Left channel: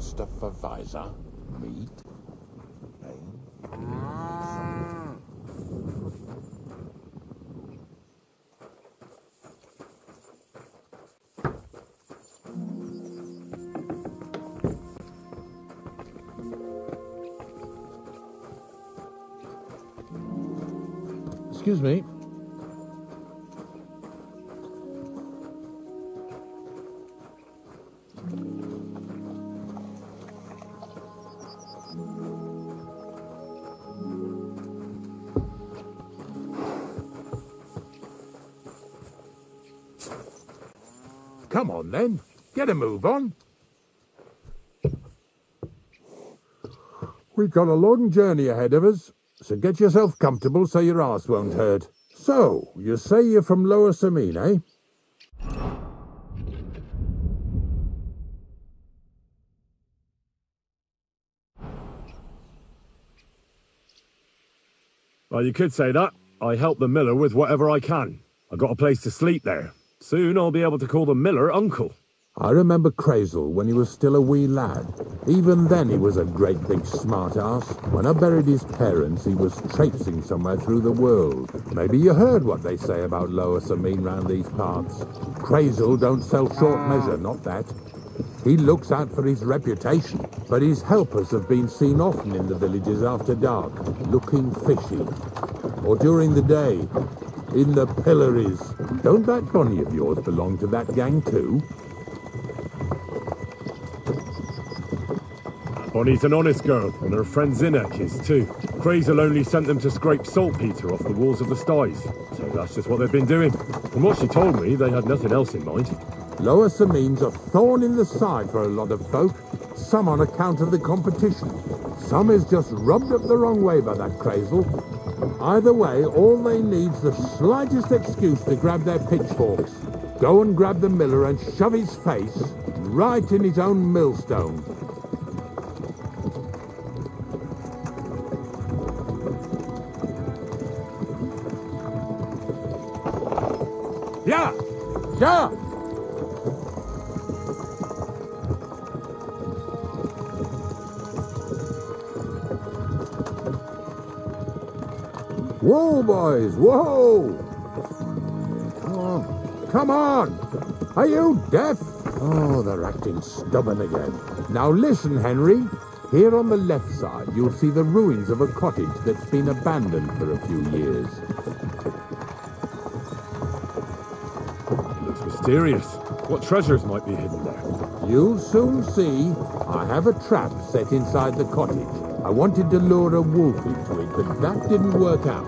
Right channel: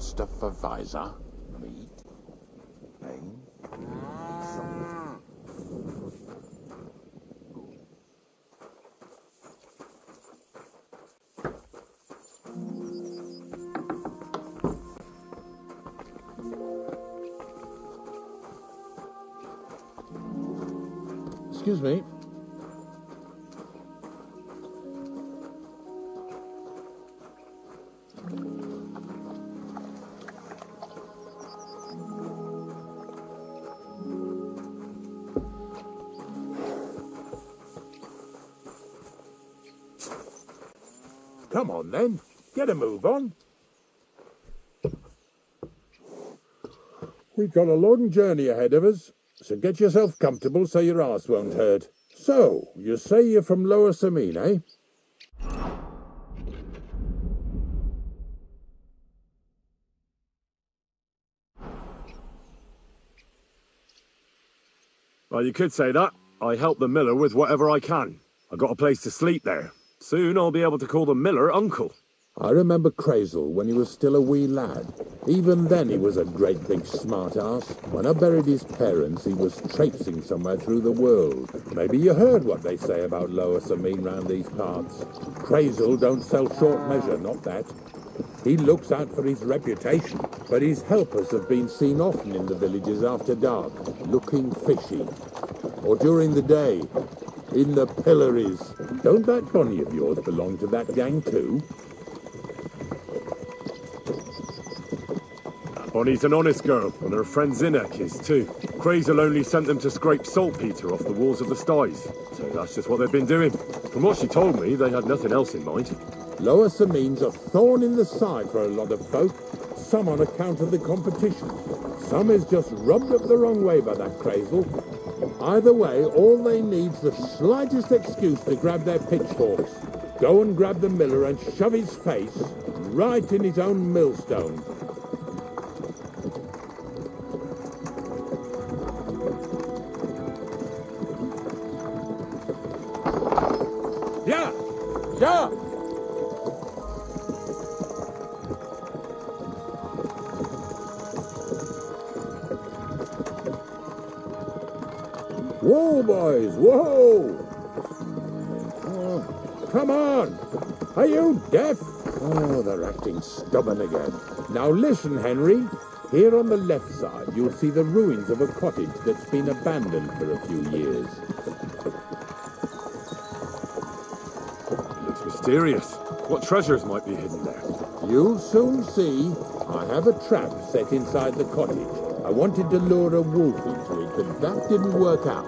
supervisor. Meat. Excuse me. Come on then, get a move on. We've got a long journey ahead of us, so get yourself comfortable so your arse won't hurt. So, you say you're from Lower Samine, eh? Well, you could say that. I help the miller with whatever I can. I got a place to sleep there. Soon I'll be able to call the miller uncle. I remember Crazel when he was still a wee lad. Even then he was a great big smart-ass. When I buried his parents, he was traipsing somewhere through the world. Maybe you heard what they say about Lower Samine round these parts. Crazel don't sell short measure, not that. He looks out for his reputation, but his helpers have been seen often in the villages after dark, looking fishy. Or during the day, in the pillories. Don't that bunny of yours belong to that gang too? Bonnie's an honest girl, and her friend Zinnek is too. Crazel only sent them to scrape saltpeter off the walls of the sties, so that's just what they've been doing. From what she told me, they had nothing else in mind. Lower Samine's a thorn in the side for a lot of folk, some on account of the competition. Some is just rubbed up the wrong way by that Crazel. Either way, all they need's the slightest excuse to grab their pitchforks. Go and grab the miller and shove his face right in his own millstone. Yeah! Yeah! Whoa, boys, whoa! Oh, come on! Are you deaf? Oh, they're acting stubborn again. Now listen, Henry. Here on the left side, you'll see the ruins of a cottage that's been abandoned for a few years. It looks mysterious. What treasures might be hidden there? You'll soon see. I have a trap set inside the cottage. I wanted to lure a wolf into it, but that didn't work out.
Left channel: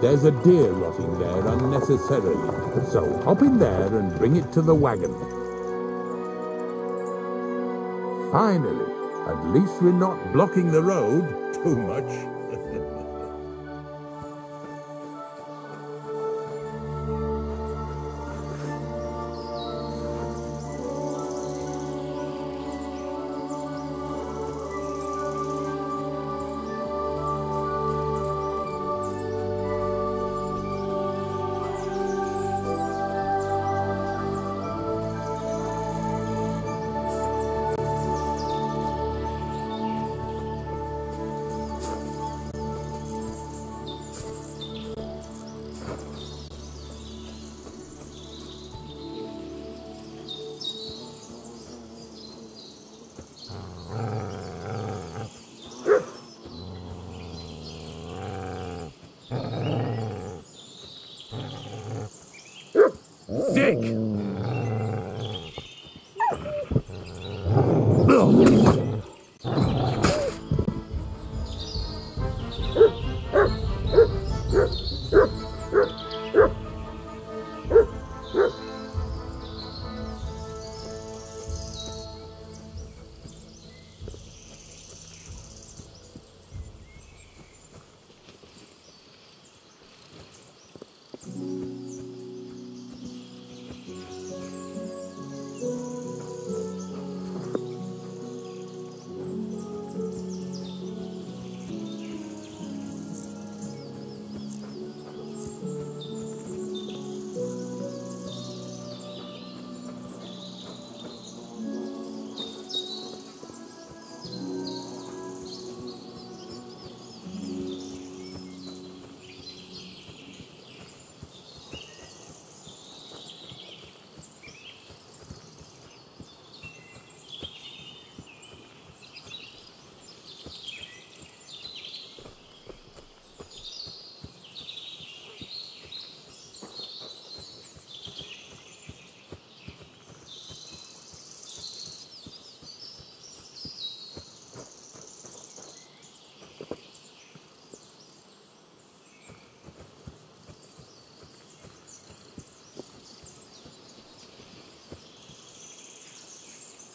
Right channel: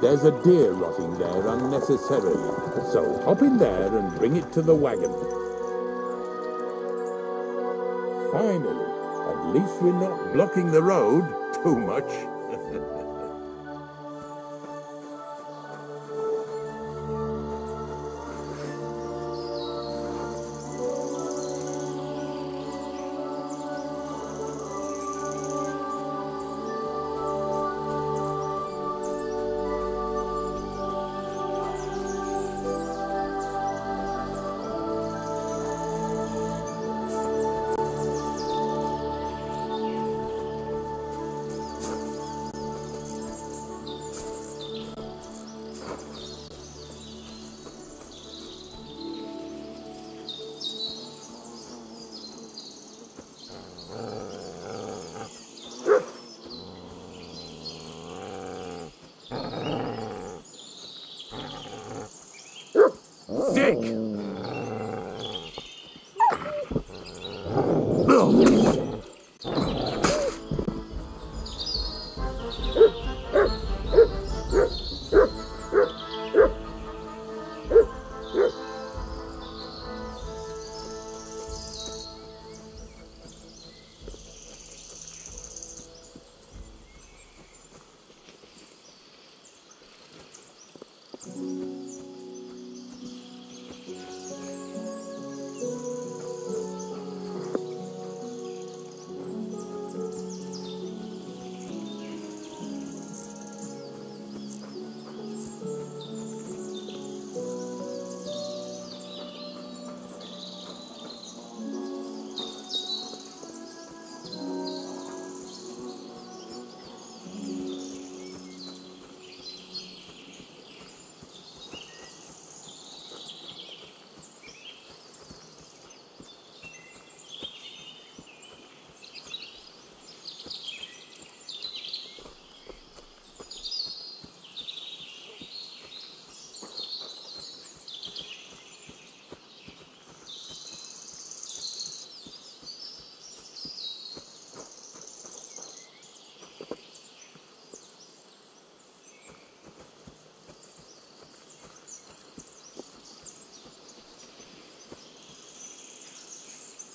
There's a deer rotting there unnecessarily, so hop in there and bring it to the wagon. Finally, at least we're not blocking the road too much.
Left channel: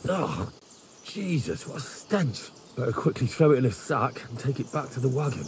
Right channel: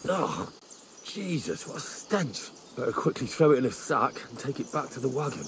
Oh, Jesus, what a stench. Better quickly throw it in a sack and take it back to the wagon.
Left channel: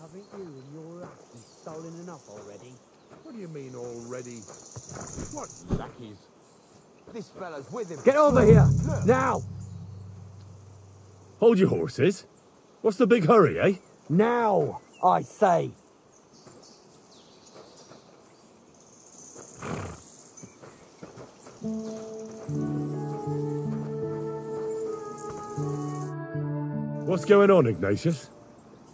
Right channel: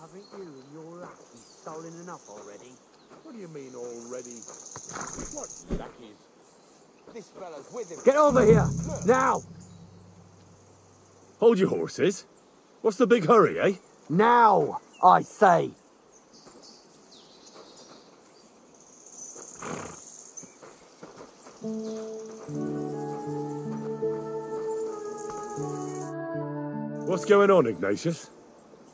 Haven't you and your lackey stolen enough already? What do you mean already? What lackeys? This fella's with him. Get over here! Now! Hold your horses. What's the big hurry, eh? Now, I say! What's going on, Ignatius?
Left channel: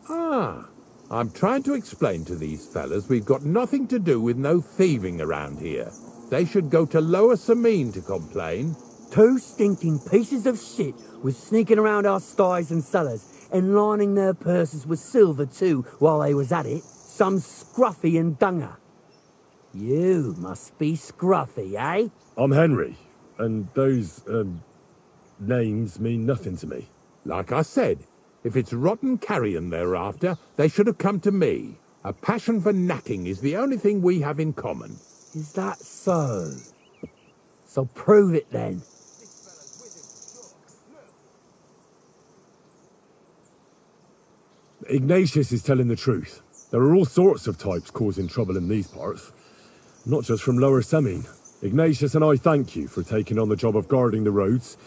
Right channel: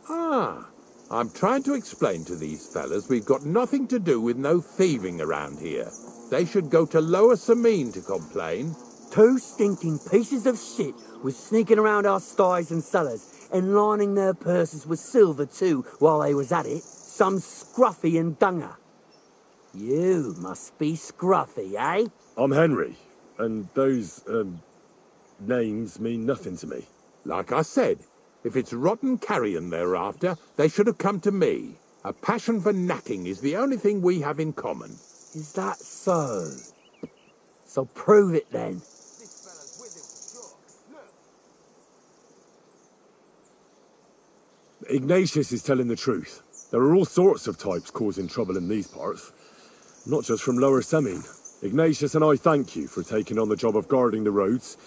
Ah, I'm trying to explain to these fellas we've got nothing to do with no thieving around here. They should go to Lower Samine to complain. 2 stinking pieces of shit was sneaking around our sties and cellars and lining their purses with silver too while they was at it. Some scruffy and dunger. You must be scruffy, eh? I'm Henry, and those, names mean nothing to me. Like I said, if it's rotten carrion they're after, they should have come to me. A passion for knacking is the only thing we have in common. Is that so? So prove it then. Ignatius is telling the truth. There are all sorts of types causing trouble in these parts. Not just from Lower Samine. Ignatius and I thank you for taking on the job of guarding the roads,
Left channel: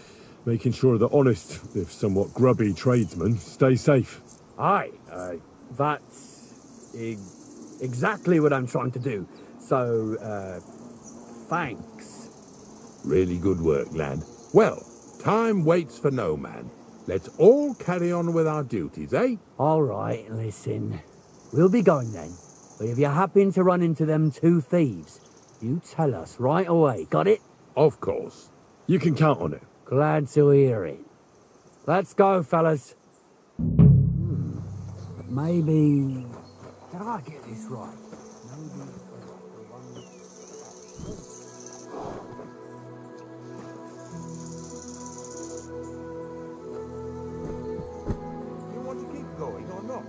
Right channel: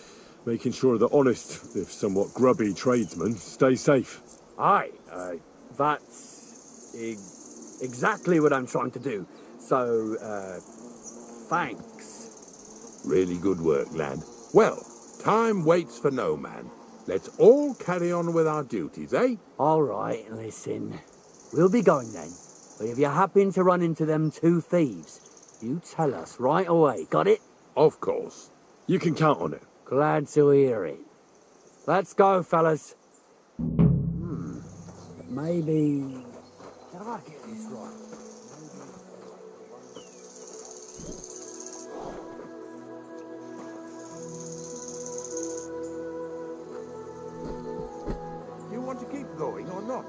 making sure that honest, if somewhat grubby tradesmen stay safe. Aye, that's exactly what I'm trying to do. So, thanks. Really good work, lad. Well, time waits for no man. Let's all carry on with our duties, eh? All right, listen. We'll be going then. But if you happen to run into them 2 thieves, you tell us right away, got it? Of course. You can count on it. Glad to hear it. Let's go, fellas. But maybe... Did I get this right? You want to keep going or not?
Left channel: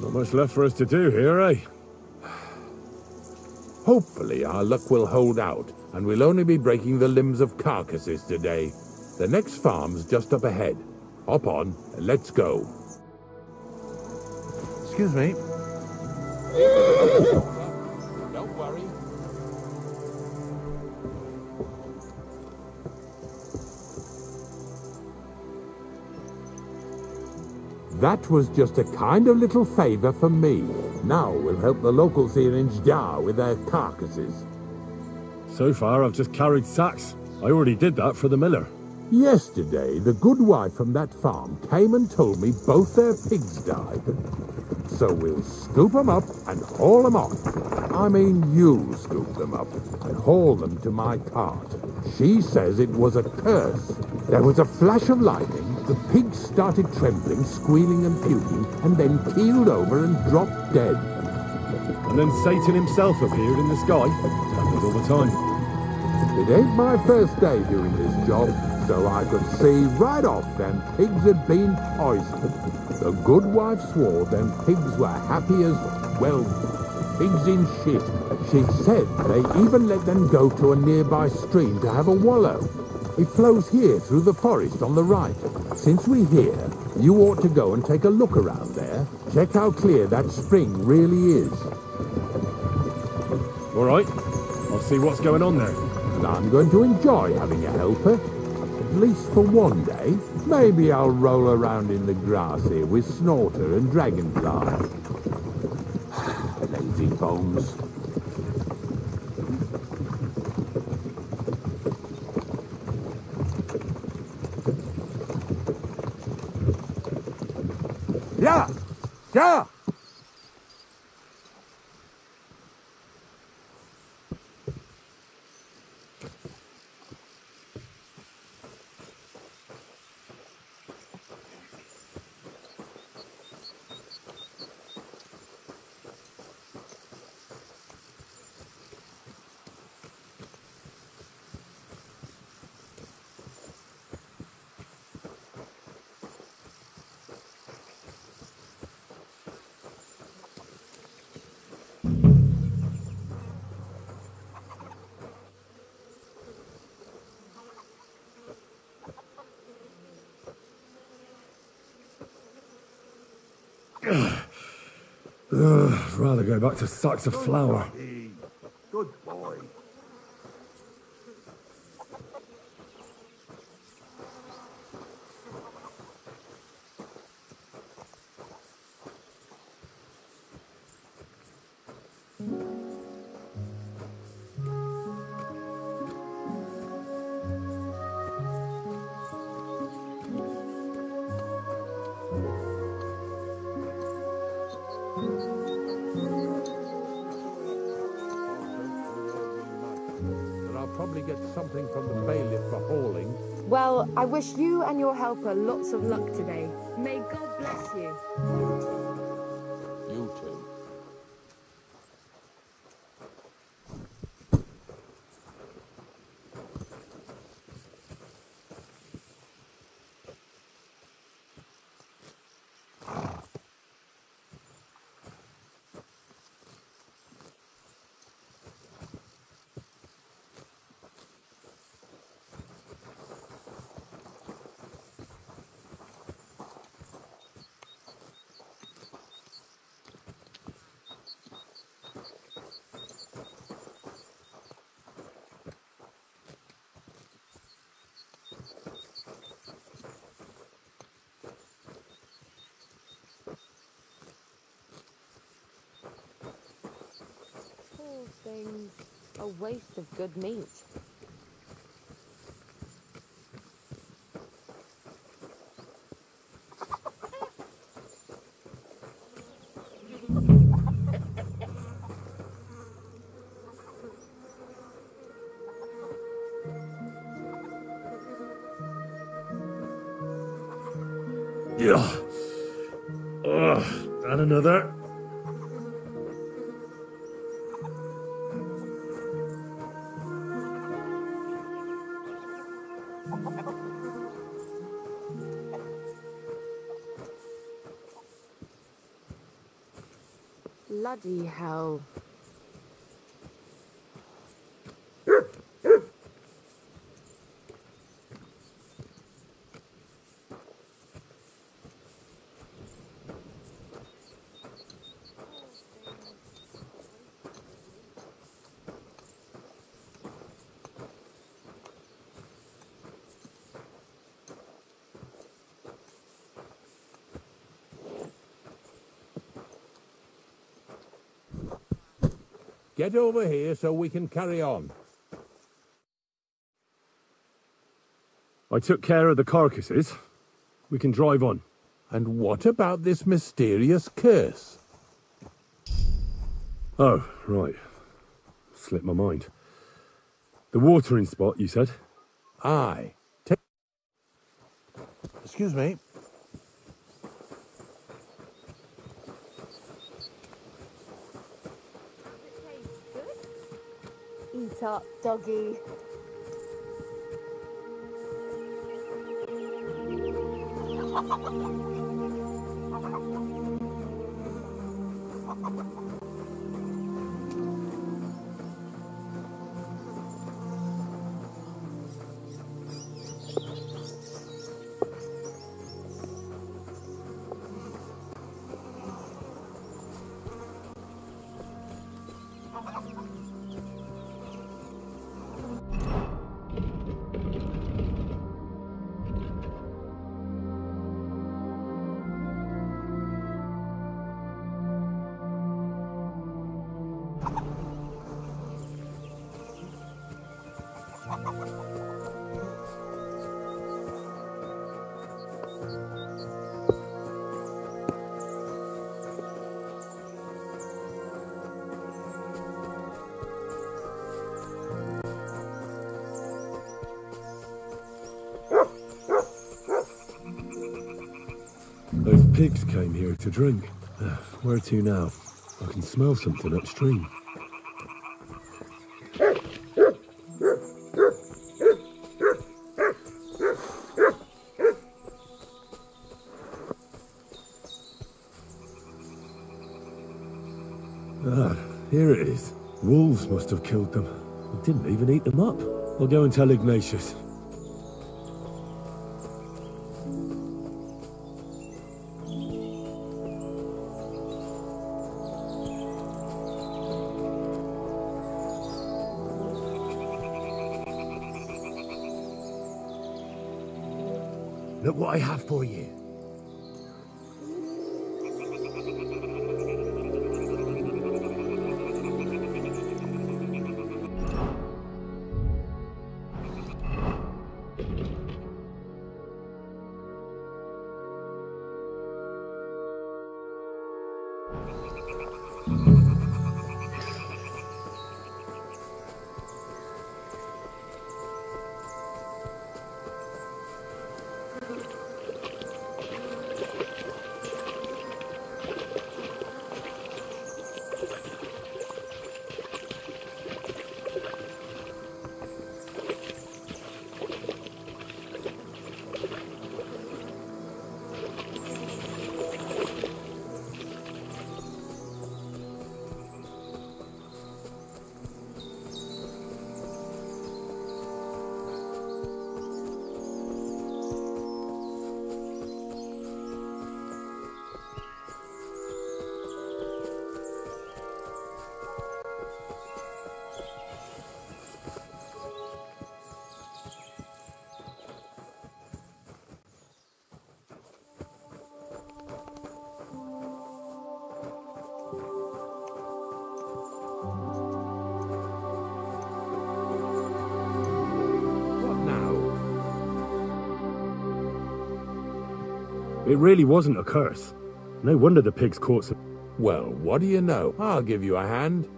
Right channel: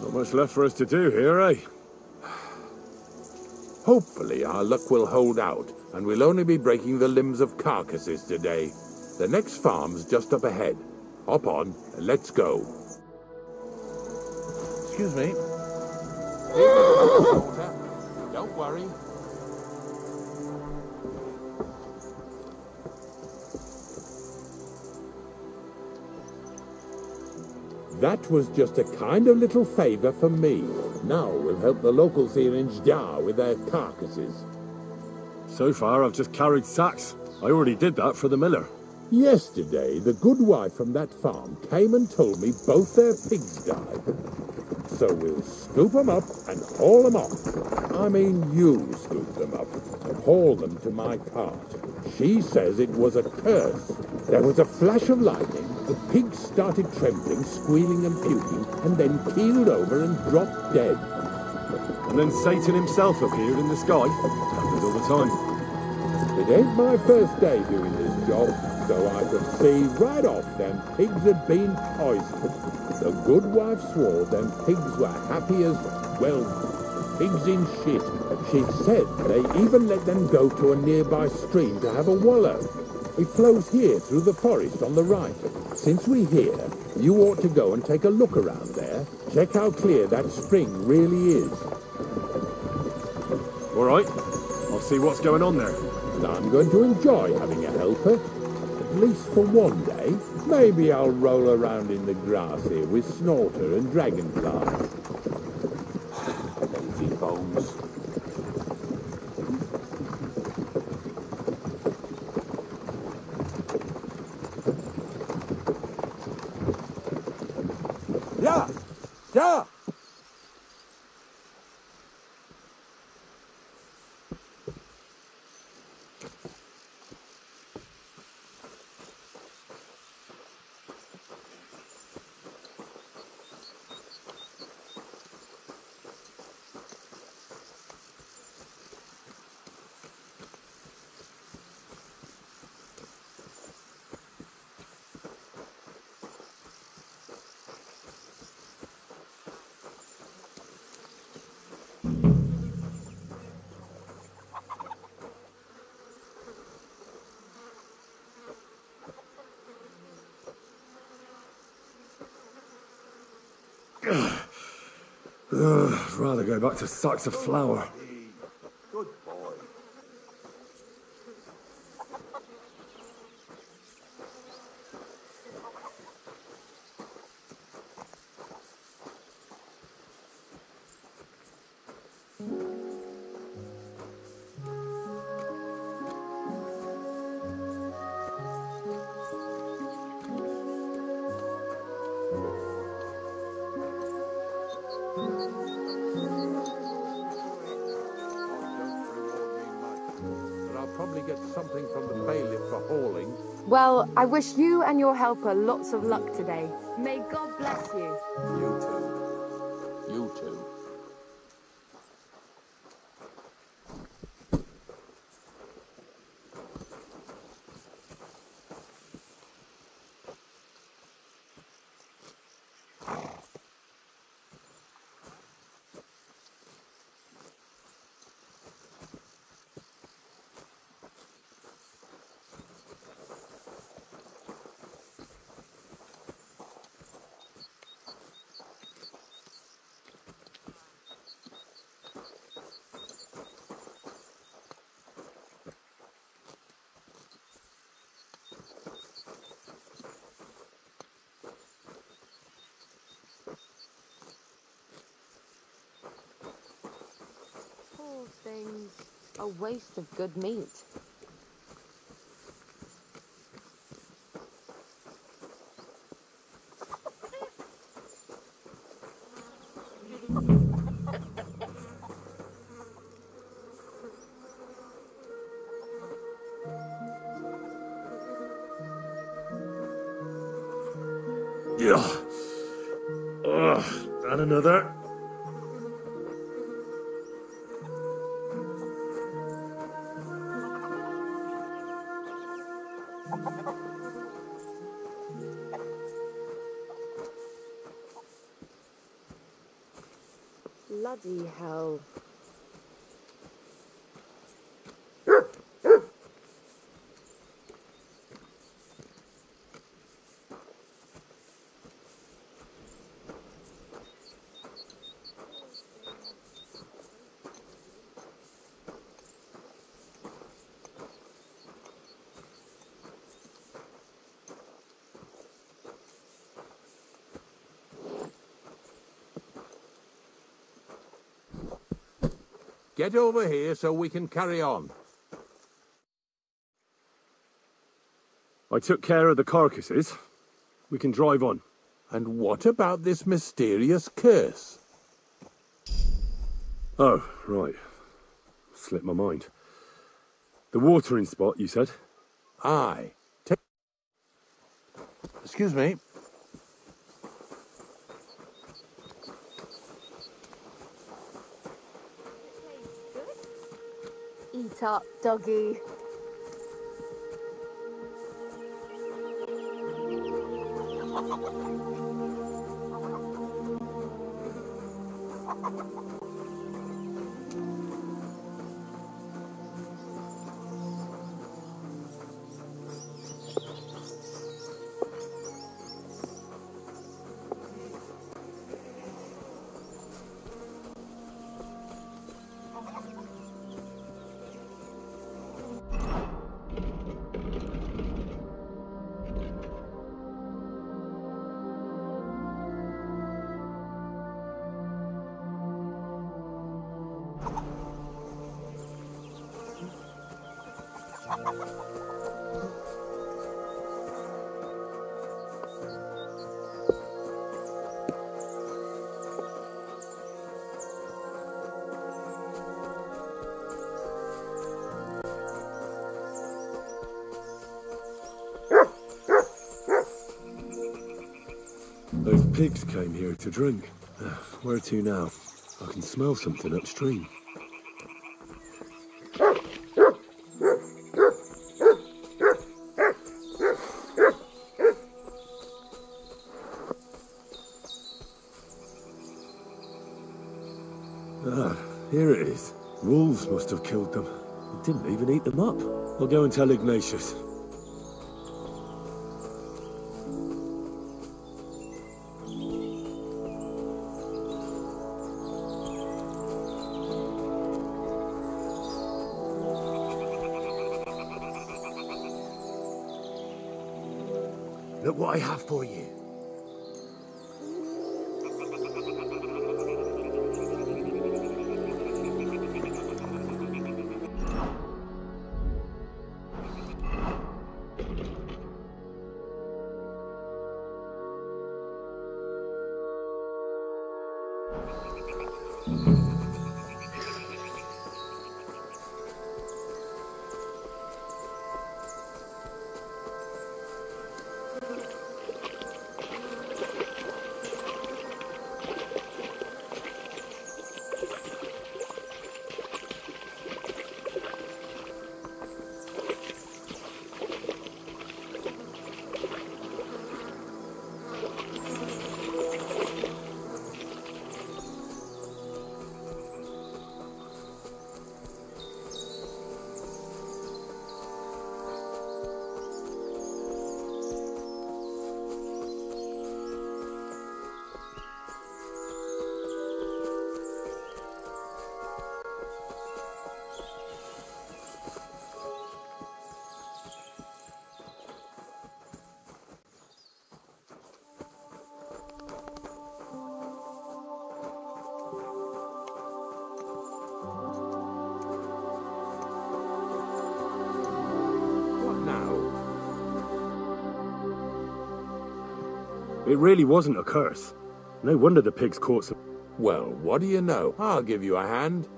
Not much left for us to do here, eh? Hopefully our luck will hold out, and we'll only be breaking the limbs of carcasses today. The next farm's just up ahead. Hop on, and let's go. Excuse me. Don't worry. That was just a kind of little favour for me. Now we'll help the locals here in Jdar with their carcasses. So far, I've just carried sacks. I already did that for the miller. Yesterday, the good wife from that farm came and told me both their pigs died. So we'll scoop them up and haul them off. I mean, you scoop them up and haul them to my cart. She says it was a curse. There was a flash of lightning, the pigs started trembling, squealing and puking, and then keeled over and dropped dead. And then Satan himself appeared in the sky. Happens all the time. It ain't my first day doing this job, so I could see right off them pigs had been poisoned. The good wife swore them pigs were happy as, well, pigs in shit. She said they even let them go to a nearby stream to have a wallow. It flows here through the forest on the right. Since we're here, you ought to go and take a look around there. Check how clear that spring really is. All right, I'll see what's going on there. And I'm going to enjoy having a helper. At least for one day. Maybe I'll roll around in the grass here with Snorter and Dragonfly. Lazy bones. Yeah! Yeah! I'd rather go back to sacks of flour. Good boy. Probably get something from the bailiff for hauling. Well, I wish you and your helper lots of luck today. May God bless you. You too. You too. Things a waste of good meat. Yeah. And another. Bloody hell. Get over here so we can carry on. I took care of the carcasses. We can drive on. And what about this mysterious curse? Oh, right. Slipped my mind. The watering spot, you said? Aye. Excuse me. Eat up, doggy. Those pigs came here to drink. Where to now? I can smell something upstream. Ah, here it is. Wolves must have killed them. Didn't even eat them up. I'll go and tell Ignatius. Look what I have for you. It really wasn't a curse. No wonder the pigs caught some... Well, what do you know? I'll give you a hand.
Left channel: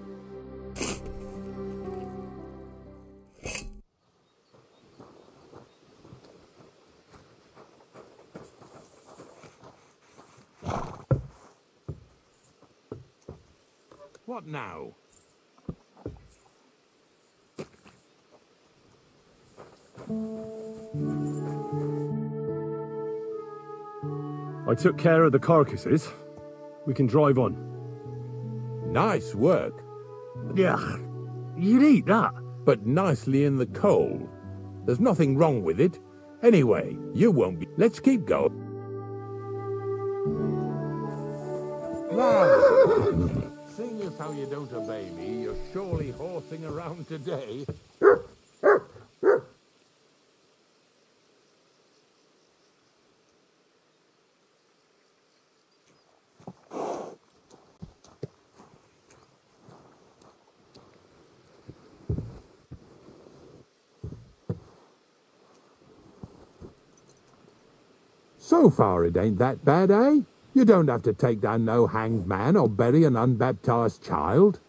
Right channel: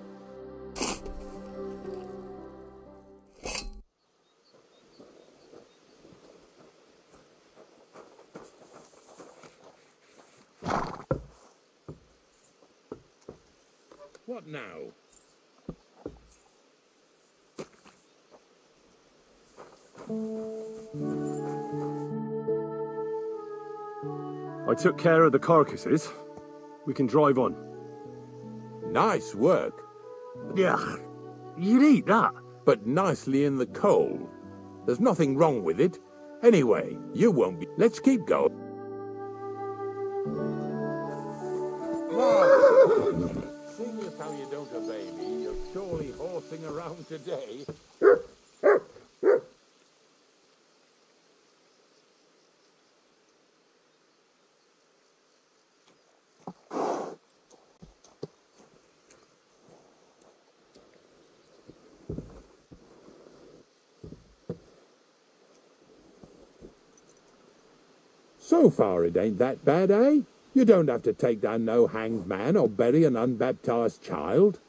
What now? I took care of the carcasses. We can drive on. Nice work. Yeah, you'd eat that. But nicely in the cold. There's nothing wrong with it. Anyway, you won't be... Let's keep going. Seeing as how you don't obey me, you're surely horsing around today. So far it ain't that bad, eh? You don't have to take down no hanged man or bury an unbaptized child.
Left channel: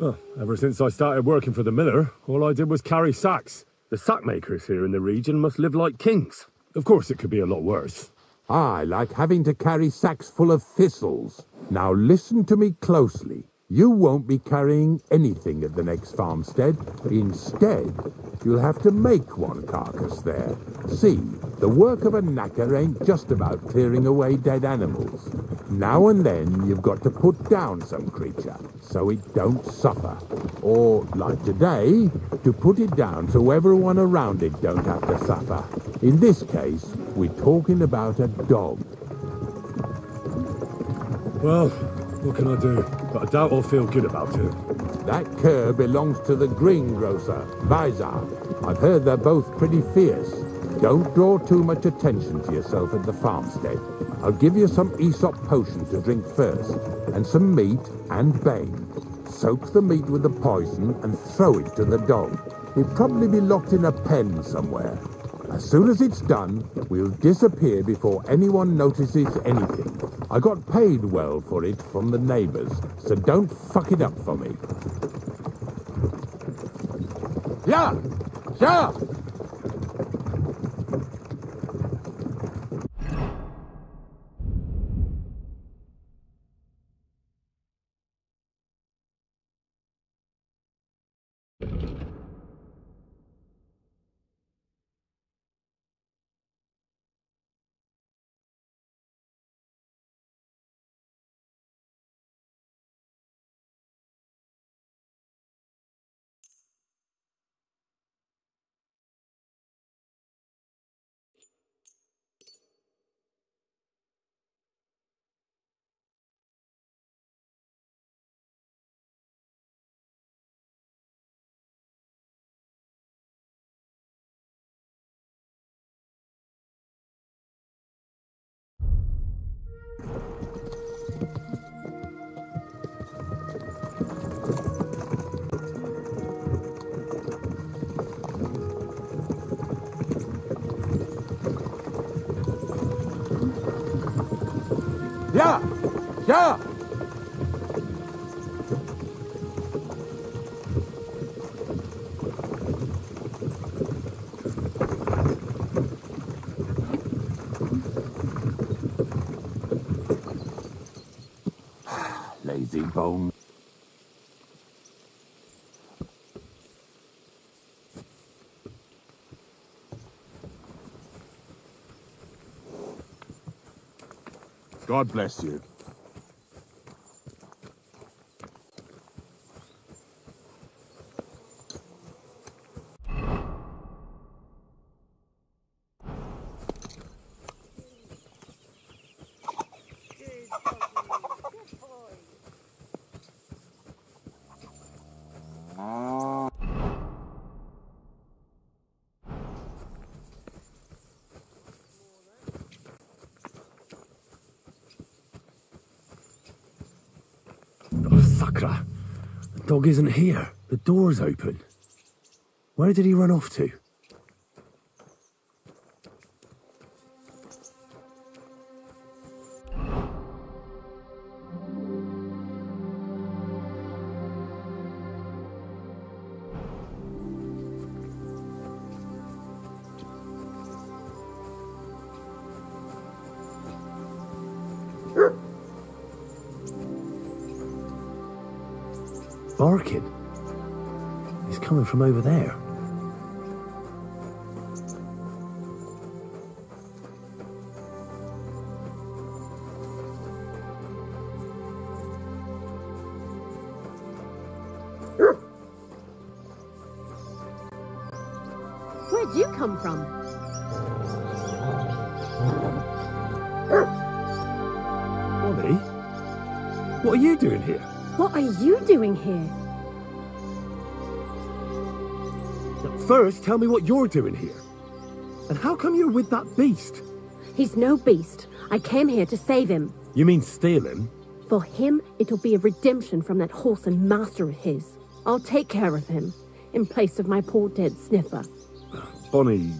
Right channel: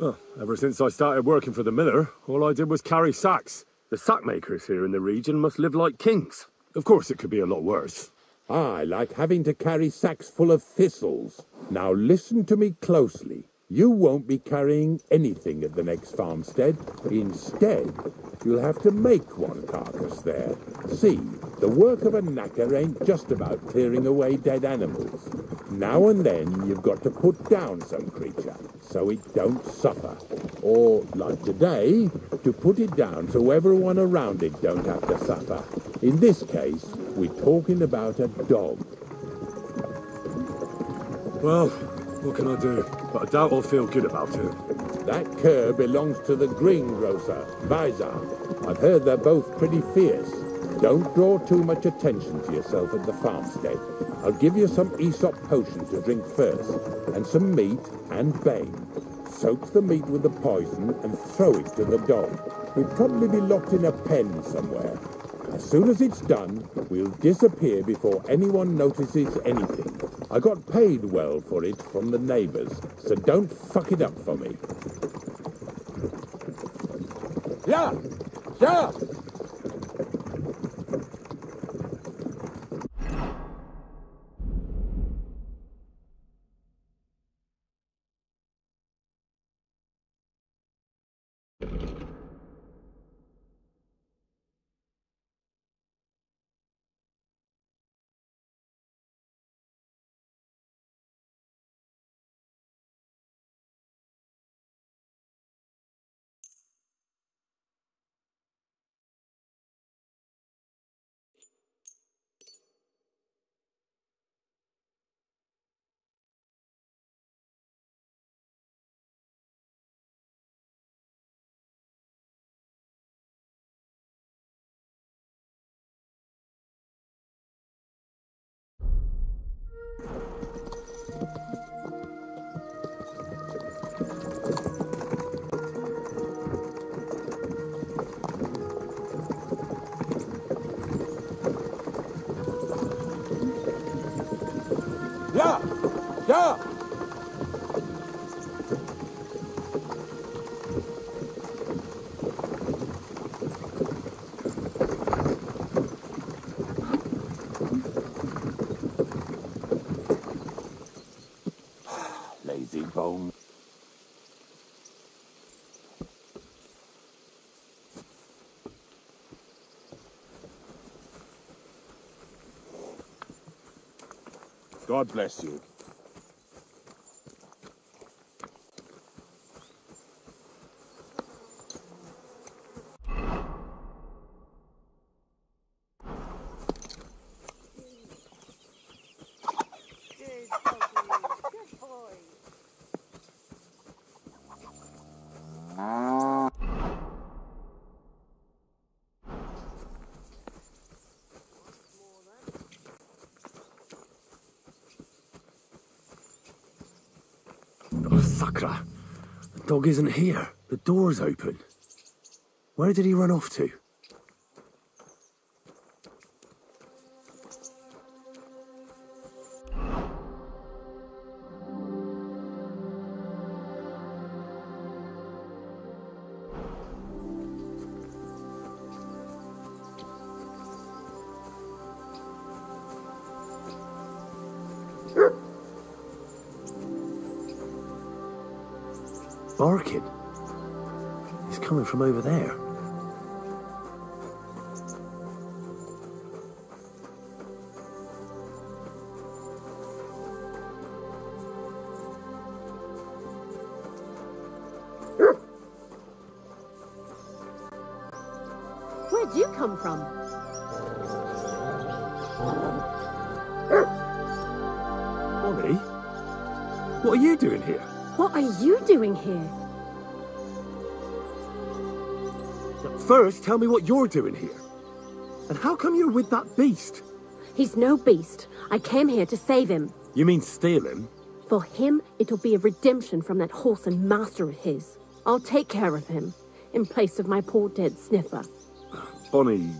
Well, ever since I started working for the miller, all I did was carry sacks. The sack makers here in the region must live like kings. Of course, it could be a lot worse. I like having to carry sacks full of thistles. Now listen to me closely. You won't be carrying anything at the next farmstead. Instead, you'll have to make one carcass there. See, the work of a knacker ain't just about clearing away dead animals. Now and then, you've got to put down some creature, so it don't suffer. Or, like today, to put it down so everyone around it don't have to suffer. In this case, we're talking about a dog. Well, what can I do? But I doubt I'll feel good about it. That cur belongs to the greengrocer, Vizar. I've heard they're both pretty fierce. Don't draw too much attention to yourself at the farmstead. I'll give you some Aesop potion to drink first, and some meat and bane. Soak the meat with the poison and throw it to the dog. He'll probably be locked in a pen somewhere. As soon as it's done, we'll disappear before anyone notices anything. I got paid well for it from the neighbors, so don't fuck it up for me. Yeah! Yeah! Yeah! Yeah! Lazy bone. God bless you. Sakra! The dog isn't here. The door's open. Where did he run off to? Barking. He's coming from over there. Where'd you come from? Molly? What are you doing here? What are you doing here? First, tell me what you're doing here. And how come you're with that beast? He's no beast. I came here to save him. You mean steal him? For him, it'll be a redemption from that horse and master of his. I'll take care of him, in place of my poor dead sniffer. Bonnie...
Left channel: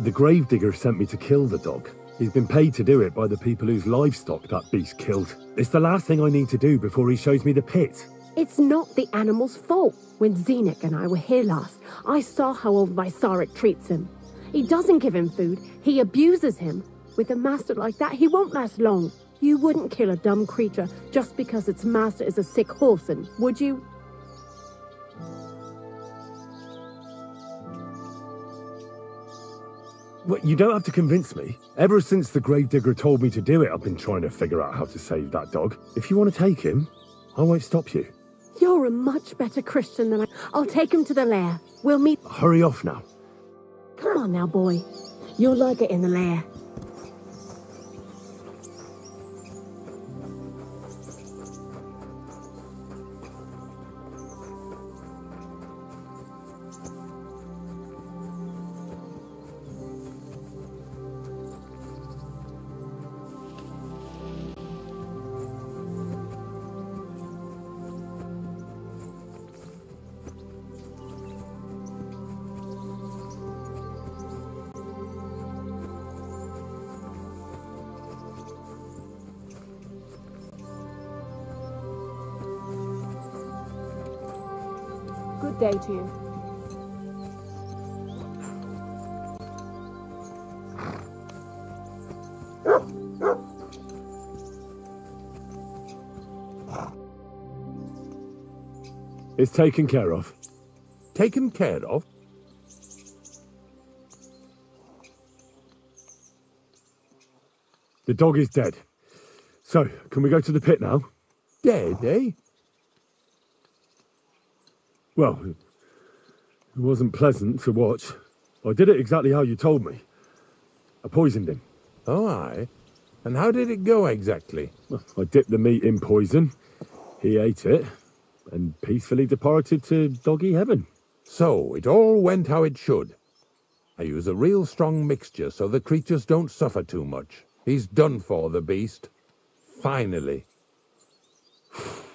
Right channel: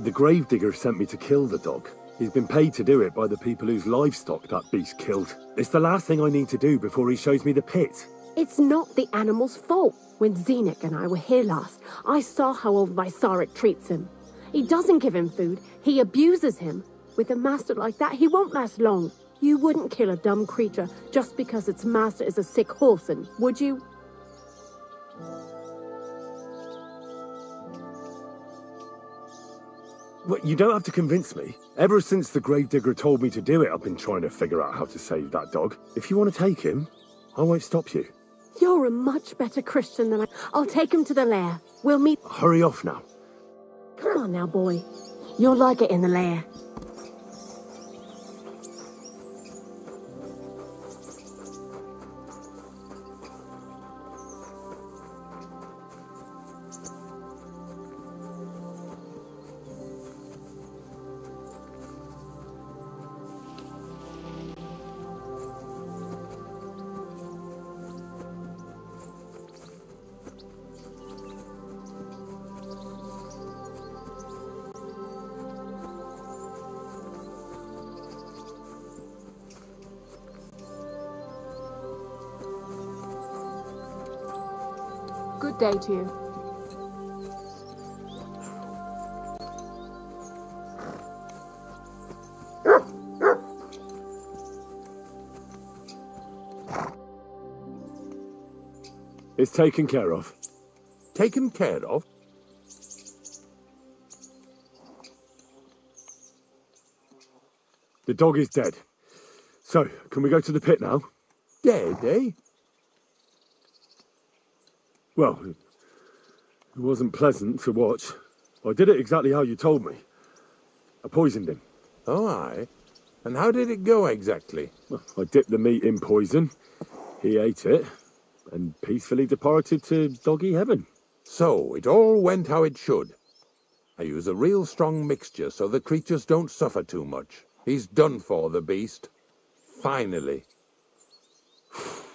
The gravedigger sent me to kill the dog. He's been paid to do it by the people whose livestock that beast killed. It's the last thing I need to do before he shows me the pit. It's not the animal's fault. When Zenek and I were here last, I saw how old Vysarik treats him. He doesn't give him food, he abuses him. With a master like that, he won't last long. You wouldn't kill a dumb creature just because its master is a sick horseman, would you? Well, you don't have to convince me. Ever since the gravedigger told me to do it, I've been trying to figure out how to save that dog. If you want to take him, I won't stop you. You're a much better Christian than I. I'll take him to the lair. We'll meet. Hurry off now. Come on now, boy. You'll like it in the lair. Good day to you. It's taken care of. Taken care of? The dog is dead. So, can we go to the pit now? Dead, eh? Well, it wasn't pleasant to watch. I did it exactly how you told me. I poisoned him. Oh, aye. And how did it go exactly? Well, I dipped the meat in poison. He ate it, and peacefully departed to doggy heaven. So, it all went how it should. I use a real strong mixture so the creatures don't suffer too much. He's done for, the beast. Finally.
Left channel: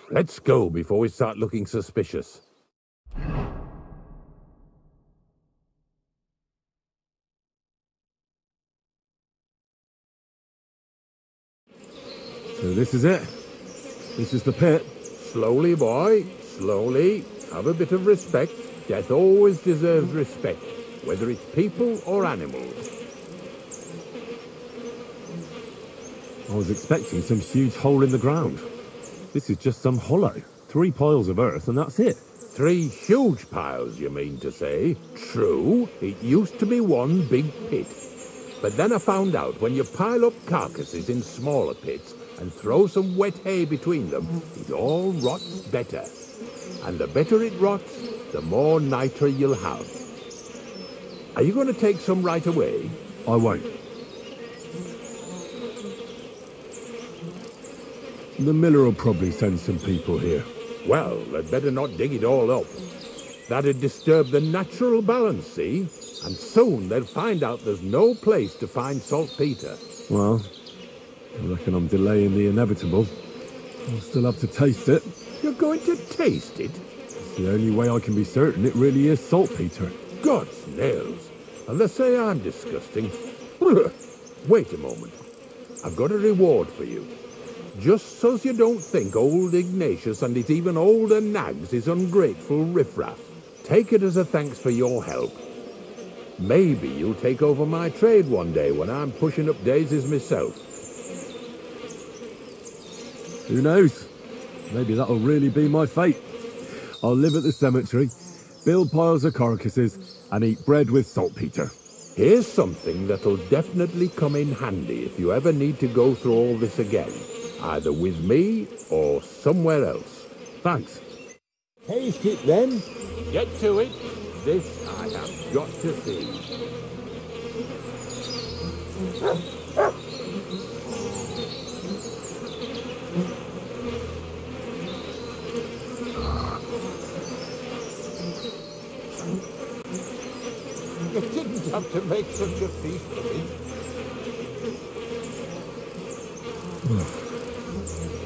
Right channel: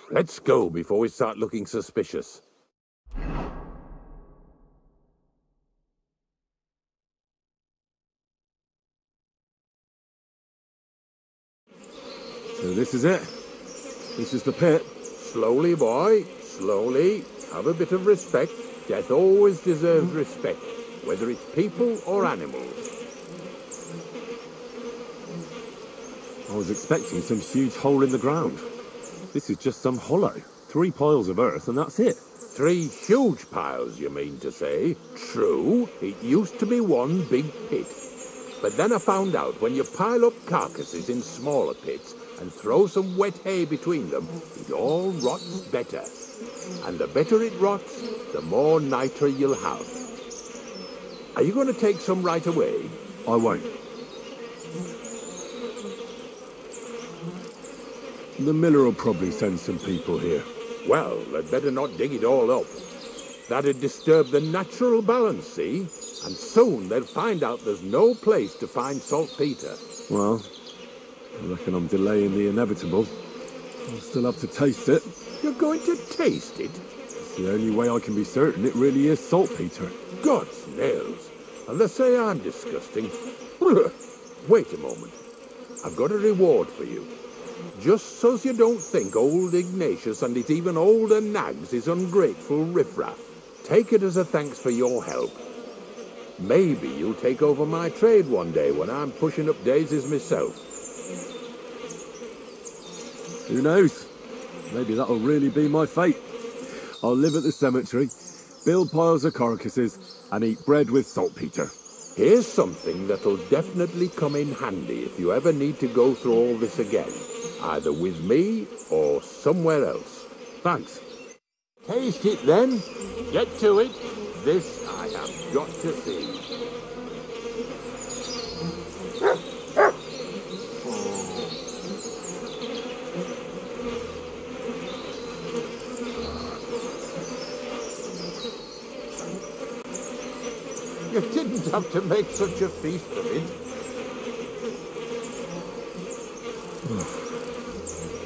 Let's go before we start looking suspicious. So this is it. This is the pit. Slowly, boy, slowly. Have a bit of respect. Death always deserves respect, whether it's people or animals. I was expecting some huge hole in the ground. This is just some hollow. 3 piles of earth and that's it. 3 huge piles, you mean to say? True, it used to be one big pit. But then I found out when you pile up carcasses in smaller pits and throw some wet hay between them, it all rots better. And the better it rots, the more nitre you'll have. Are you going to take some right away? I won't. The miller will probably send some people here. Well, they'd better not dig it all up. That'd disturb the natural balance, see? And soon they'll find out there's no place to find saltpeter. Well, I reckon I'm delaying the inevitable. I'll still have to taste it. You're going to taste it? It's the only way I can be certain it really is saltpeter. God's nails. And they say I'm disgusting. Wait a moment. I've got a reward for you. Just so's you don't think old Ignatius and his even older nags is ungrateful riffraff. Take it as a thanks for your help. Maybe you'll take over my trade one day when I'm pushing up daisies myself. Who knows? Maybe that'll really be my fate. I'll live at the cemetery, build piles of carcasses, and eat bread with saltpeter. Here's something that'll definitely come in handy if you ever need to go through all this again. Either with me or somewhere else. Thanks. Taste it then. Get to it. This I have got to see. You didn't have to make such a feast of it.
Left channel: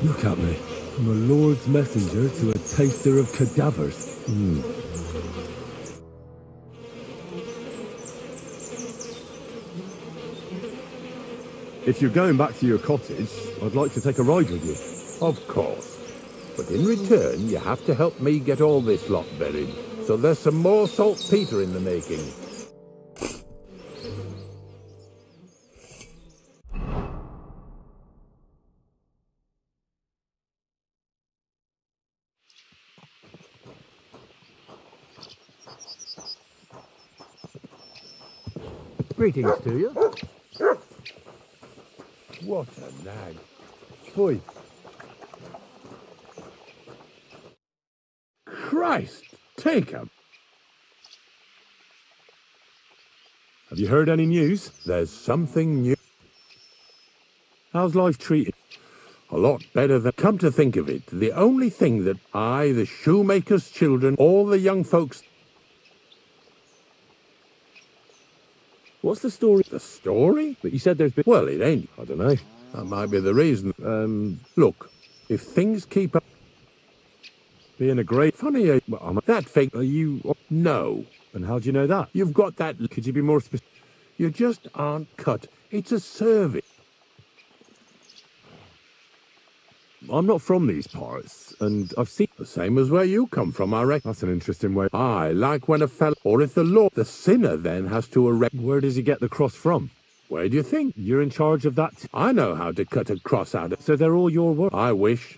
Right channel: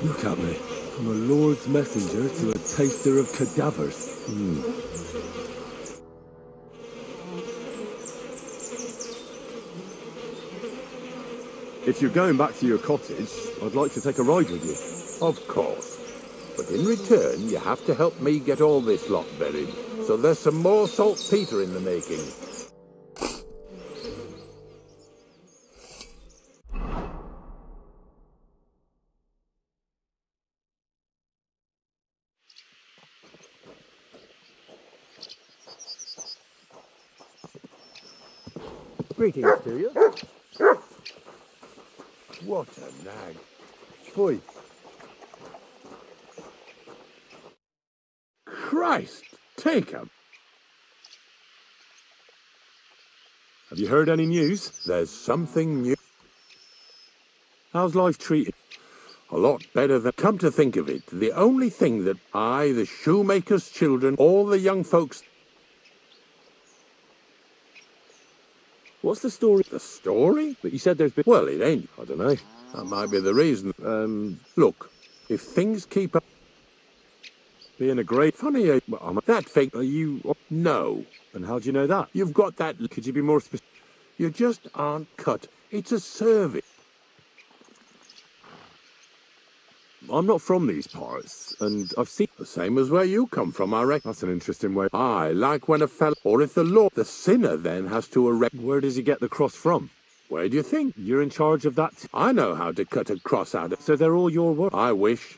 Look at me. From a lord's messenger to a taster of cadavers. If you're going back to your cottage, I'd like to take a ride with you. Of course. But in return, you have to help me get all this lot buried. So there's some more saltpeter in the making. Greetings to you. What a nag. Oi. Christ, take 'em. Have you heard any news? There's something new. How's life treated? A lot better than... Come to think of it, the only thing that I, the shoemaker's children, all the young folks... What's the story? The story? But you said there's been... Well, it ain't. I don't know. That might be the reason. Look, if things keep up... Being a great... Funny, that fake... Are you... No. And how do you know that? You've got that... Could you be more specific? You just aren't cut. It's a service. I'm not from these parts, and I've seen... The same as where you come from, I reckon. That's an interesting way. I like when a fella... Or if the law... The sinner then has to erect... Where does he get the cross from? Where do you think? You're in charge of that? I know how to cut a cross out of... So they're all your work? I wish.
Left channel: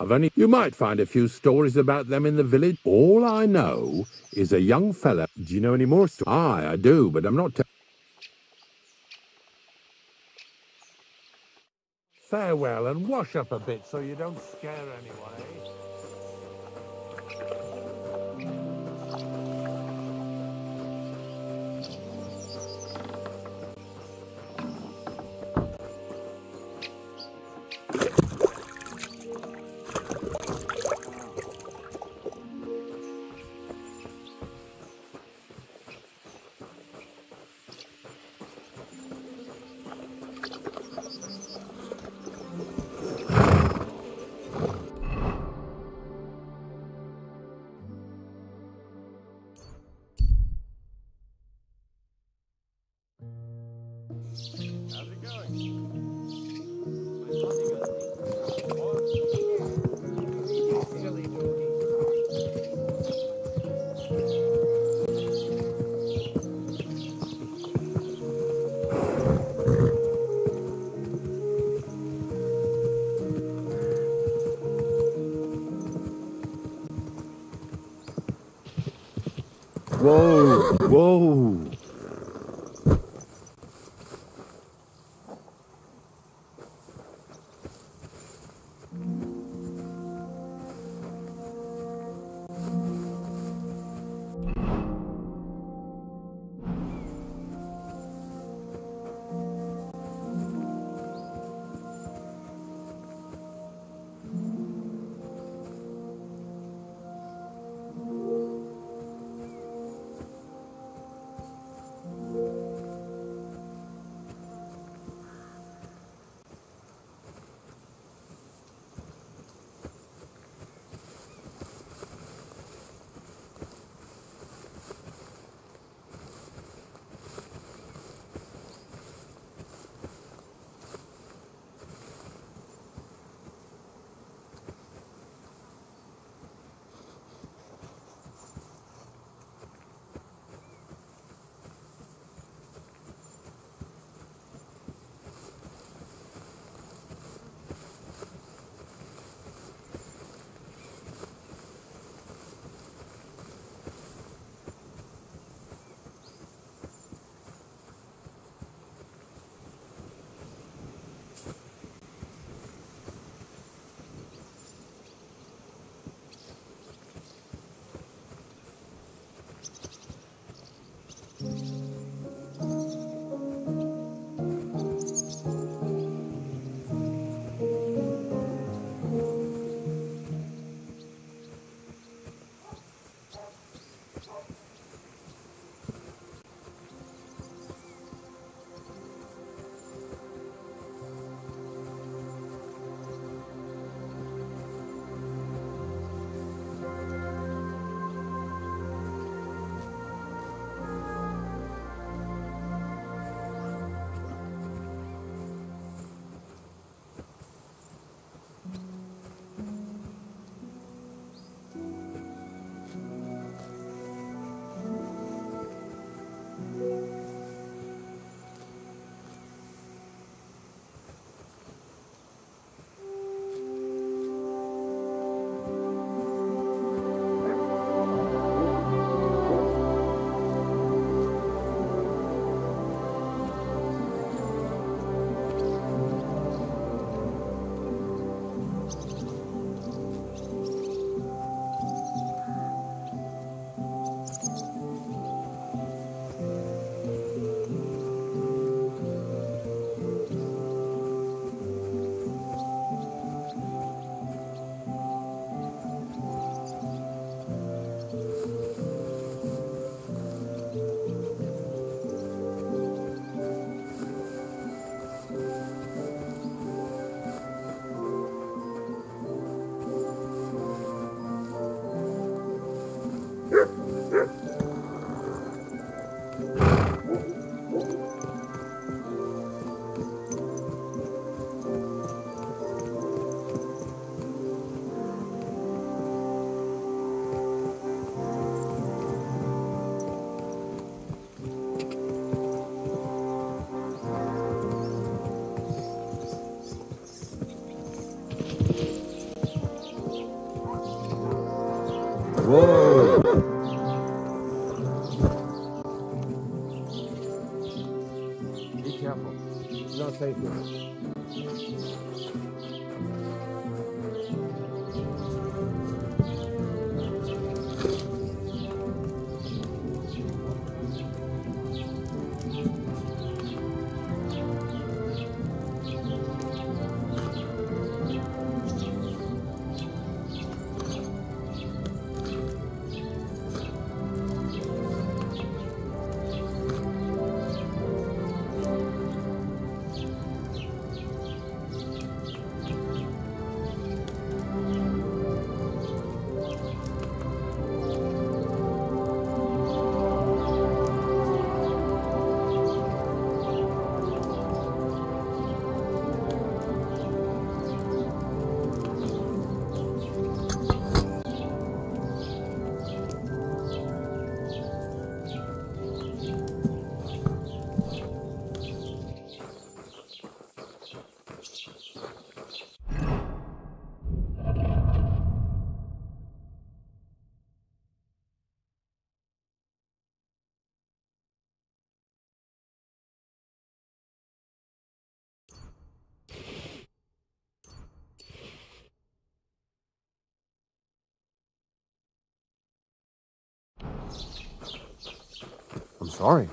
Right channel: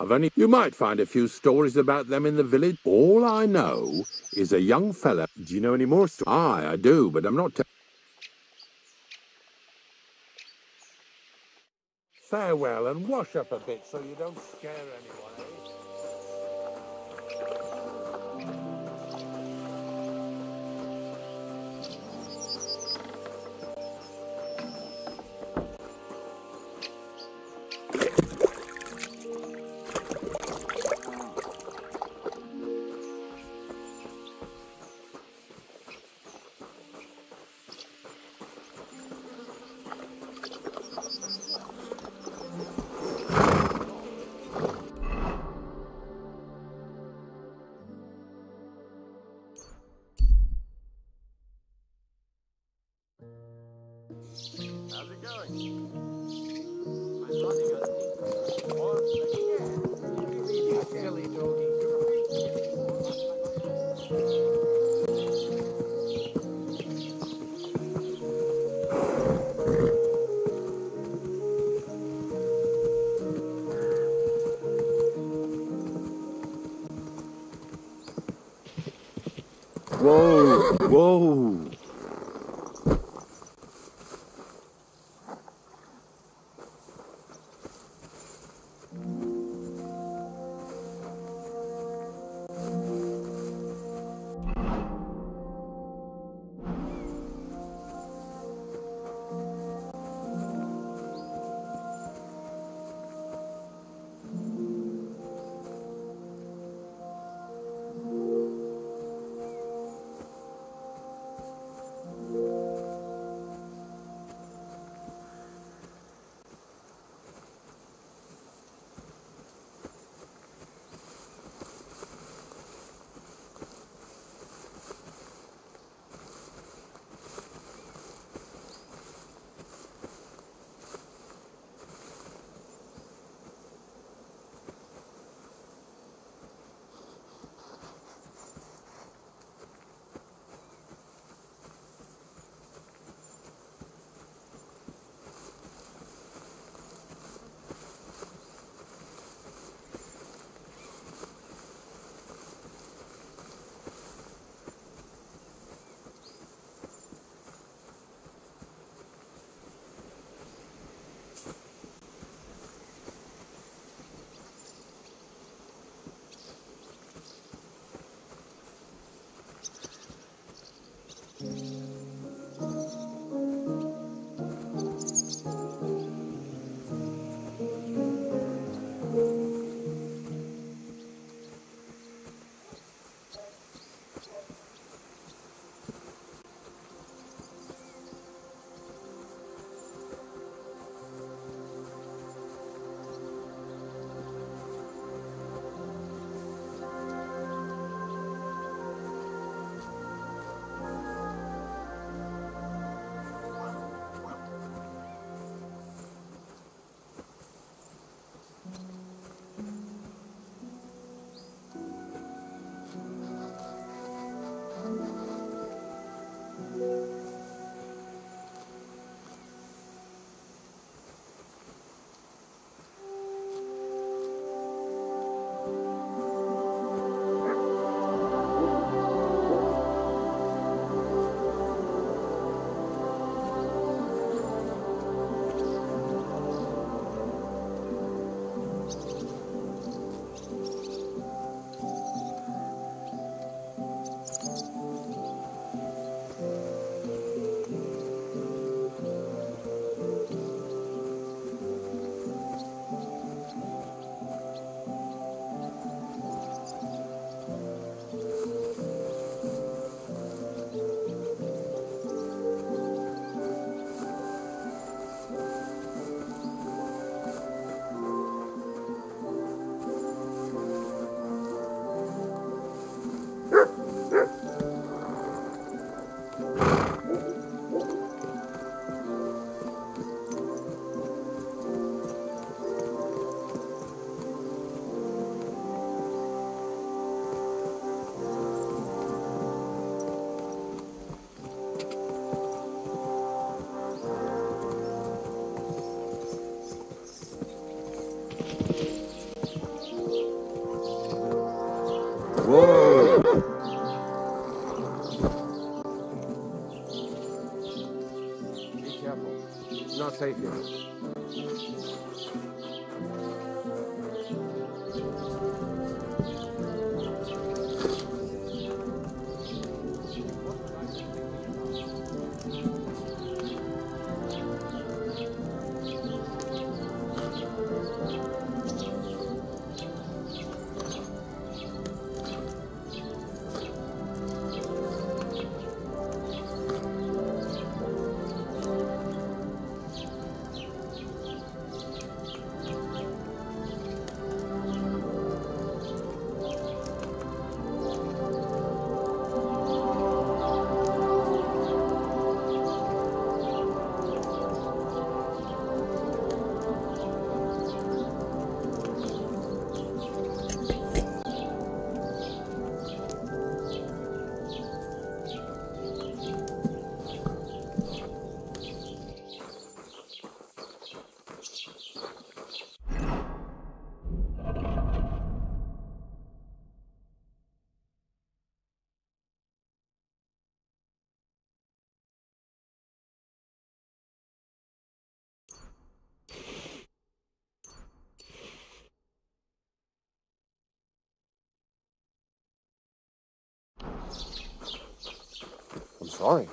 I've only... You might find a few stories about them in the village. All I know is a young fella... Do you know any more stories? Aye, I do, but I'm not... Farewell, and wash up a bit so you don't scare anyone. Whoa! Whoa! Sorry.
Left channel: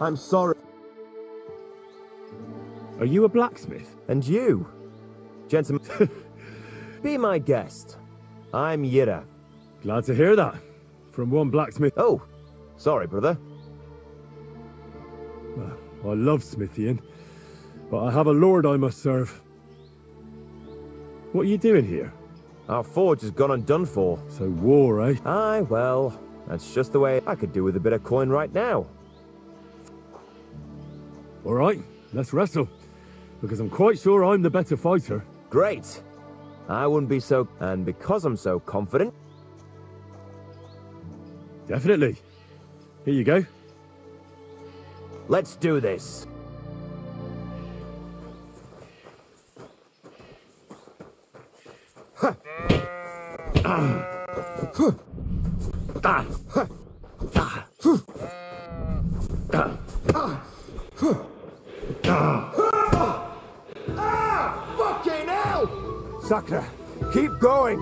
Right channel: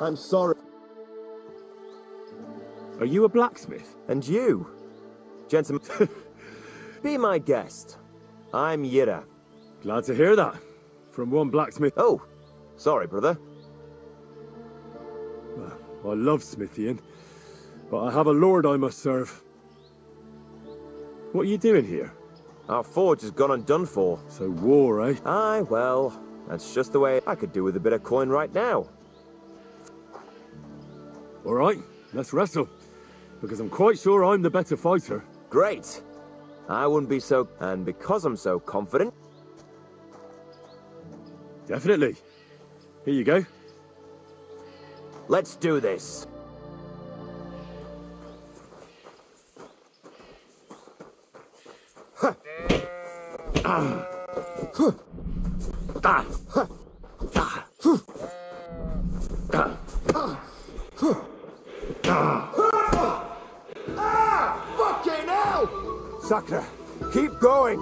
I'm sorry. Are you a blacksmith? And you? Gentlemen, be my guest. I'm Yira. Glad to hear that. From one blacksmith. Oh, sorry, brother. I love smithying, but I have a lord I must serve. What are you doing here? Our forge has gone undone for. So war, eh? Aye, well, that's just the way I could do with a bit of coin right now. All right, let's wrestle. Because I'm quite sure I'm the better fighter. Great. I wouldn't be so... And because I'm so confident... Definitely. Here you go. Let's do this. Fucking hell! Sakura, keep going.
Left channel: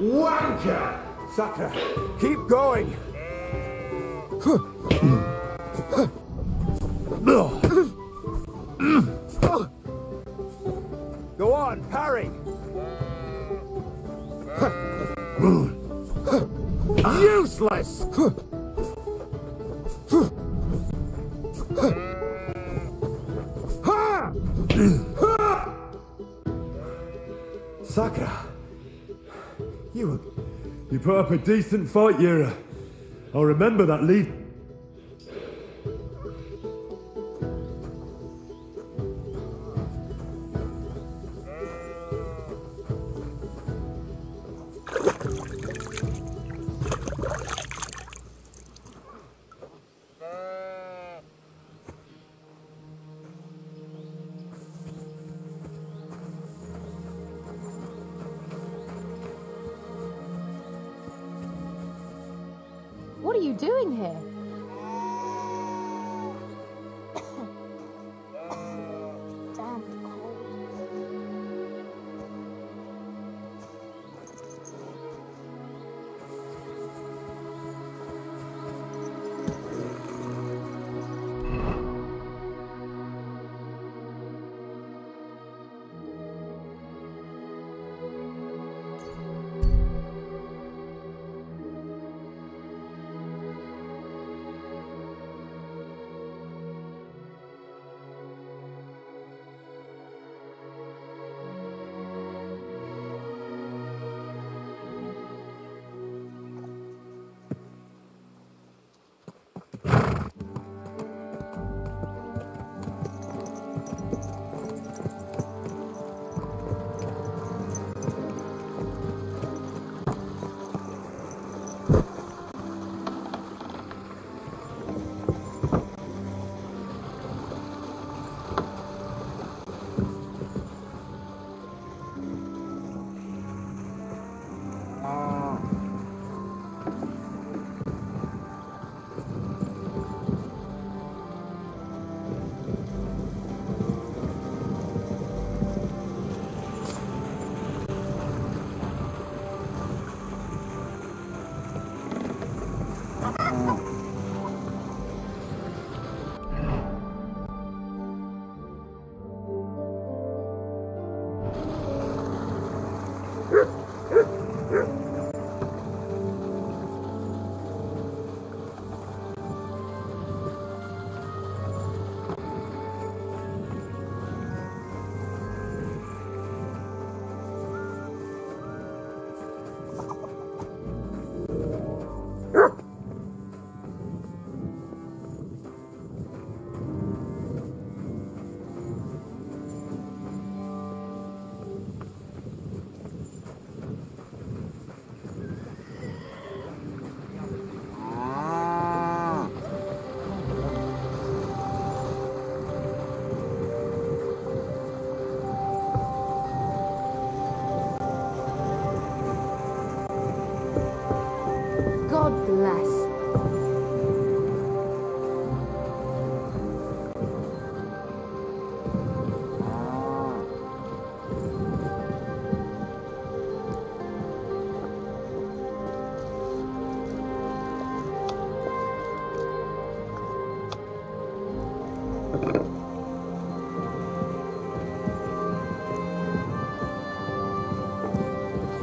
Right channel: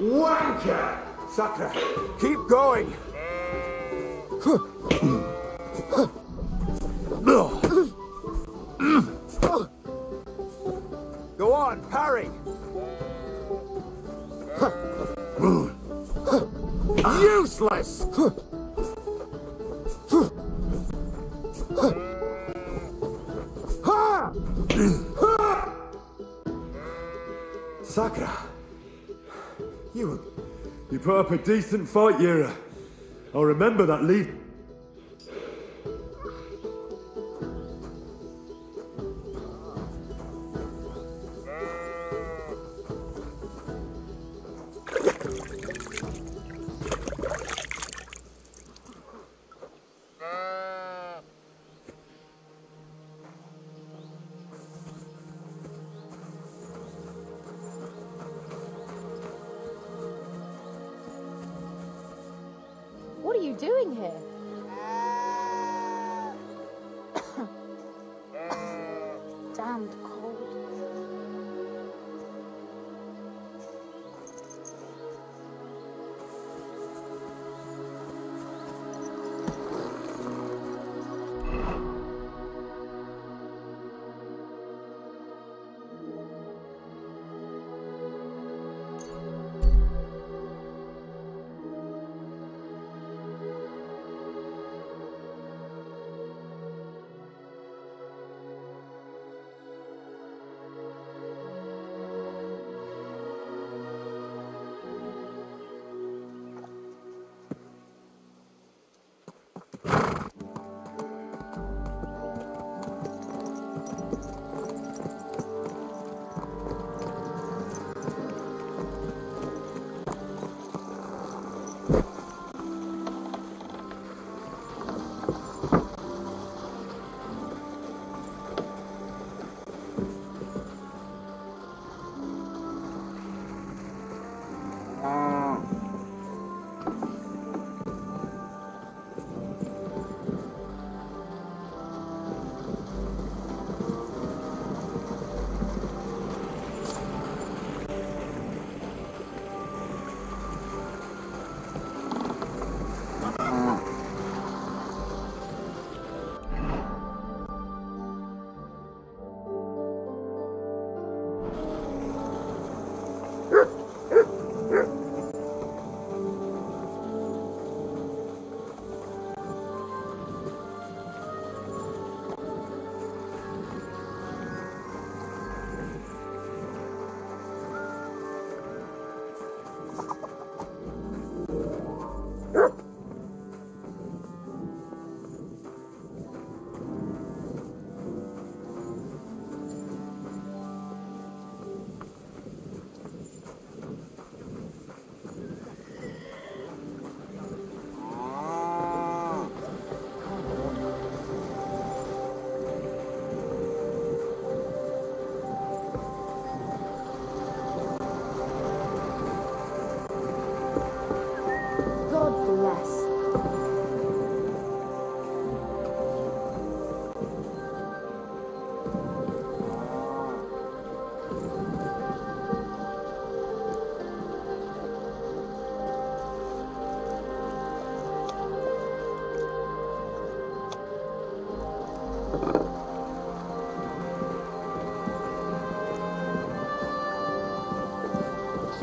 Wanker! Sakura, keep going. Go on, parry. Useless! Sakura, you put up a decent fight, Yira. I'll remember that lead. What are you doing here? Damned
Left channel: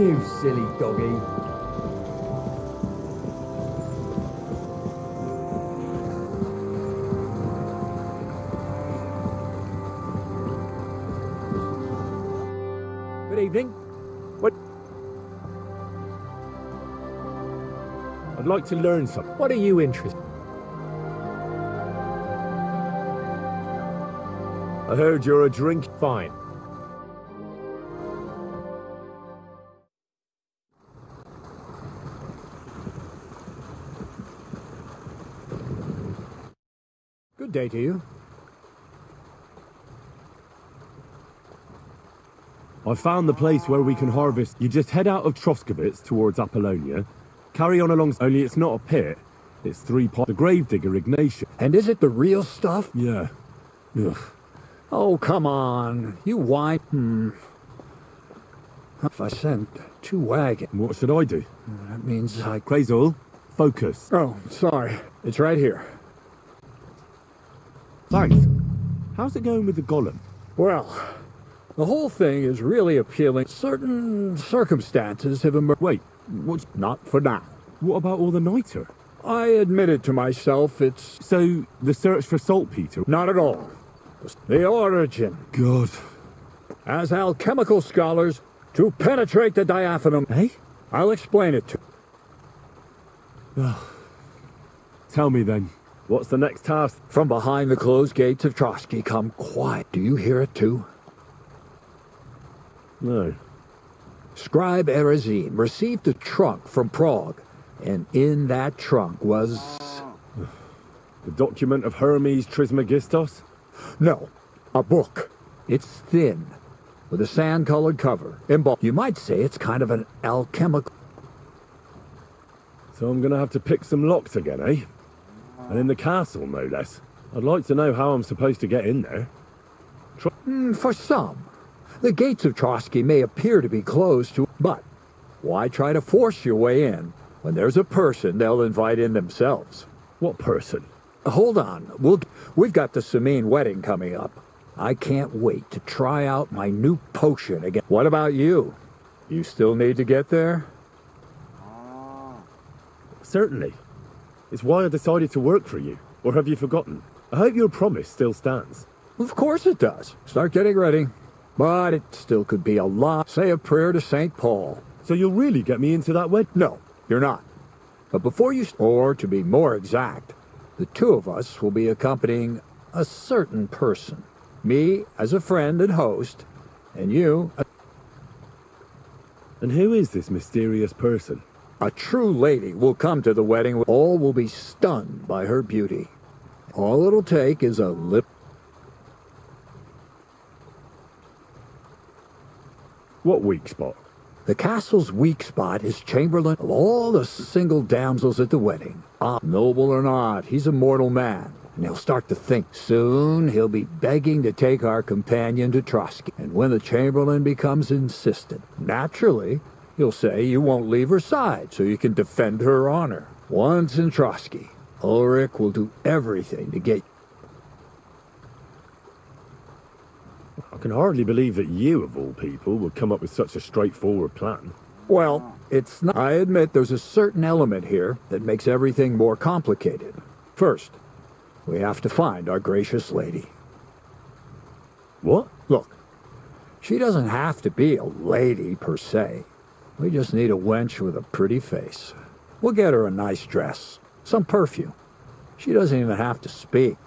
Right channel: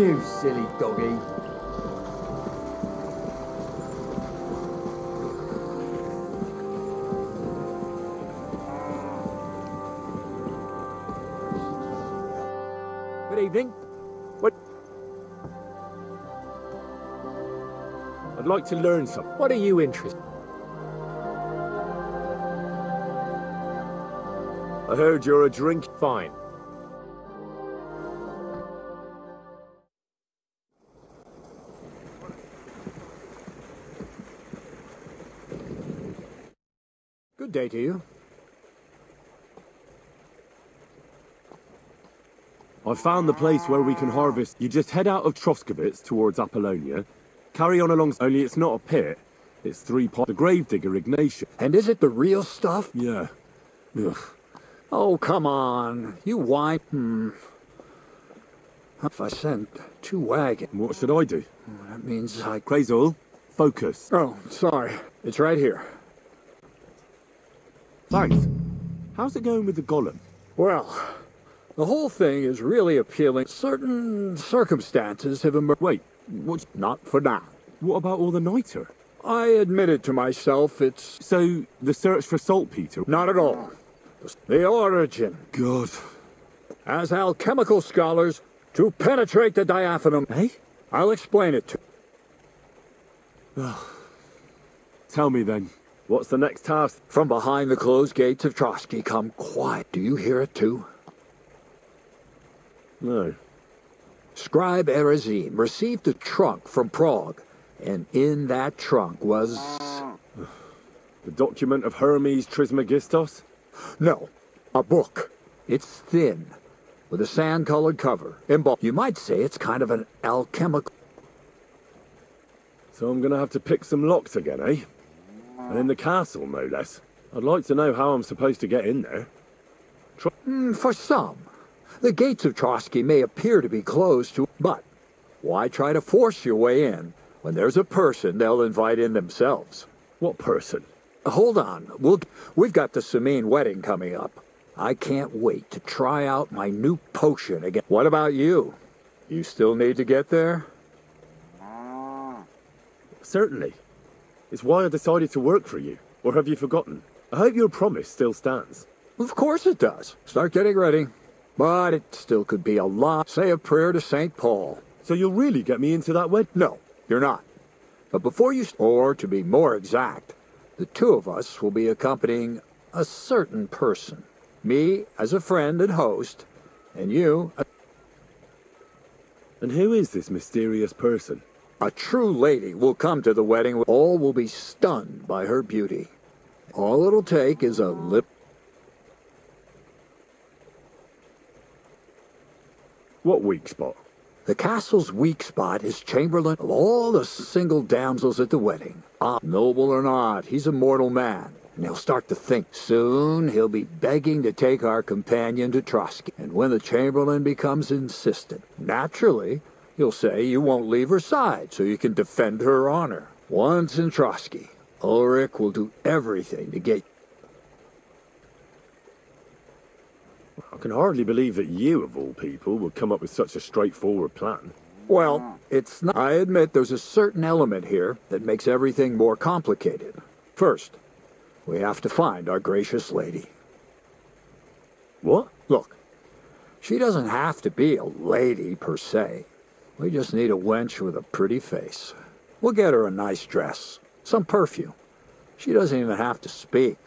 You silly doggy. Good evening. What? I'd like to learn something. What are you interested in? I heard you're a drink. Fine. Good day to you. I found the place where we can harvest. You just head out of Troskovitz towards Apollonia, carry on along. Only it's not a pit. It's 3 pots. The gravedigger Ignatius. And is it the real stuff? Yeah. Ugh. Oh, come on. You whine. If I sent 2 wagons. What should I do? That means I... Crazel, focus. Oh, sorry. It's right here. Thanks. How's it going with the golem? Well, the whole thing is really appealing. Certain circumstances have emerged. Wait, what's... Not for now. What about all the niter? I admitted to myself it's... So, the search for saltpeter? Not at all. The origin. God. As alchemical scholars, to penetrate the diaphanum. Eh? I'll explain it to you. Tell me then. What's the next task? From behind the closed gates of Trotsky come quiet. Do you hear it too? No. Scribe Erezine received a trunk from Prague, and in that trunk was... The document of Hermes Trismegistos? No, a book. It's thin, with a sand-colored cover. You might say it's kind of an alchemical... So I'm gonna have to pick some locks again, eh? And in the castle, no less. I'd like to know how I'm supposed to get in there. For some, the gates of Trotsky may appear to be closed to... But why try to force your way in when there's a person they'll invite in themselves? What person? Hold on. We've got the Samine wedding coming up. I can't wait to try out my new potion again. What about you? You still need to get there? Certainly. It's why I decided to work for you. Or have you forgotten? I hope your promise still stands. Of course it does. Start getting ready. But it still could be a lot. Say a prayer to St. Paul. So you'll really get me into that wedding? No, you're not. But before you... Or, to be more exact, the 2 of us will be accompanying a certain person. Me as a friend and host, and you... And who is this mysterious person? A true lady will come to the wedding. All will be stunned by her beauty. All it'll take is a lip... What weak spot? The castle's weak spot is Chamberlain of all the single damsels at the wedding. Noble or not, he's a mortal man, and he'll start to think. Soon he'll be begging to take our companion to Trotsky. And when the Chamberlain becomes insistent, naturally... You'll say you won't leave her side so you can defend her honor. Once in Trotsky, Ulrich will do everything to get... I can hardly believe that you, of all people, would come up with such a straightforward plan. Well, it's not... I admit there's a certain element here that makes everything more complicated. First, we have to find our gracious lady. What? Look, she doesn't have to be a lady per se. We just need a wench with a pretty face. We'll get her a nice dress, some perfume. She doesn't even have to speak.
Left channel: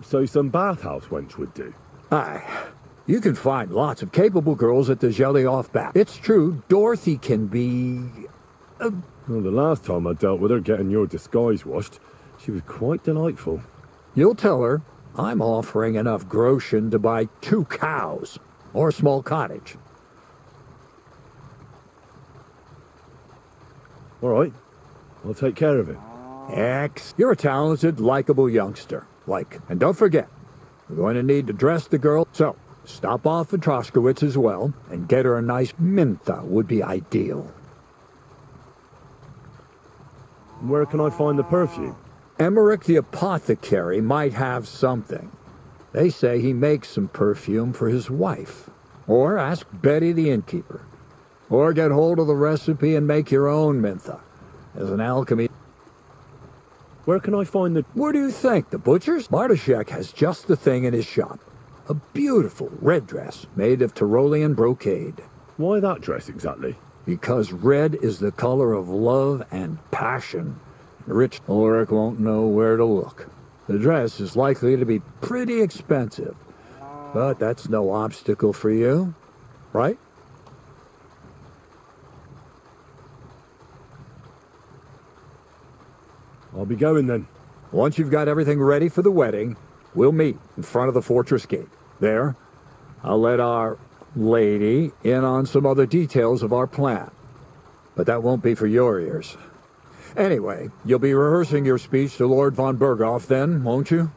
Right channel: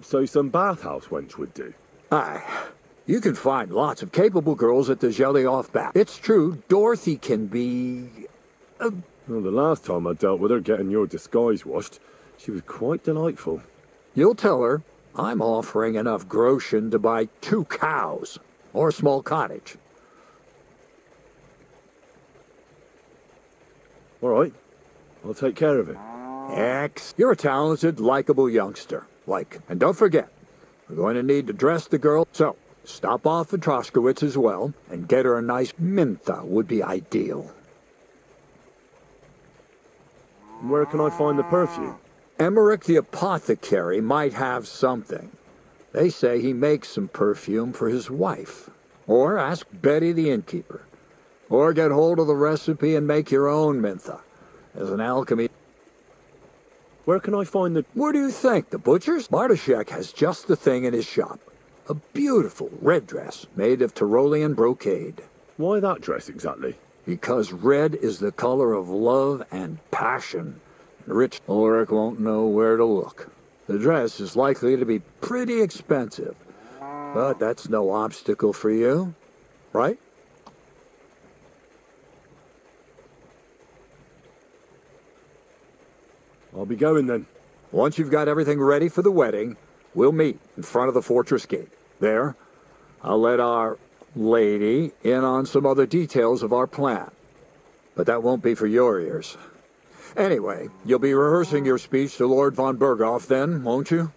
So some bathhouse wench would do? Aye. You can find lots of capable girls at the Zhelyov bath. It's true, Dorothy can be... Well, the last time I dealt with her getting your disguise washed, she was quite delightful. You'll tell her I'm offering enough groschen to buy 2 cows or a small cottage. All right. I'll take care of it. You're a talented, likable youngster. And don't forget, we're going to need to dress the girl. So, stop off at Troskowitz as well, and get her a nice mintha would be ideal. Where can I find the perfume? Emmerich the apothecary might have something. They say he makes some perfume for his wife. Or ask Betty the innkeeper. Or get hold of the recipe and make your own mintha. As an alchemy... Where can I find the... Where do you think? The butcher's? Bartoszek has just the thing in his shop. A beautiful red dress made of Tyrolean brocade. Why that dress exactly? Because red is the color of love and passion. Rich Ulrich won't know where to look. The dress is likely to be pretty expensive. But that's no obstacle for you, right? I'll be going then. Once you've got everything ready for the wedding, we'll meet in front of the fortress gate. There, I'll let our lady in on some other details of our plan. But that won't be for your ears. Anyway, you'll be rehearsing your speech to Lord von Berghoff then, won't you?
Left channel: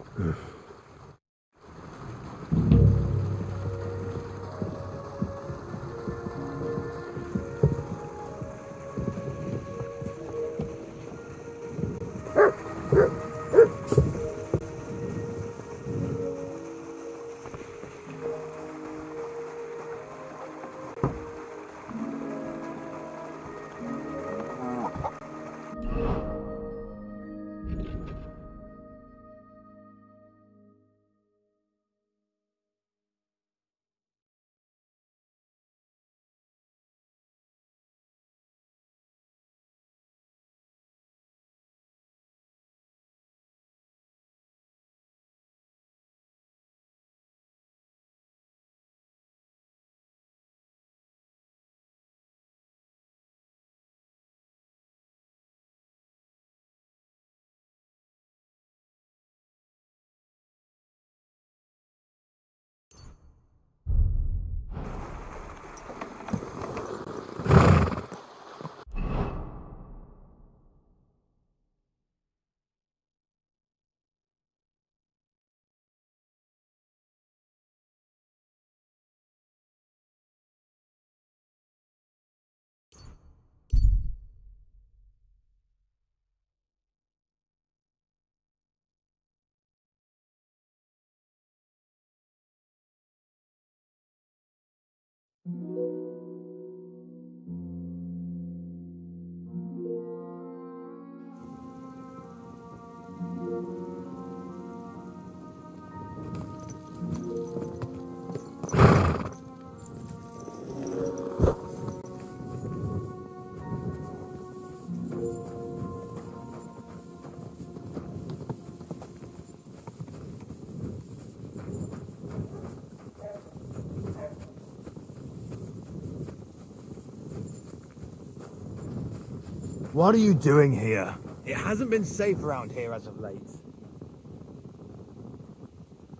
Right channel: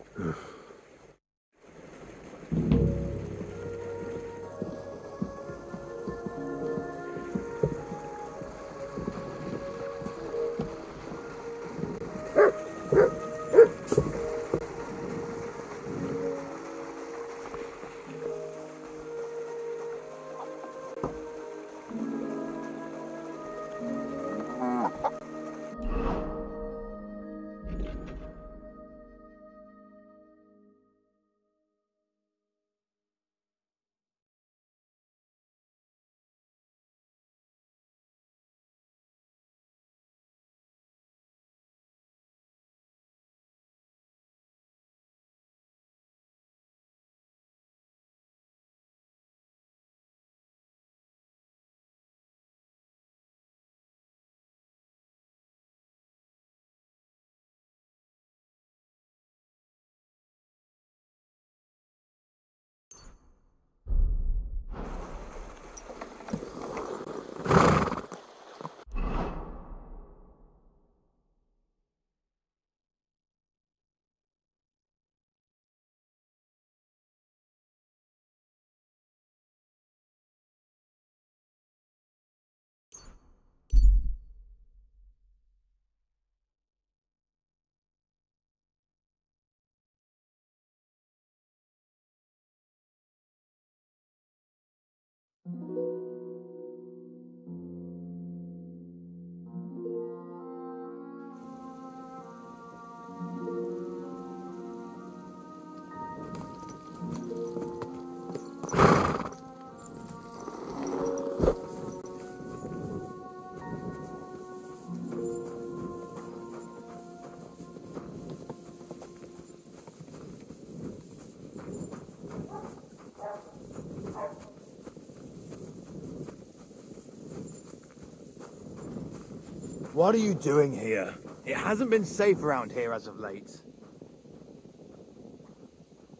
What are you doing here? It hasn't been safe around here as of late.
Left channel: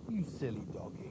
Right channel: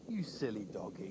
You silly doggy.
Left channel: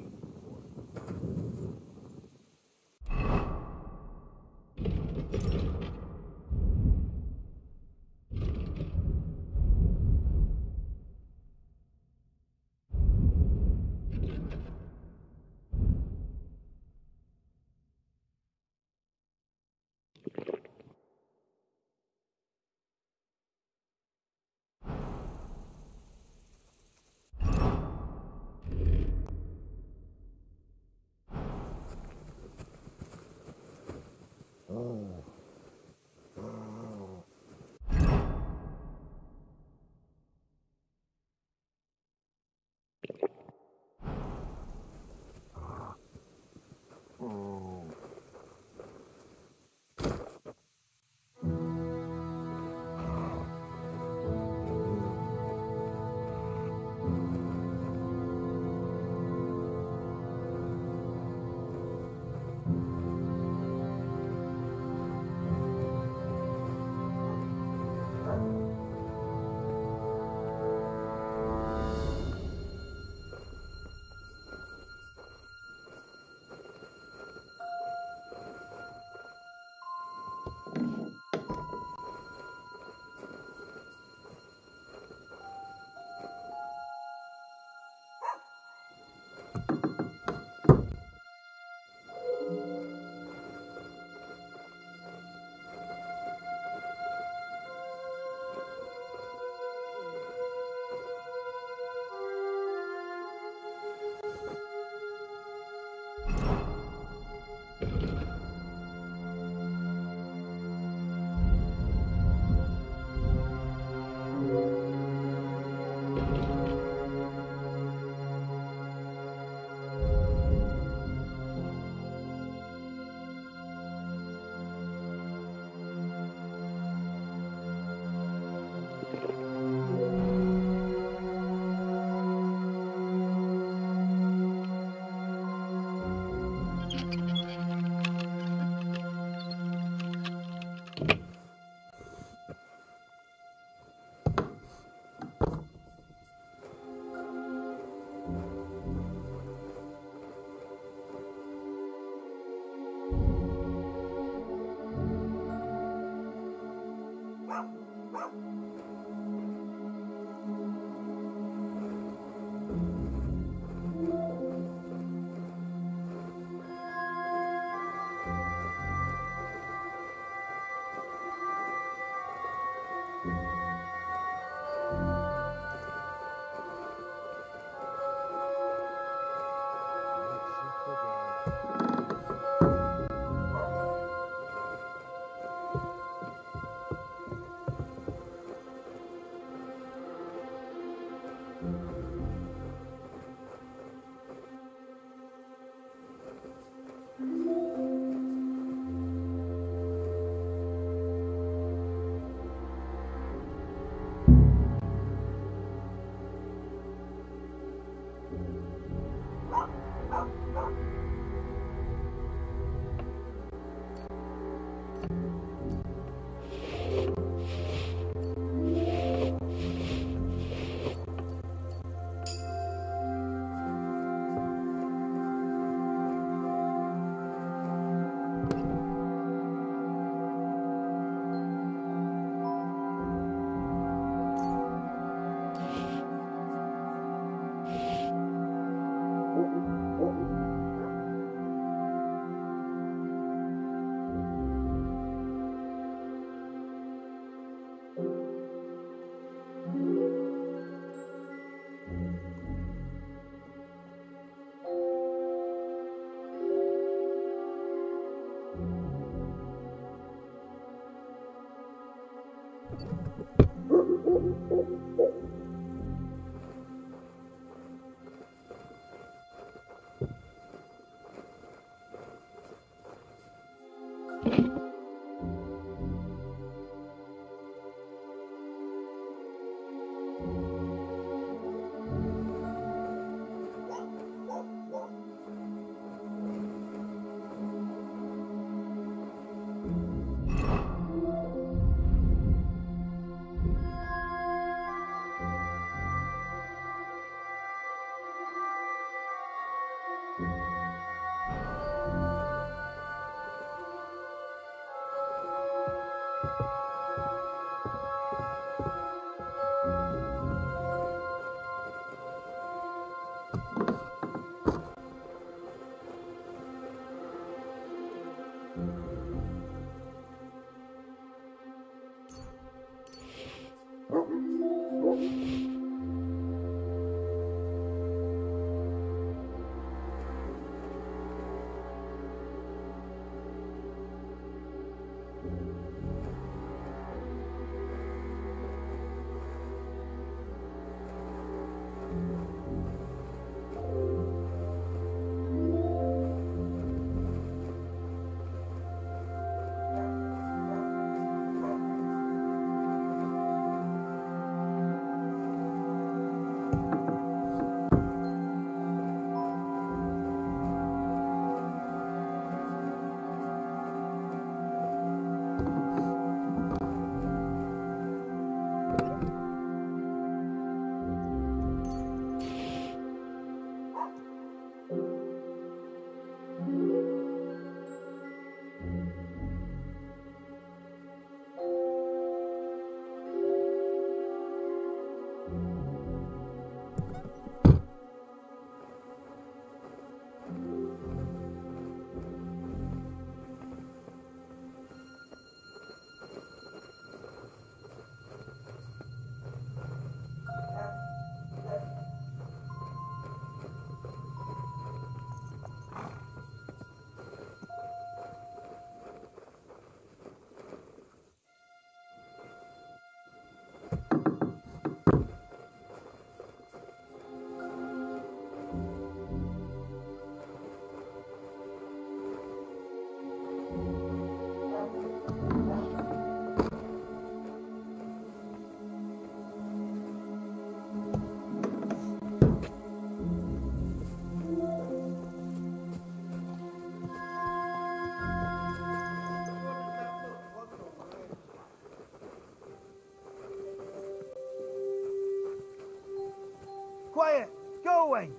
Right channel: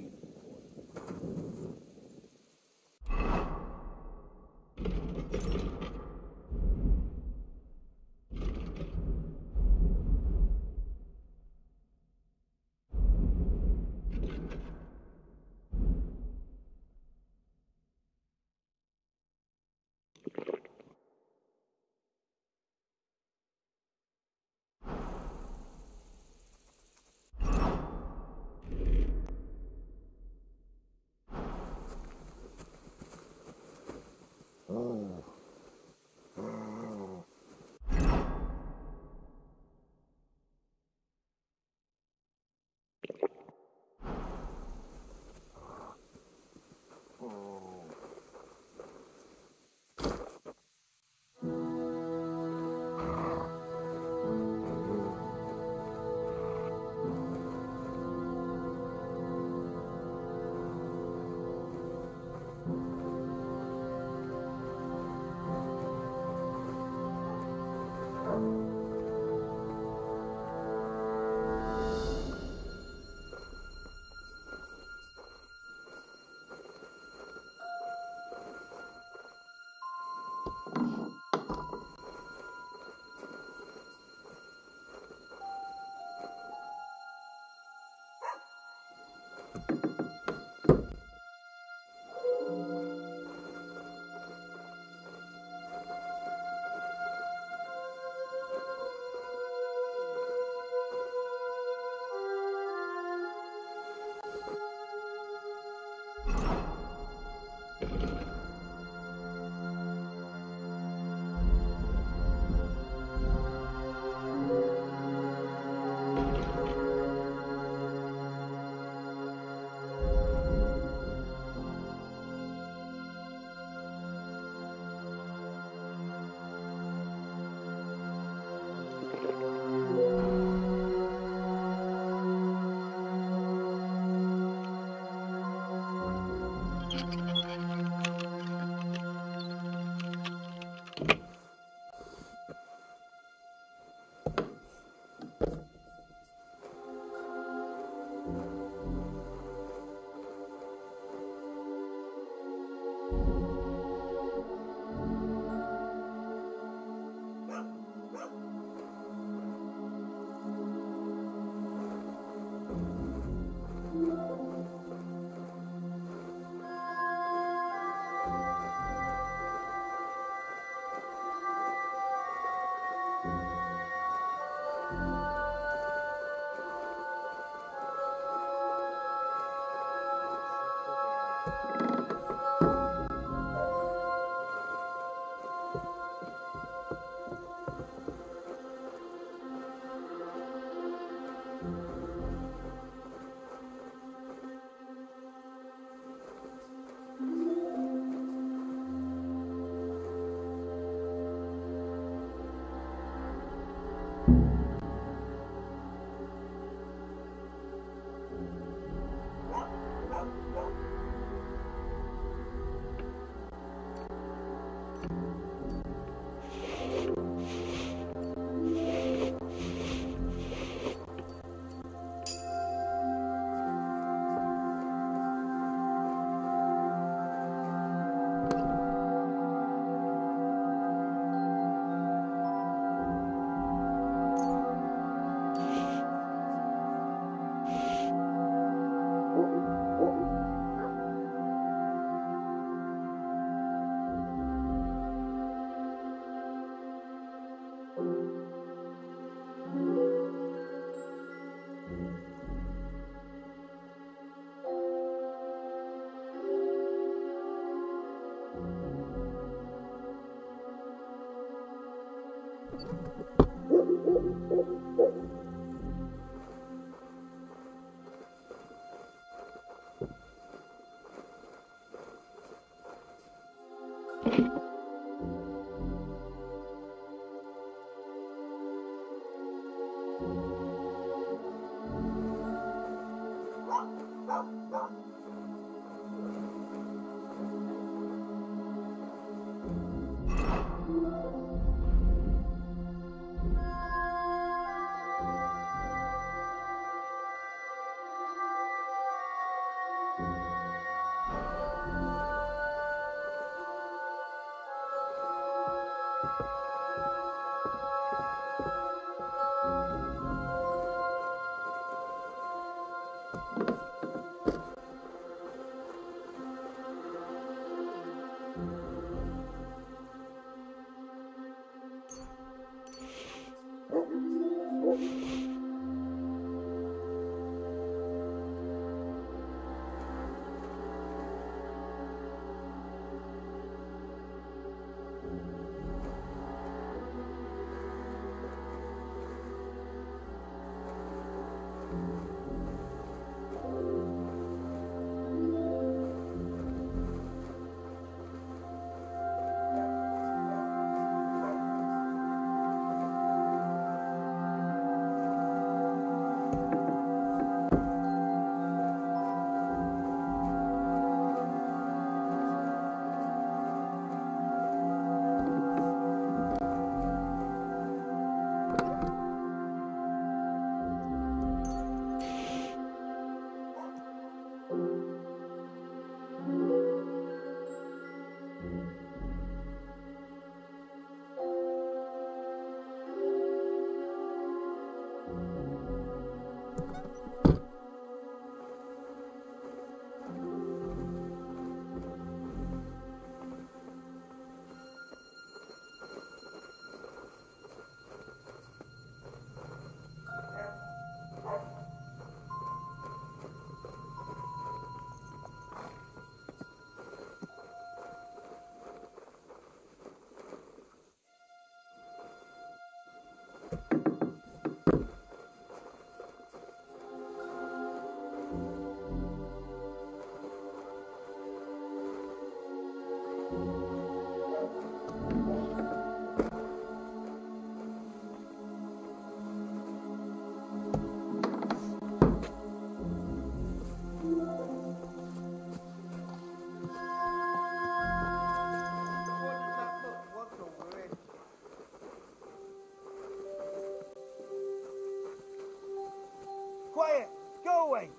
Quiet! Go away!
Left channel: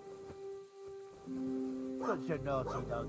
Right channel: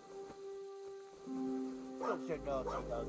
Such a naughty dog.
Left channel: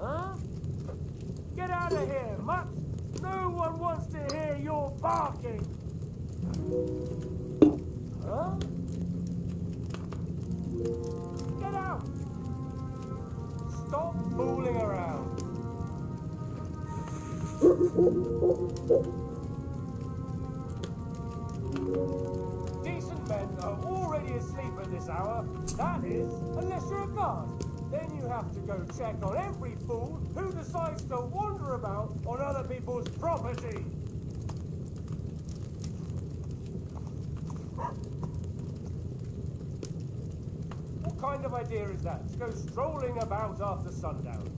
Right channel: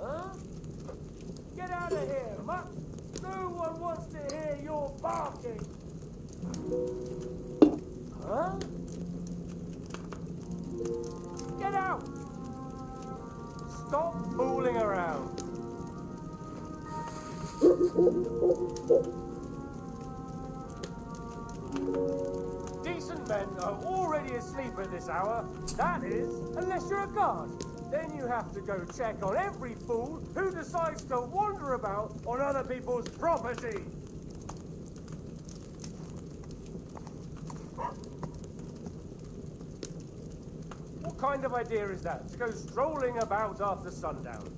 Huh? Get out of here, mutt! No one wants to hear your barking! Huh? Get out! Stop fooling around! Decent men are already asleep at this hour. That is, unless you're a guard. Then you have to go check on every fool who decides to wander about on other people's property. What kind of idea is that, to go strolling about after sundown?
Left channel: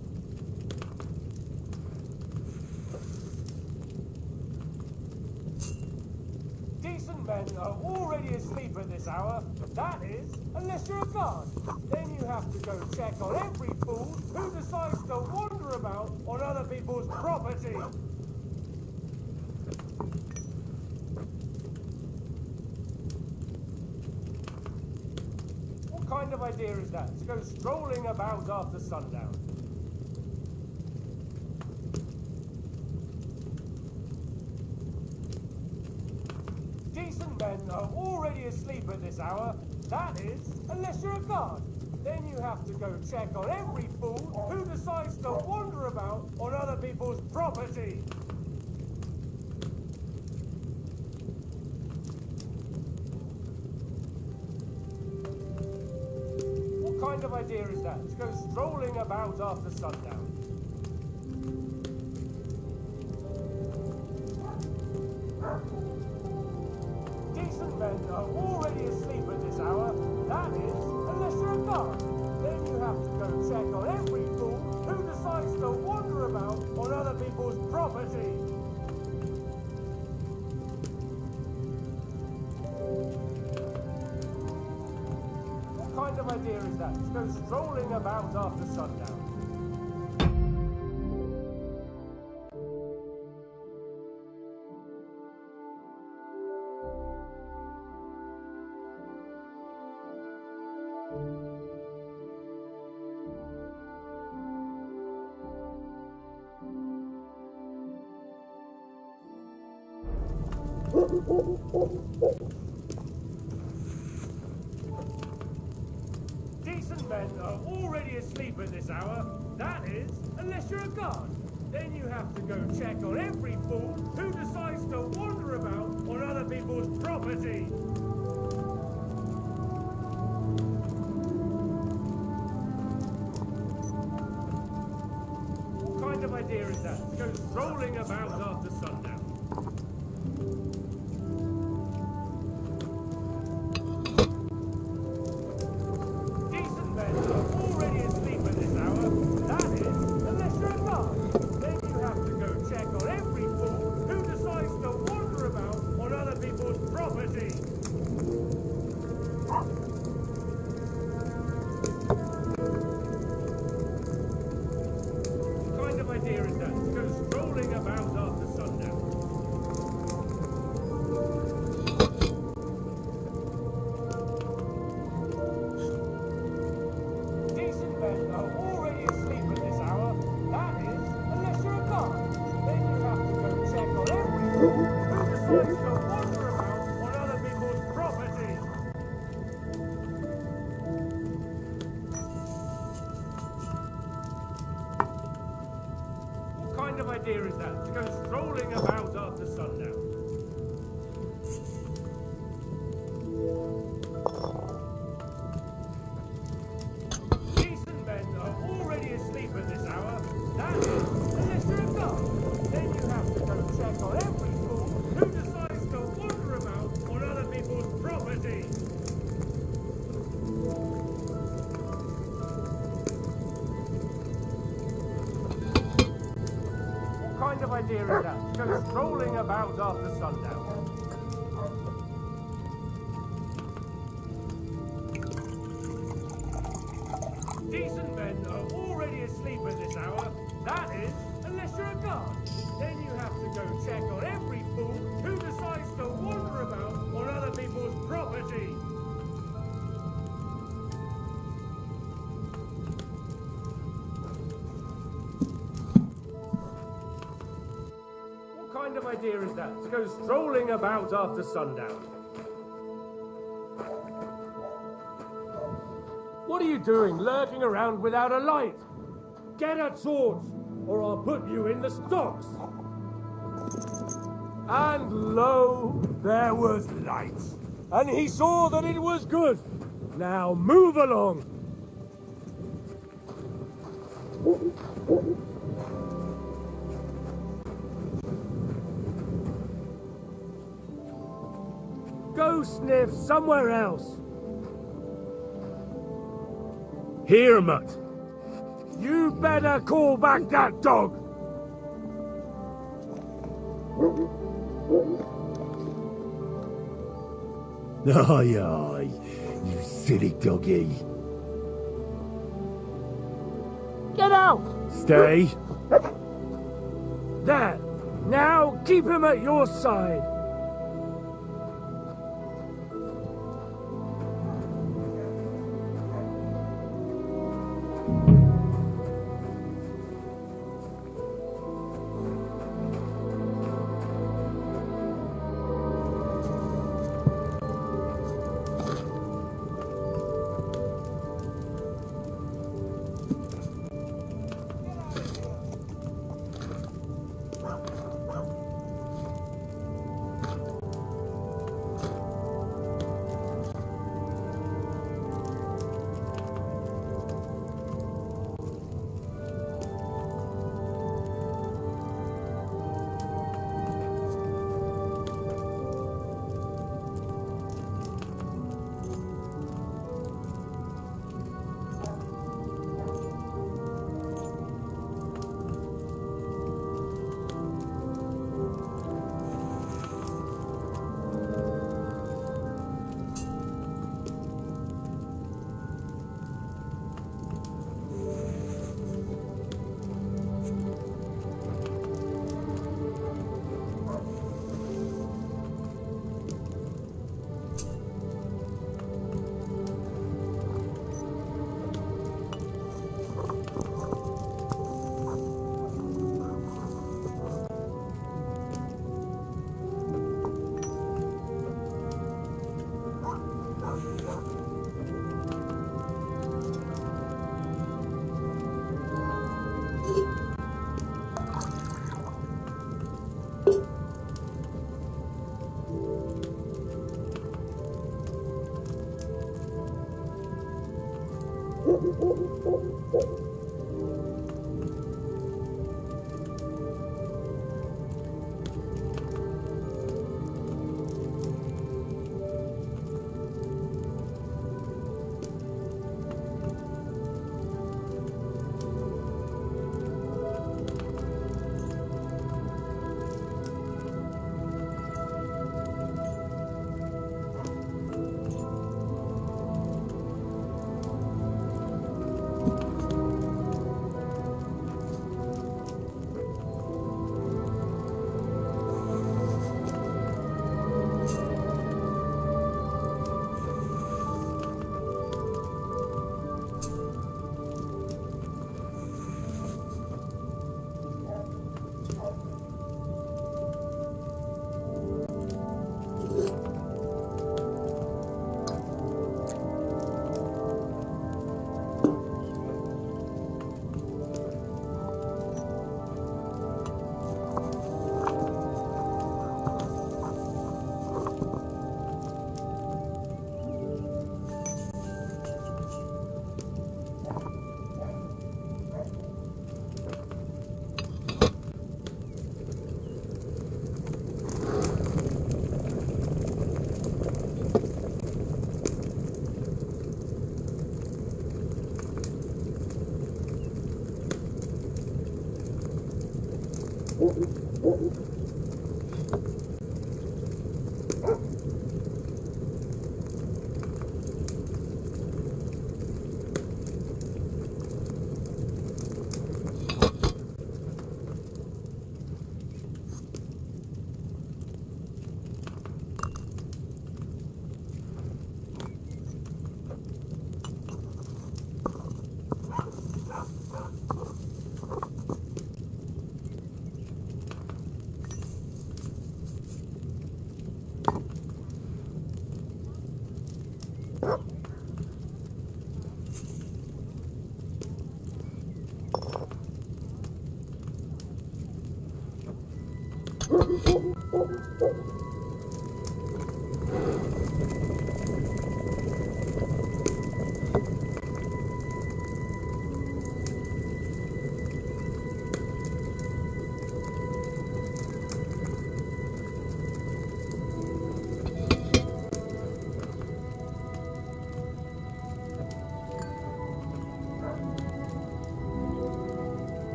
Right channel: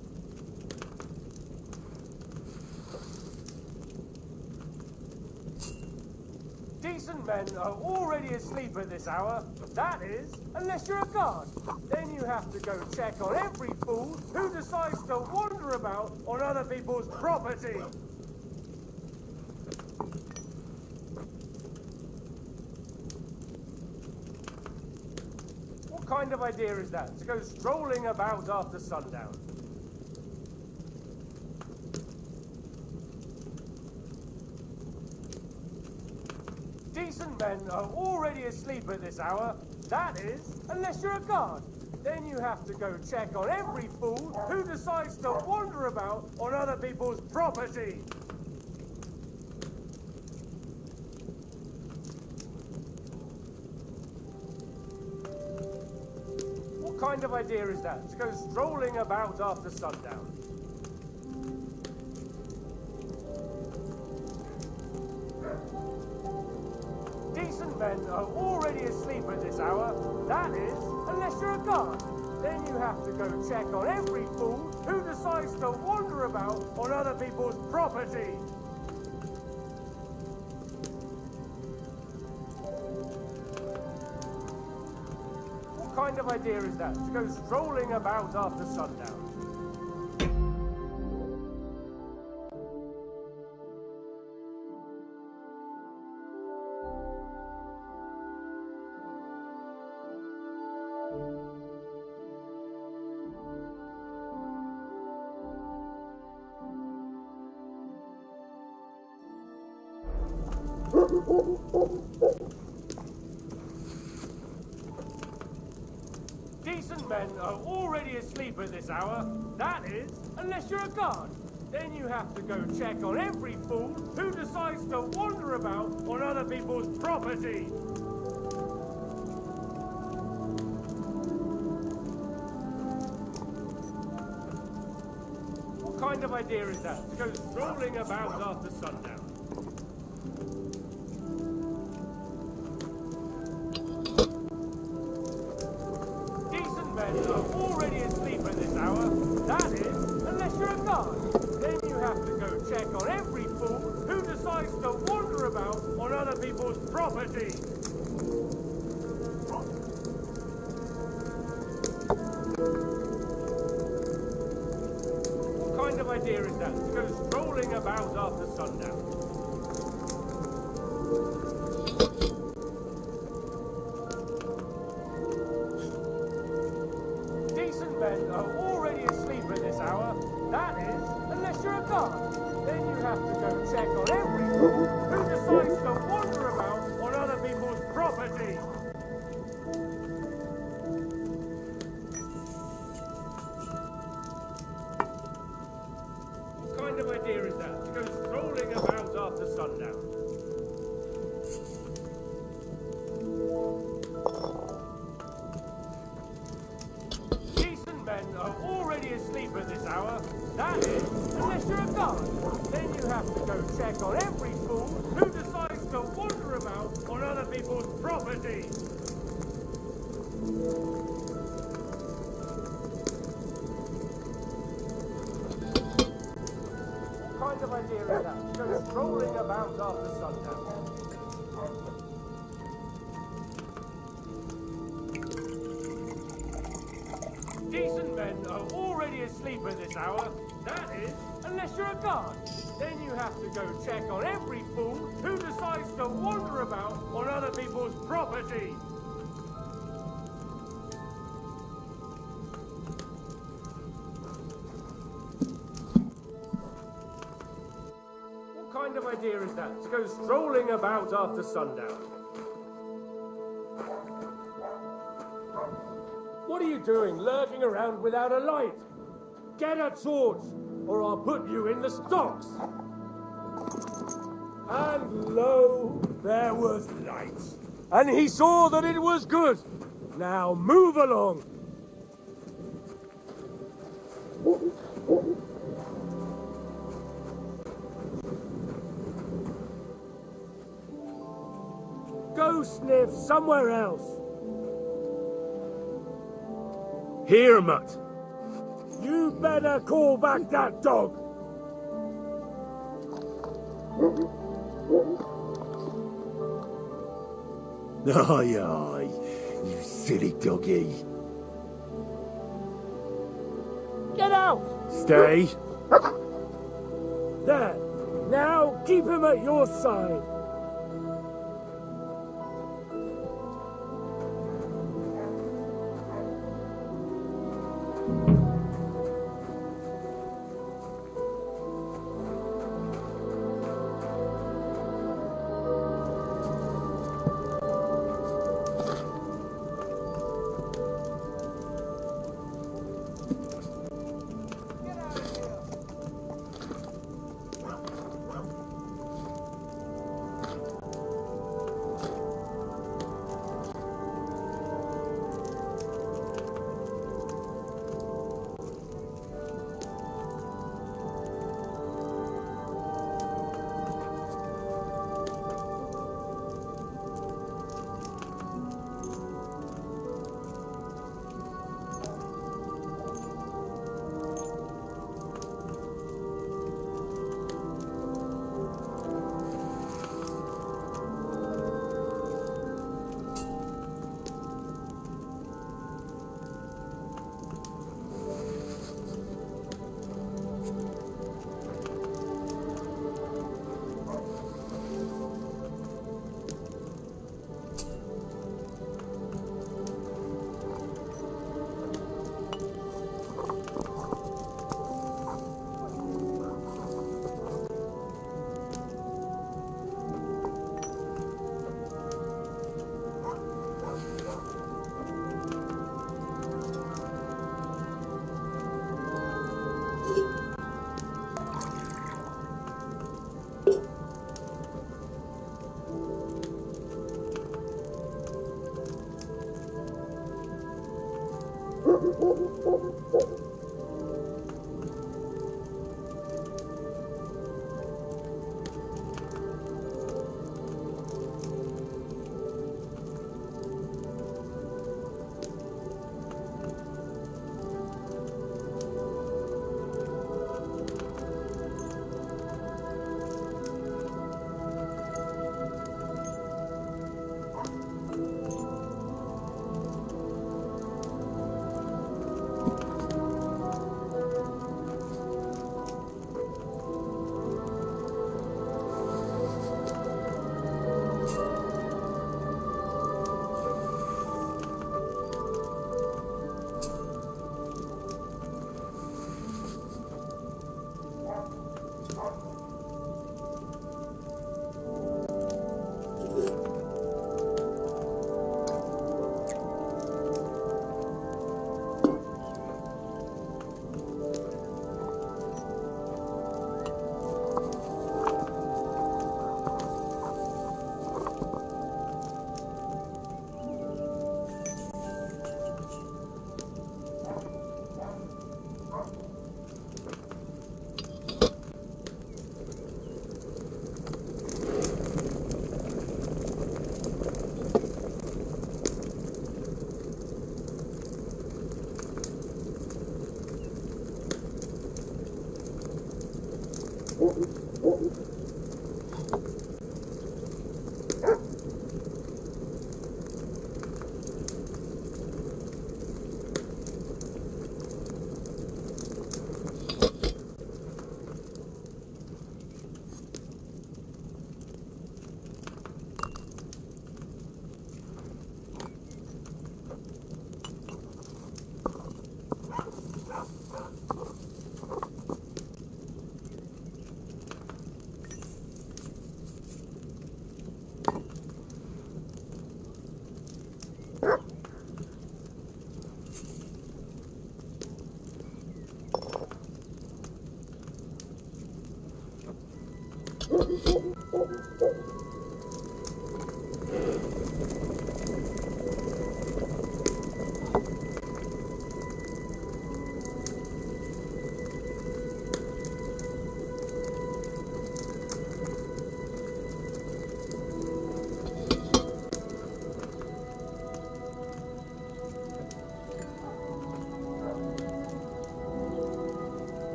Decent men are already asleep at this hour. That is, unless you're a guard. Then you have to go check on every fool who decides to wander about on other people's property. What kind of idea is that, to go strolling about after sundown? Decent men are already asleep at this hour. That is, unless you're a guard. Then you have to go check on every fool who decides to wander about on other people's property. What kind of idea is that, to go strolling about after sundown? Decent men are already asleep at this hour. That is, unless you're a guard. Then you have to go check on every fool who decides to wander about on other people's property. What kind of idea is that, to go strolling about after sundown? Decent men are already asleep at this hour. That is, unless you're a guard. Then you have to go check on every fool who decides to wander about on other people's property. What kind of idea is that, to go strolling about after sundown? Already asleep at this hour. That is, unless you're a guard. Then you have to go check on every fool who decides to wander about on other people's property. What kind of idea is that, to go strolling about after sundown? What kind of idea is that, to go strolling about after sundown? asleep at this hour. That is, unless you're a guard. Then you have to go check on every fool who decides to wander about on other people's property. What kind of idea is that? To go strolling about after sundown. Decent men are already asleep at this hour. That is, unless you're a guard. Then you have to go check on every fool who decides to wander about on other people's property. What kind of idea is that? To go strolling about after sundown. What are you doing, lurking around without a light? Get a torch, or I'll put you in the stocks. And lo, there was light, and he saw that it was good. Now move along. Go sniff somewhere else. Here, Mutt. You better call back that dog. Aye, aye, you silly doggy. Get out! Stay. There. Now keep him at your side.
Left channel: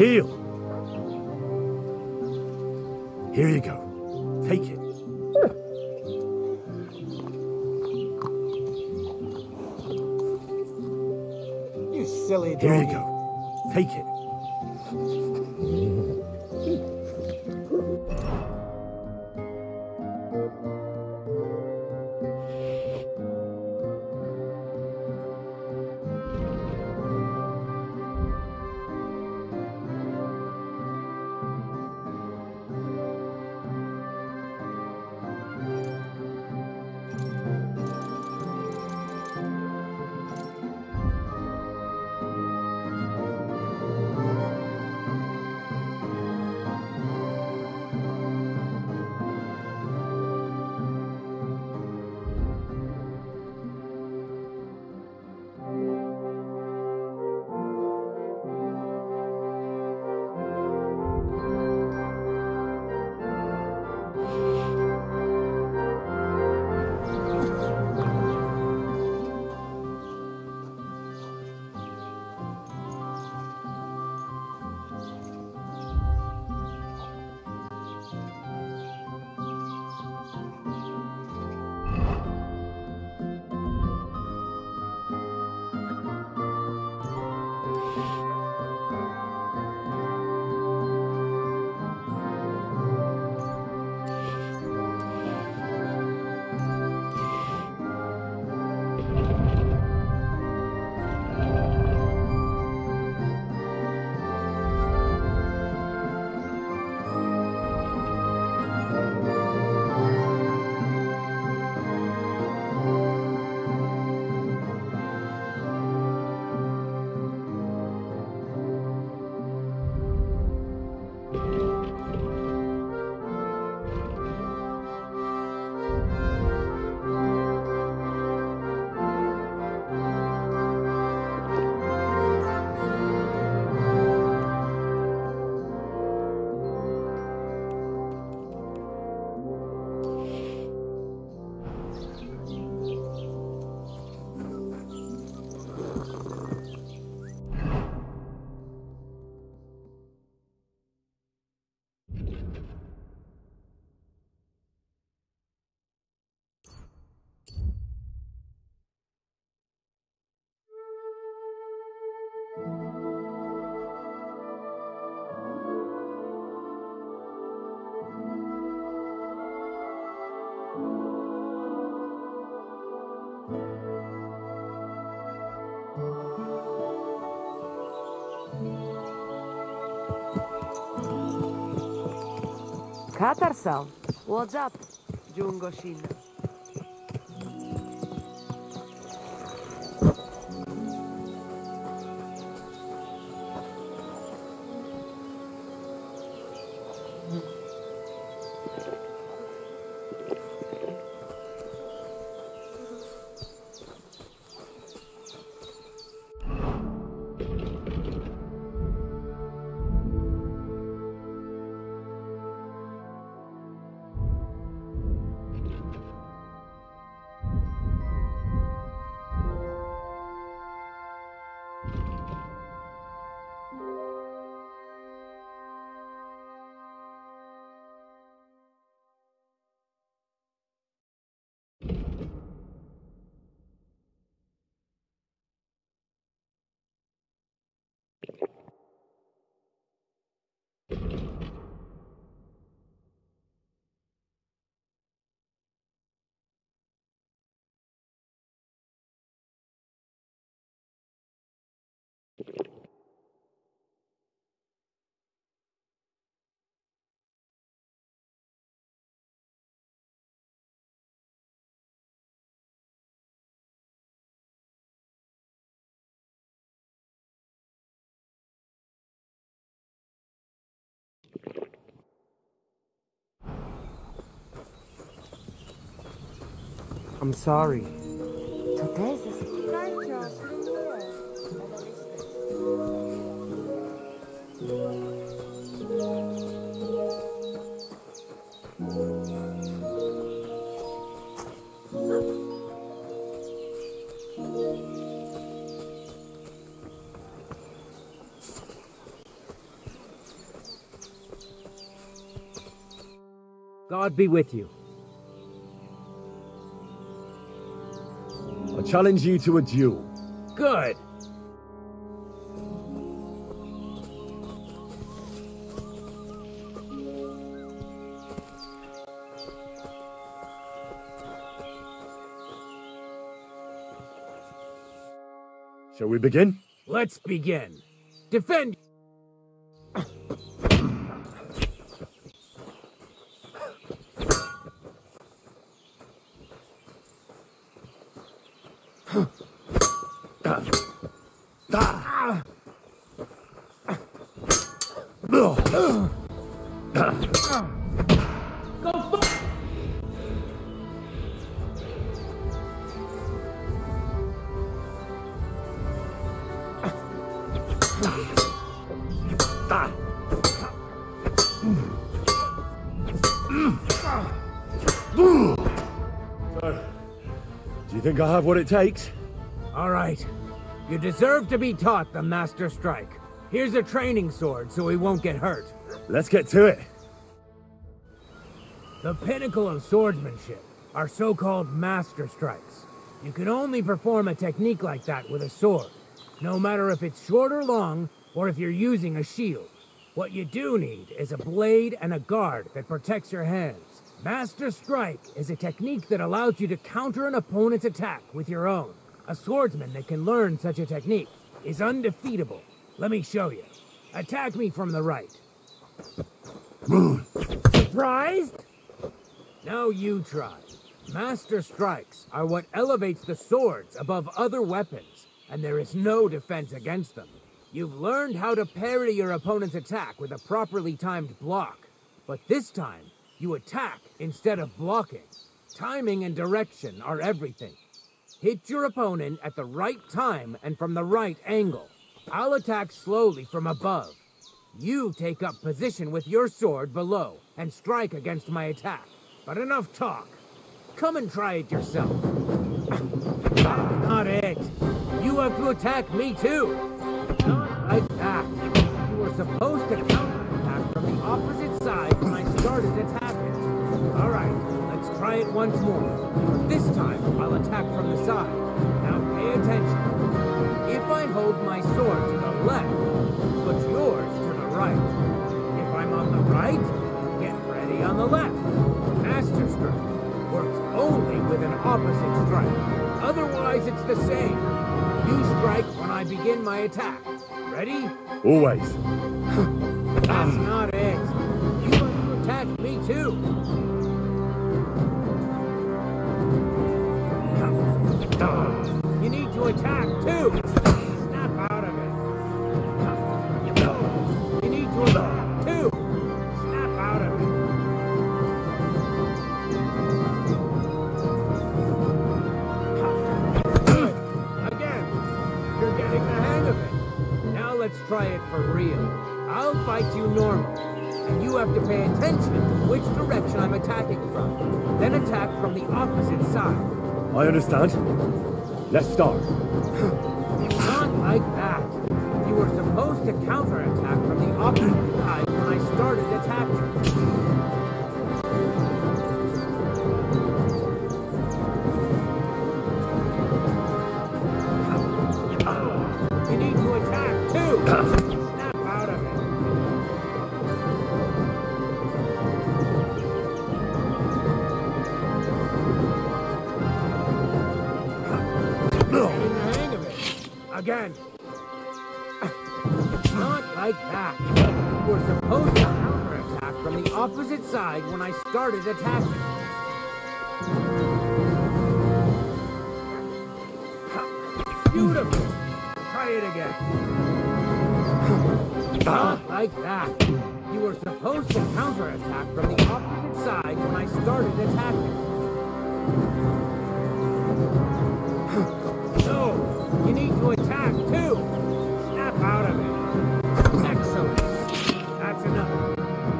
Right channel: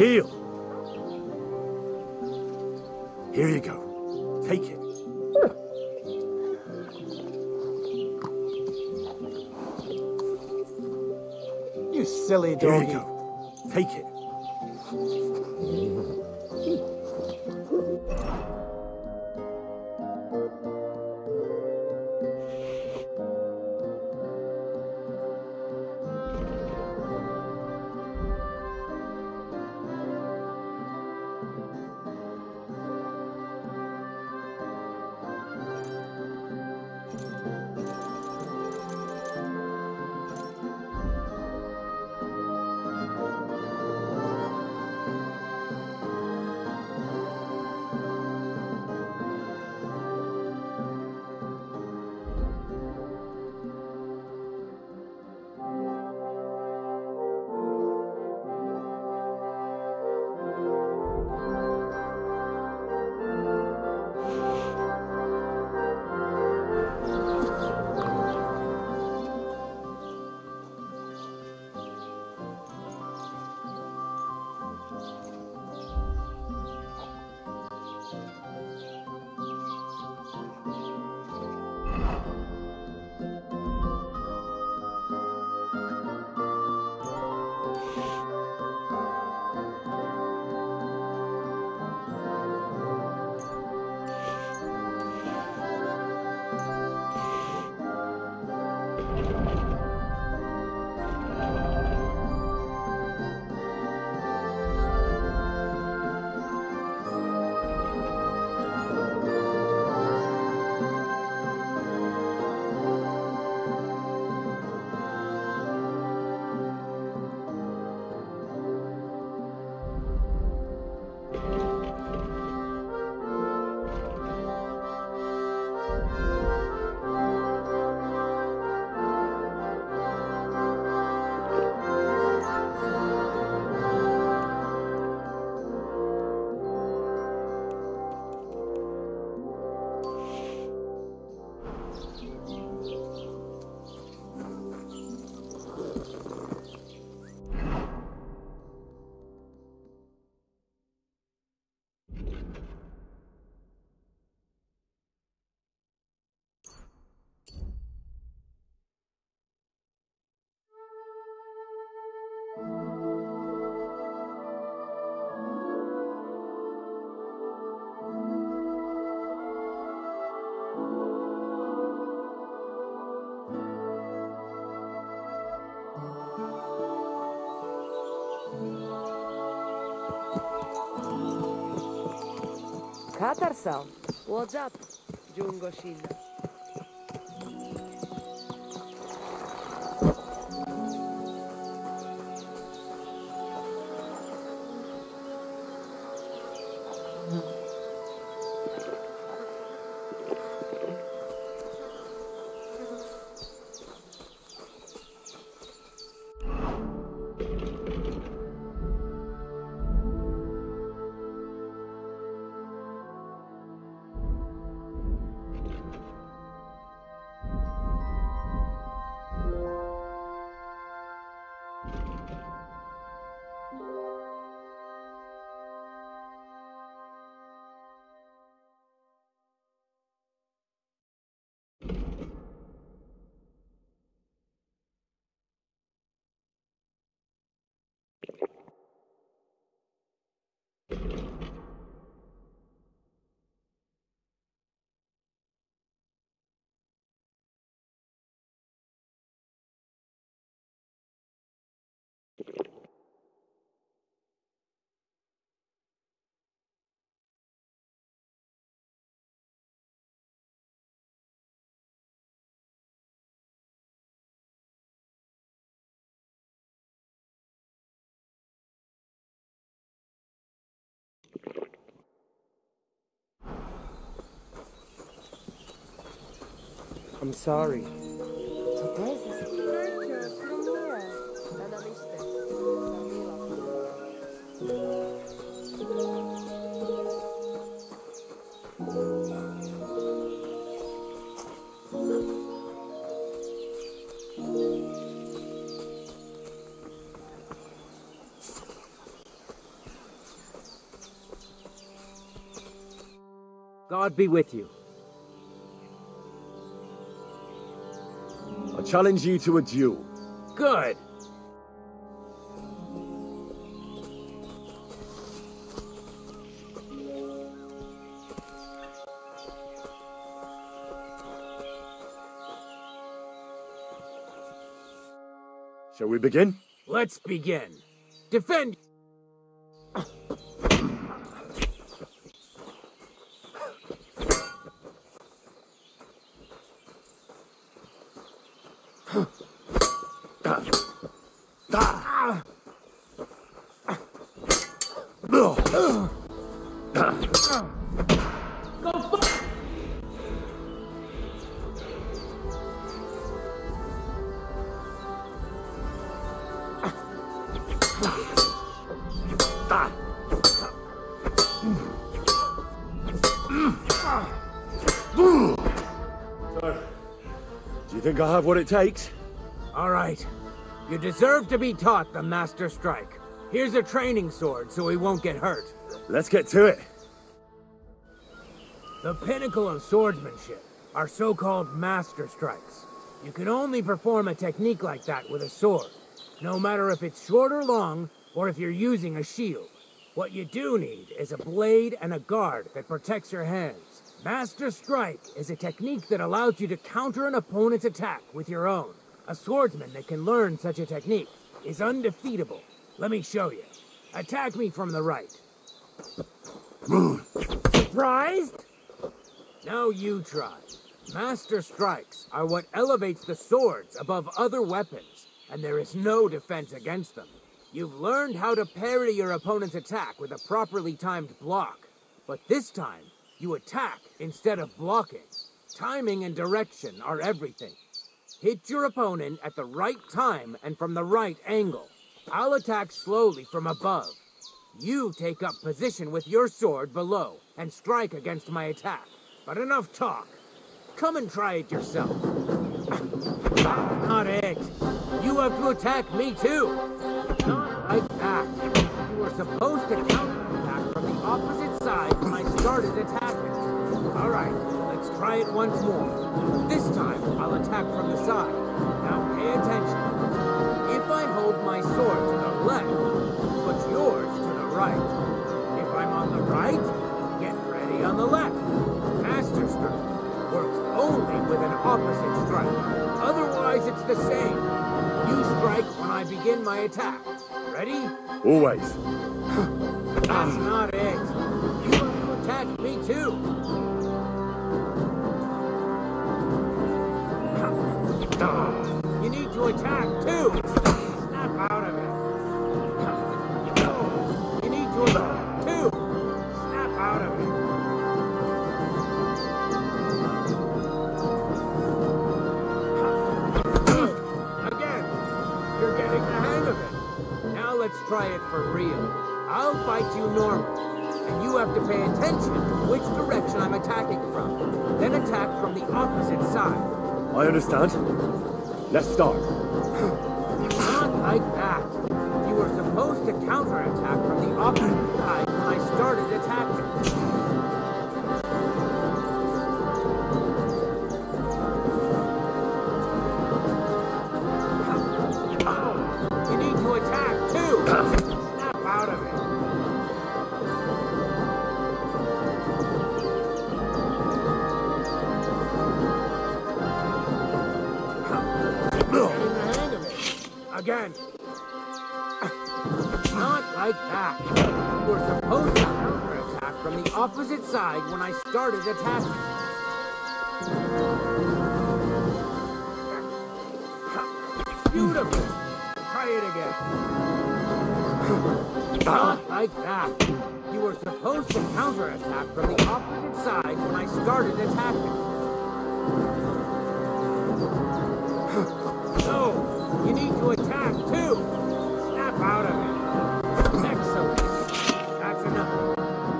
Heal! Here you go. Take it. You silly dog. Here you go. Take it. Katarsan, what's up, Jungoshina? I'm sorry. God be with you. I challenge you to a duel. Good. Shall we begin? Let's begin. Defend. So, do you think I have what it takes? All right. You deserve to be taught the Master Strike. Here's a training sword so he won't get hurt. Let's get to it. The pinnacle of swordsmanship are so-called Master Strikes. You can only perform a technique like that with a sword, no matter if it's short or long, or if you're using a shield. What you do need is a blade and a guard that protects your hands. Master Strike is a technique that allows you to counter an opponent's attack with your own. A swordsman that can learn such a technique is undefeatable. Let me show you. Attack me from the right. Surprised? Now you try. Master Strikes are what elevates the swords above other weapons, and there is no defense against them. You've learned how to parry your opponent's attack with a properly timed block, but this time, you attack instead of blocking. Timing and direction are everything. Hit your opponent at the right time and from the right angle. I'll attack slowly from above. You take up position with your sword below and strike against my attack. But enough talk. Come and try it yourself. That's not it. You have to attack me too. Not like that. You were supposed to counterattack from the opposite side when I started attacking. All right, let's try it once more. But this time, I'll attack from the side. Now pay attention. If I hold my sword to the left, put yours to the right. If I'm on the right, get ready on the left. Master Strike works only with an opposite strike. Otherwise, it's the same. You strike when I begin my attack. Ready? Always. That's not it. You have to attack me too. You need to attack too. Snap out of it. No. You need to attack too. Snap out of it. Again. You're getting the hang of it. Now let's try it for real. I'll fight you normally, and you have to pay attention to which direction I'm attacking from. Then attack from the opposite side. I understand. Let's start. Not like that. You were supposed to counterattack from the opposite side when I started attacking. You need to attack too. Snap out of it. Getting the hang of it. Again. Not like that. You were supposed to counterattack from the opposite side when I started attacking. Beautiful. Try it again. Not like that. You were supposed to counterattack from the opposite side when I started attacking. No, you need to attack too. Snap out of it. Excellent. That's enough.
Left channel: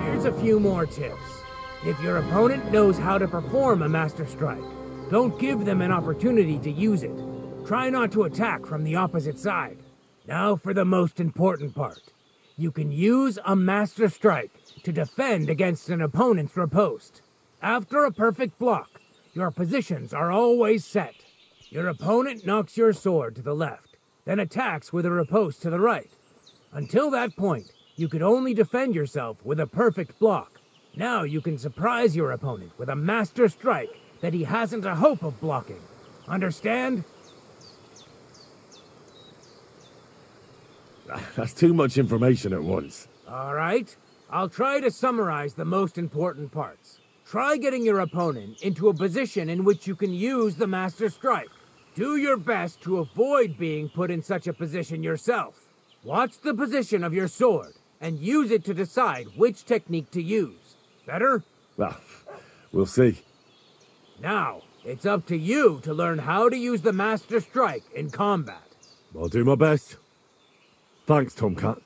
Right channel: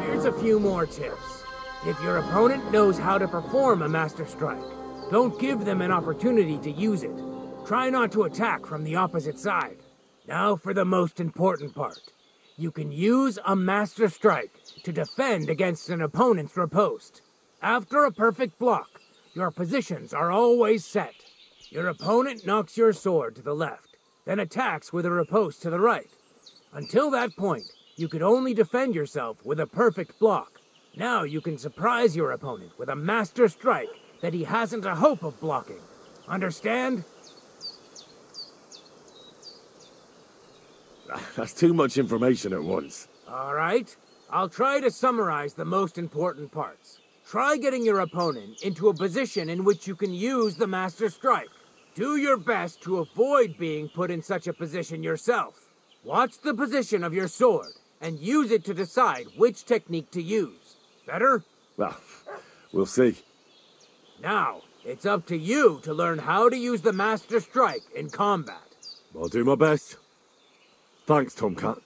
Here's a few more tips. If your opponent knows how to perform a Master Strike, don't give them an opportunity to use it. Try not to attack from the opposite side. Now for the most important part. You can use a Master Strike to defend against an opponent's riposte. After a perfect block, your positions are always set. Your opponent knocks your sword to the left, then attacks with a riposte to the right. Until that point, you could only defend yourself with a perfect block. Now you can surprise your opponent with a master strike that he hasn't a hope of blocking. Understand? That's too much information at once. All right. I'll try to summarize the most important parts. Try getting your opponent into a position in which you can use the Master Strike. Do your best to avoid being put in such a position yourself. Watch the position of your sword and use it to decide which technique to use. Better? Well, we'll see. Now, it's up to you to learn how to use the Master Strike in combat. I'll do my best. Thanks, Tomcat.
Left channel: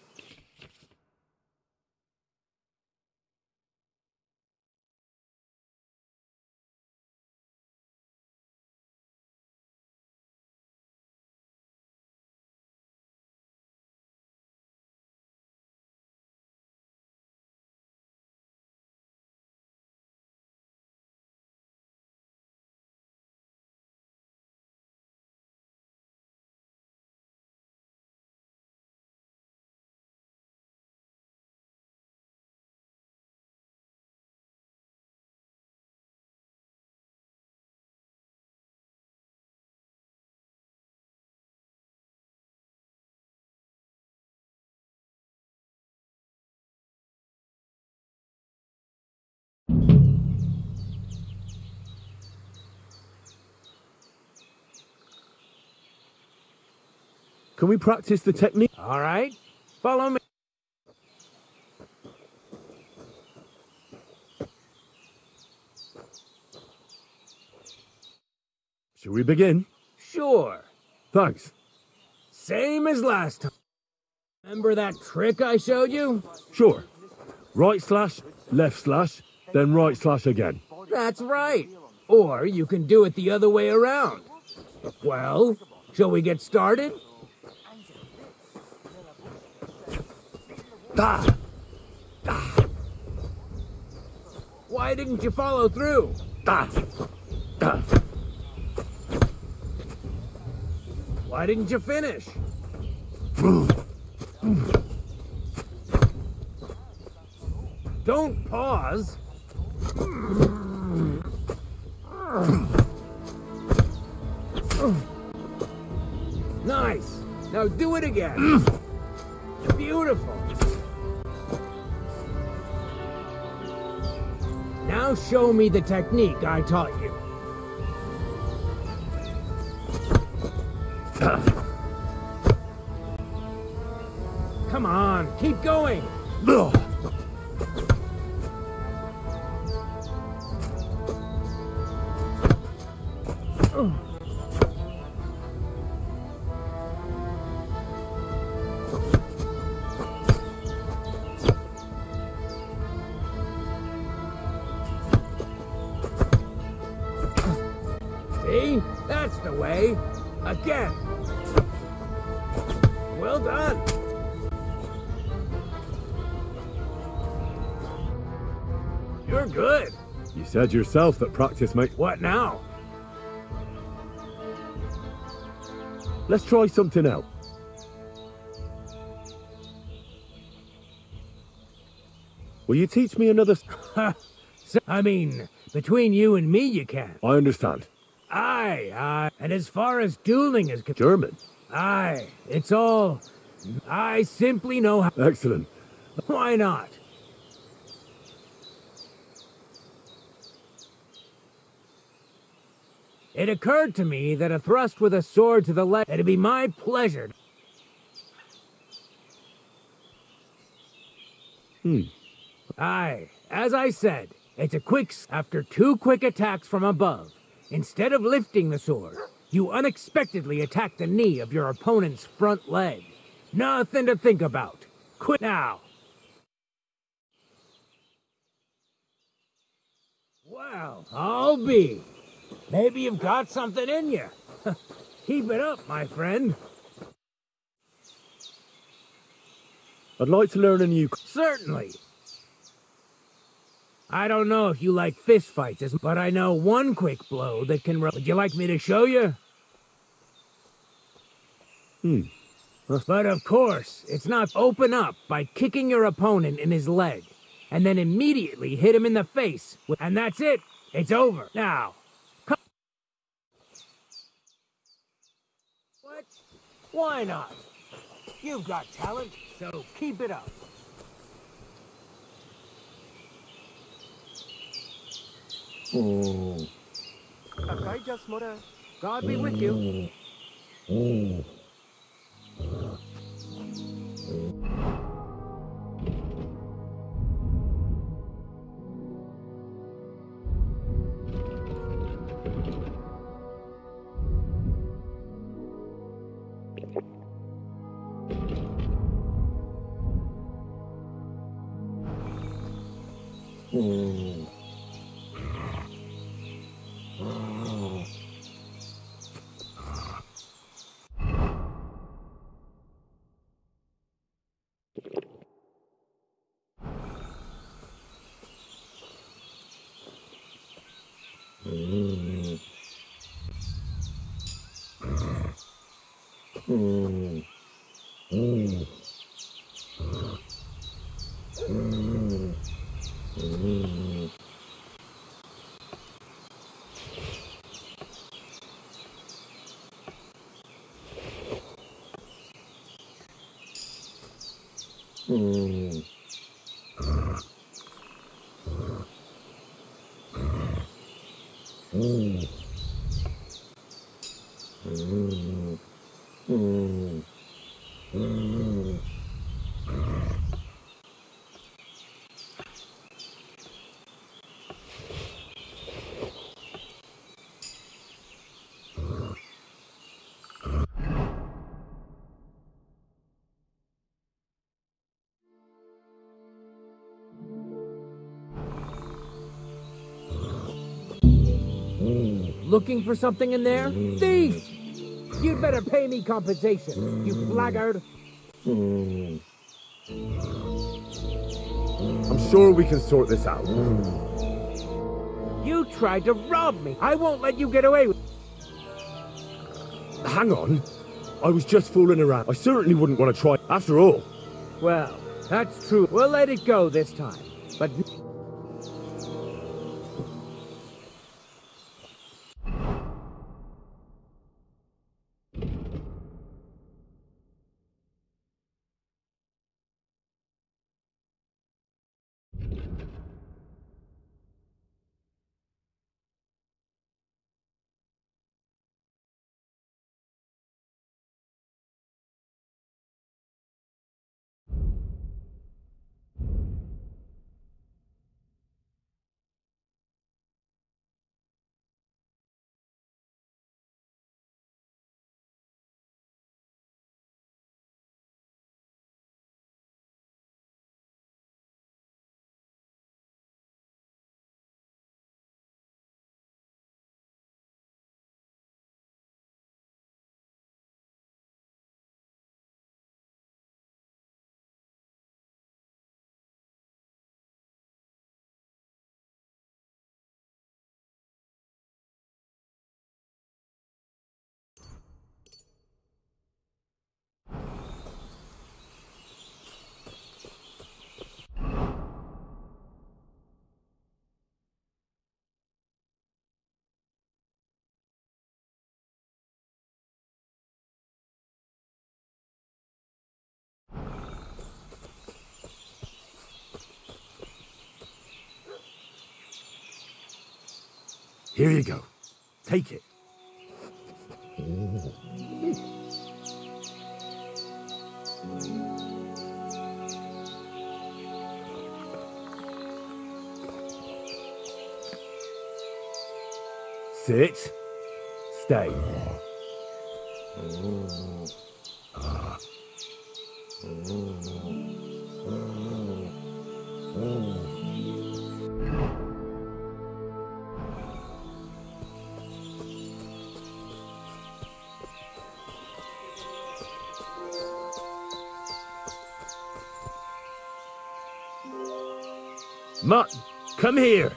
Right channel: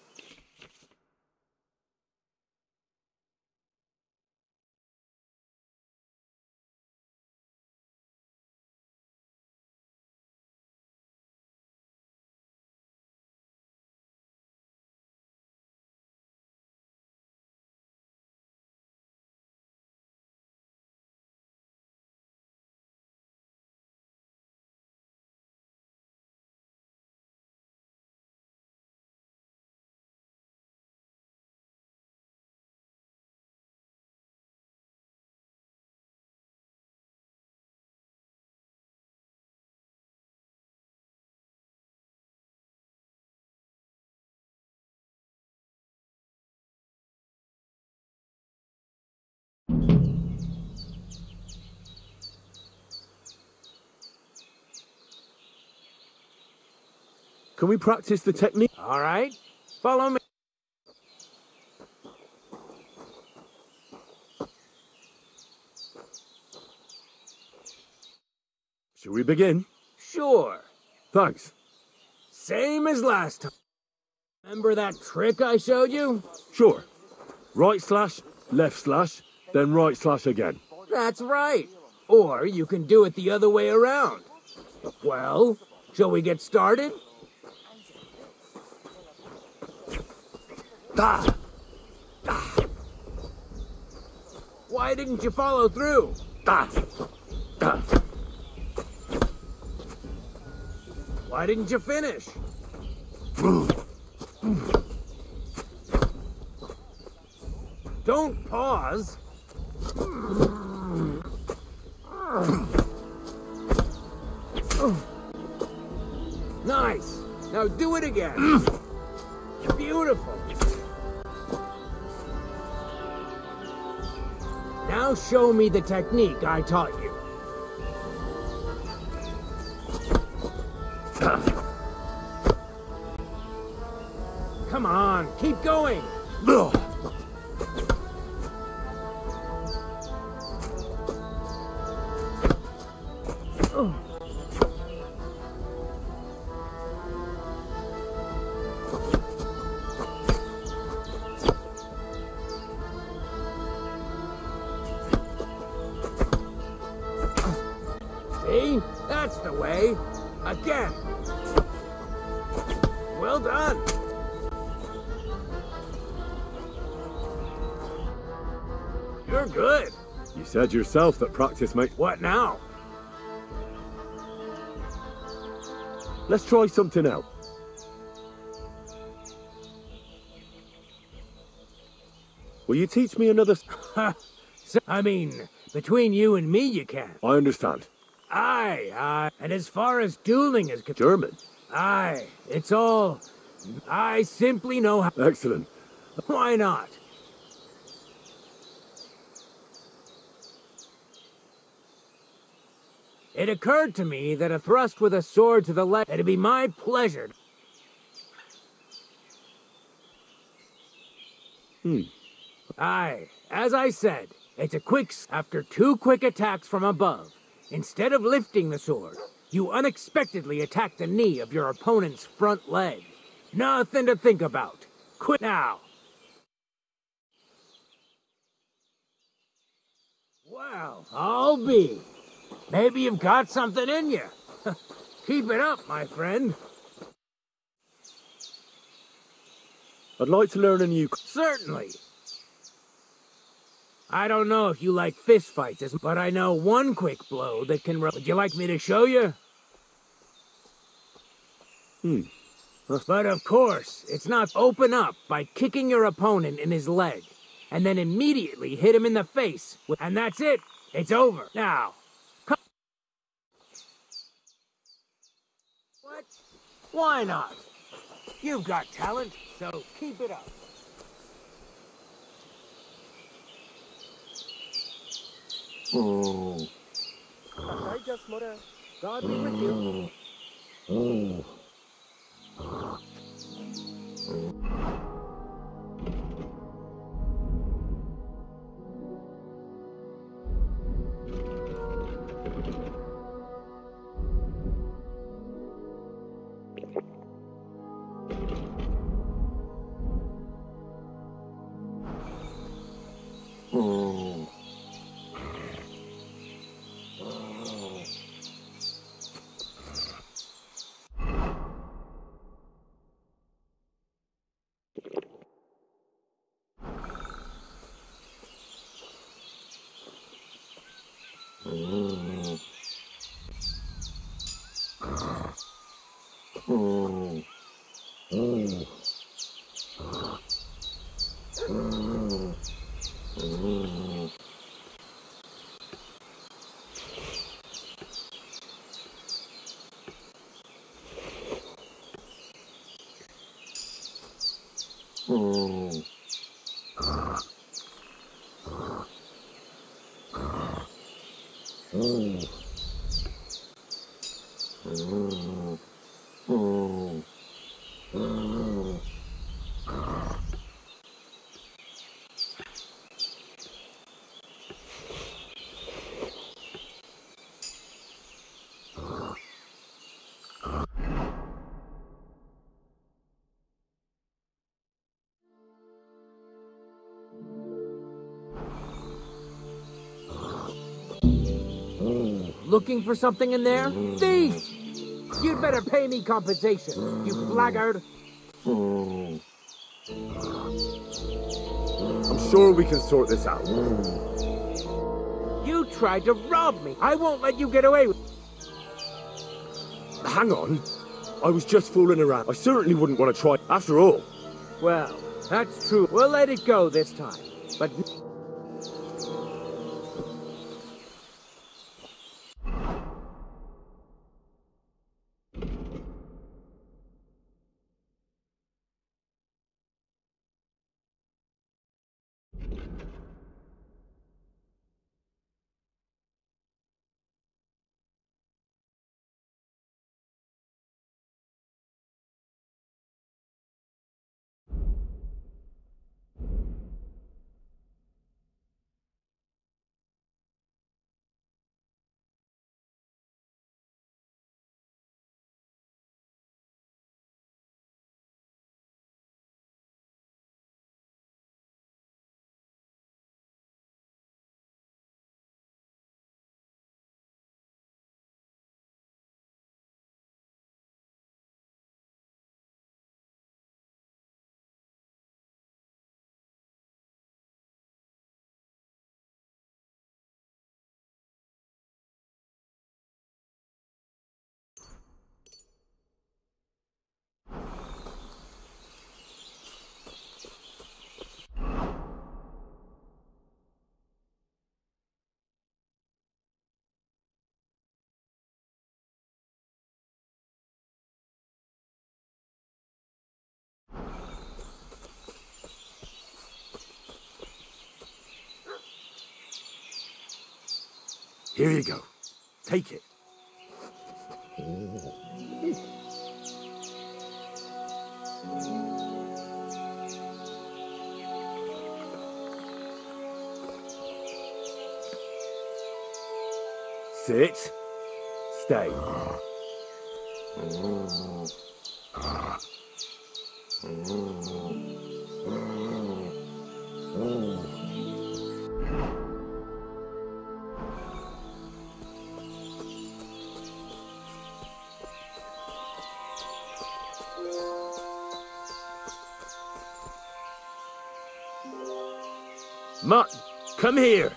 Can we practice the technique? All right. Follow me. Shall we begin? Sure. Thanks. Same as last time. Remember that trick I showed you? Sure. Right slash, left slash, then right slash again. That's right. Or you can do it the other way around. Well, shall we get started? Ah! Ah! Why didn't you follow through? Ah! Ah! Why didn't you finish? Don't pause. Nice. Now do it again. Beautiful. Now show me the technique I taught you. Come on, keep going. See? That's the way. Again. Well done. You're good. You said yourself that practice makes... What now? Let's try something else. Will you teach me another... I mean, between you and me you can. I understand. Aye. And as far as dueling is concerned... German? Aye, it's all... I simply know how... Excellent. Why not? It occurred to me that a thrust with a sword to the left, it'd be my pleasure. Aye, as I said, it's a quick... After 2 quick attacks from above, instead of lifting the sword, you unexpectedly attack the knee of your opponent's front leg. Nothing to think about. Quit now. Well, I'll be. Maybe you've got something in you. Keep it up, my friend. I'd like to learn a new... Certainly. I don't know if you like fistfights, but I know one quick blow that can... Would you like me to show you? But of course, it's not open up by kicking your opponent in his leg, and then immediately hit him in the face. And that's it. It's over. Now, come... What? Why not? You've got talent, so keep it up. God be with you. Looking for something in there? Thief! You'd better pay me compensation, you blackguard. I'm sure we can sort this out. You tried to rob me. I won't let you get away with... Hang on. I was just fooling around. I certainly wouldn't want to try. After all. Well, that's true. We'll let it go this time. But... Here you go. Take it. Sit. Stay. Mutton. Come here.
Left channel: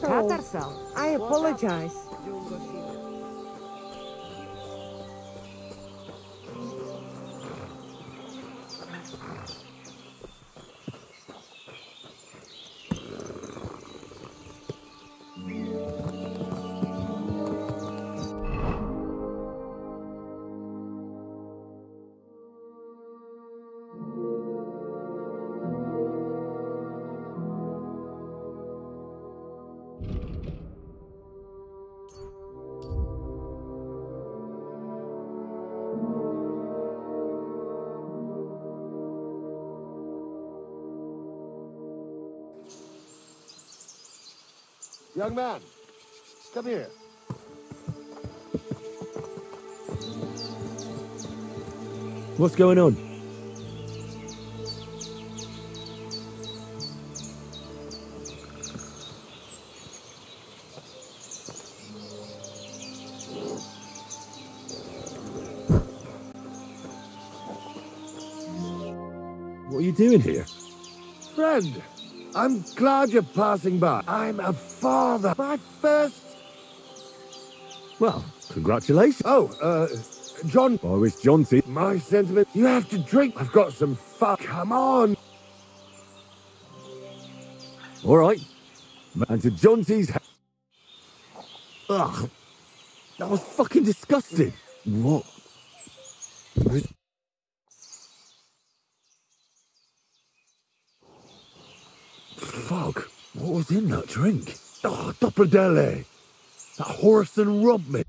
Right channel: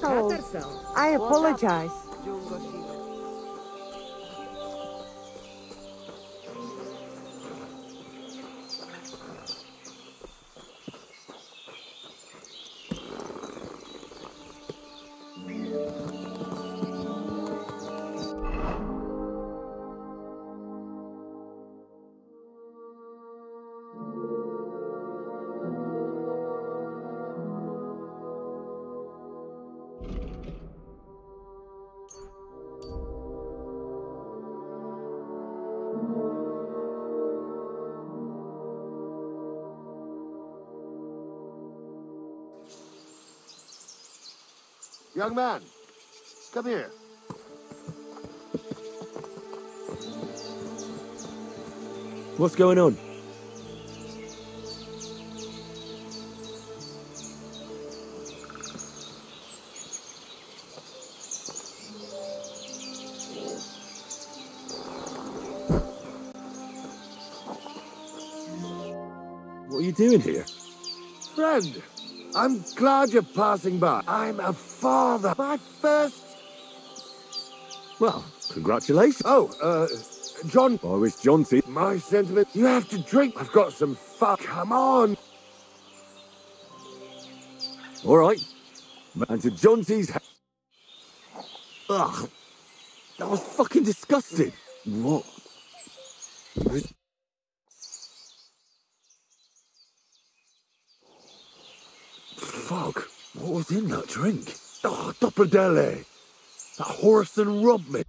Katarsal, I apologize. Young man, come here. What's going on? What are you doing here? Friend, I'm glad you're passing by. I'm a father. My first... Well, congratulations. Oh, John. I wish Johnsy. My sentiment. You have to drink. I've got some fun. Come on. All right. And to Johnsy's... Ugh. That was fucking disgusting. What? Fuck. What was in that drink? Oh, Dopperdelle. That horse and robbed me.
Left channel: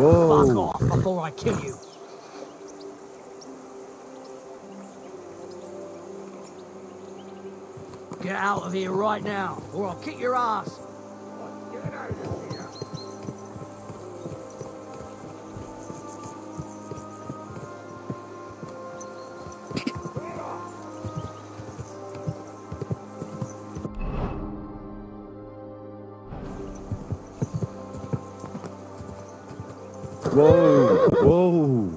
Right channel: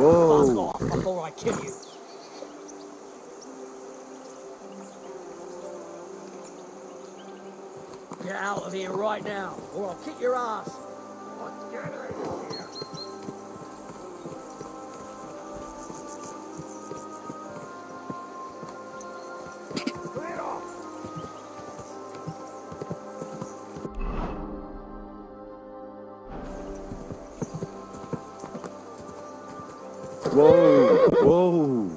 Whoa. Before I kill you. Get out of here right now, or I'll kick your ass. Whoa, whoa.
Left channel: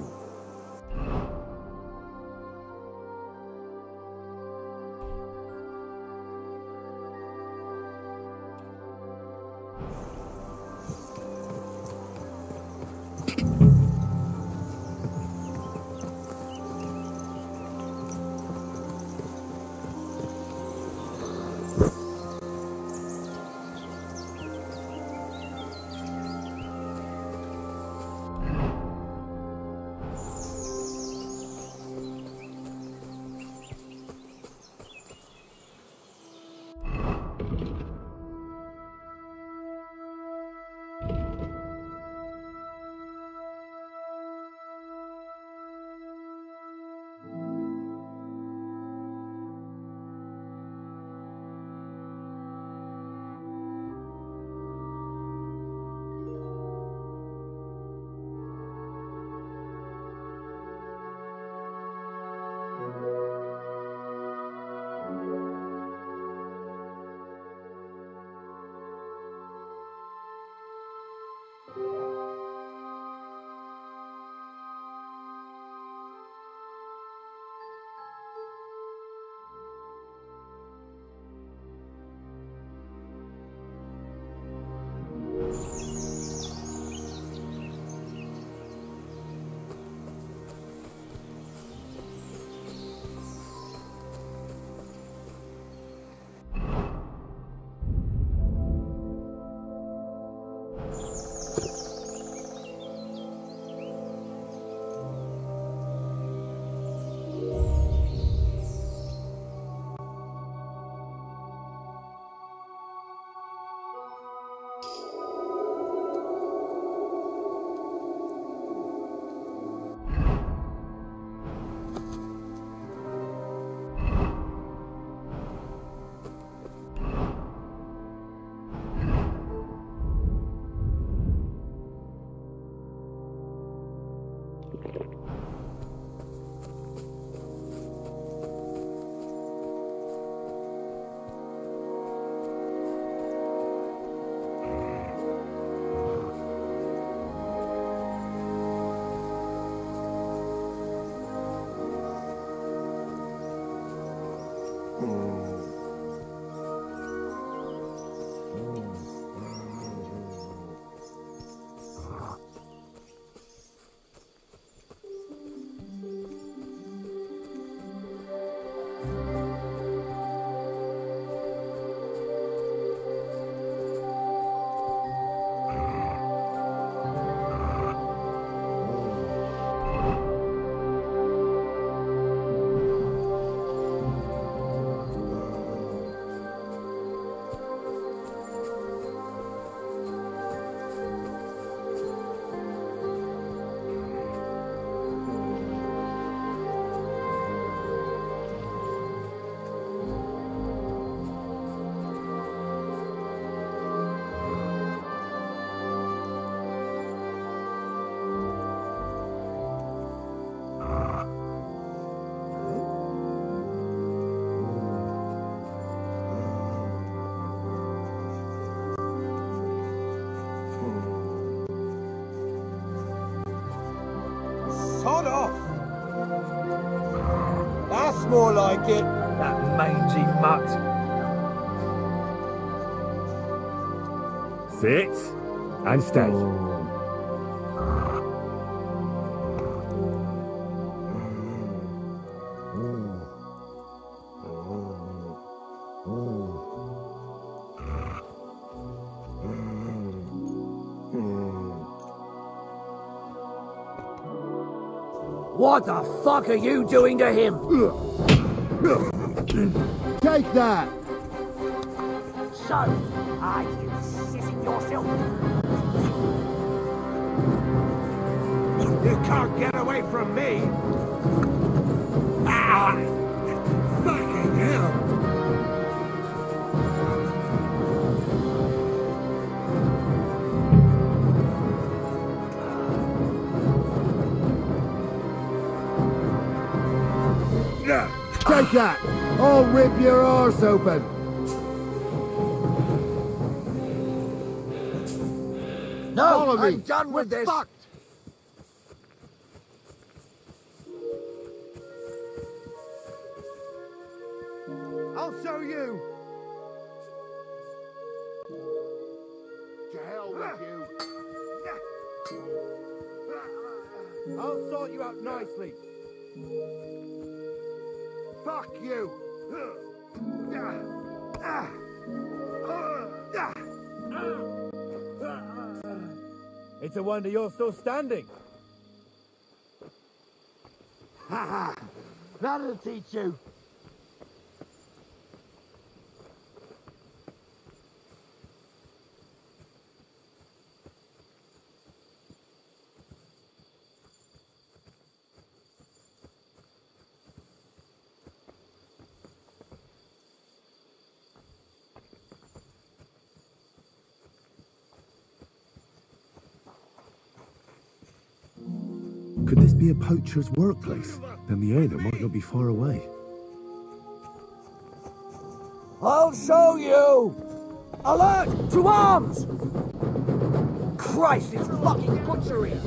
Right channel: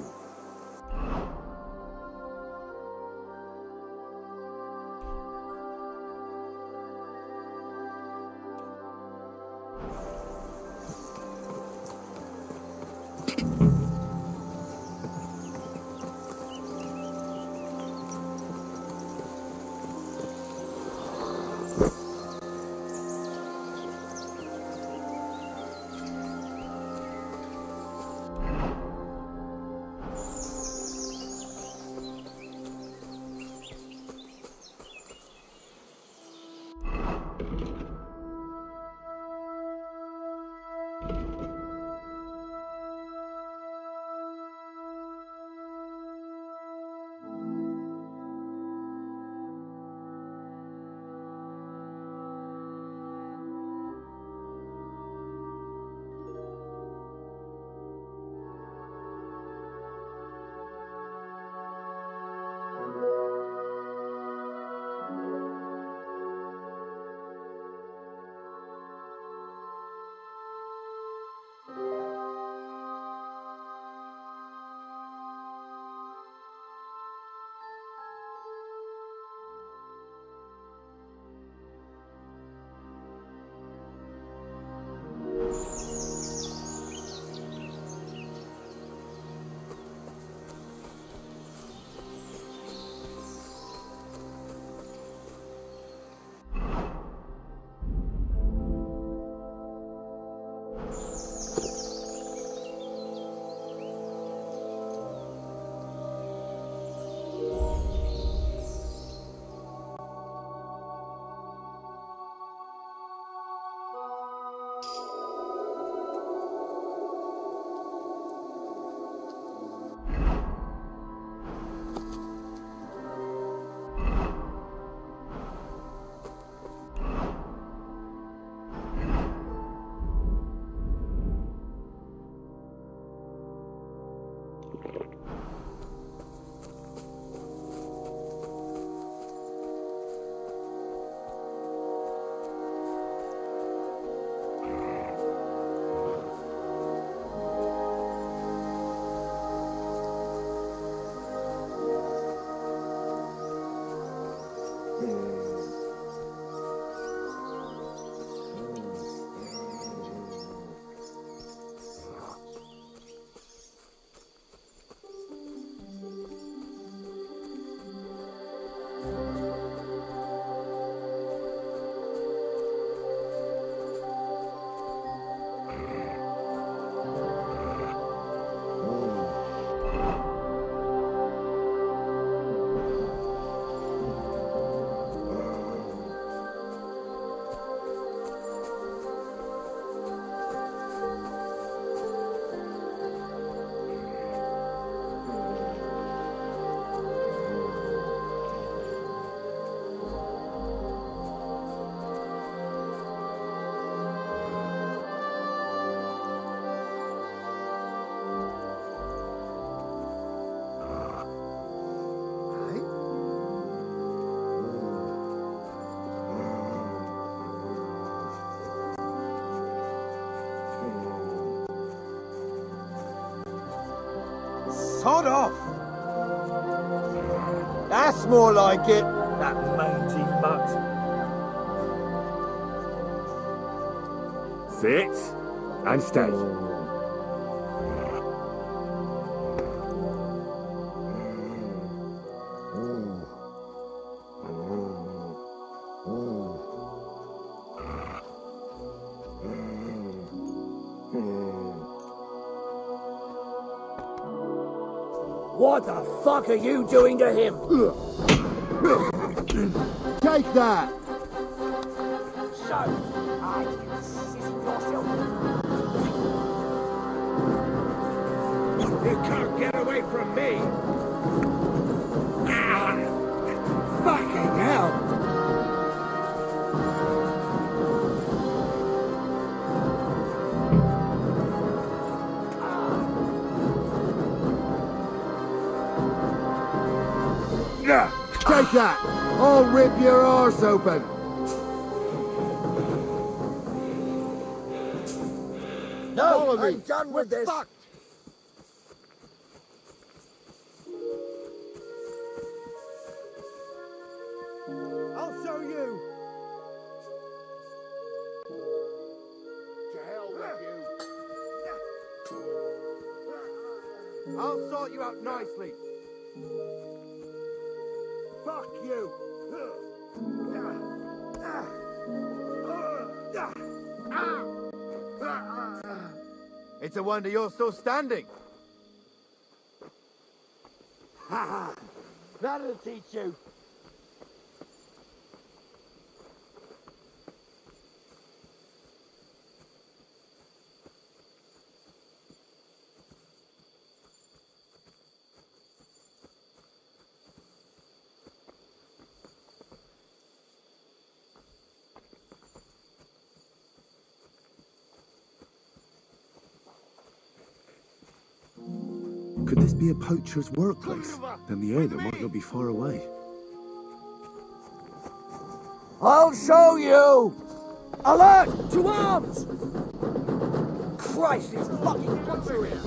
More like it. That mangy mutt. Sit and stay. What the fuck are you doing to him? Take that! So, are you shitting yourself? You can't get away from me! Ah! Fucking hell! Take that! I'll rip your arse open! No, I'm done with this! Fucked. I'll show you! To hell with you! I'll sort you out nicely! Fuck you! It's a wonder you're still standing. Ha ha! That'll teach you. Could this be a poacher's workplace? Then the owner might not be far away. I'll show you! Alert! To arms! Christ, it's fucking guttering!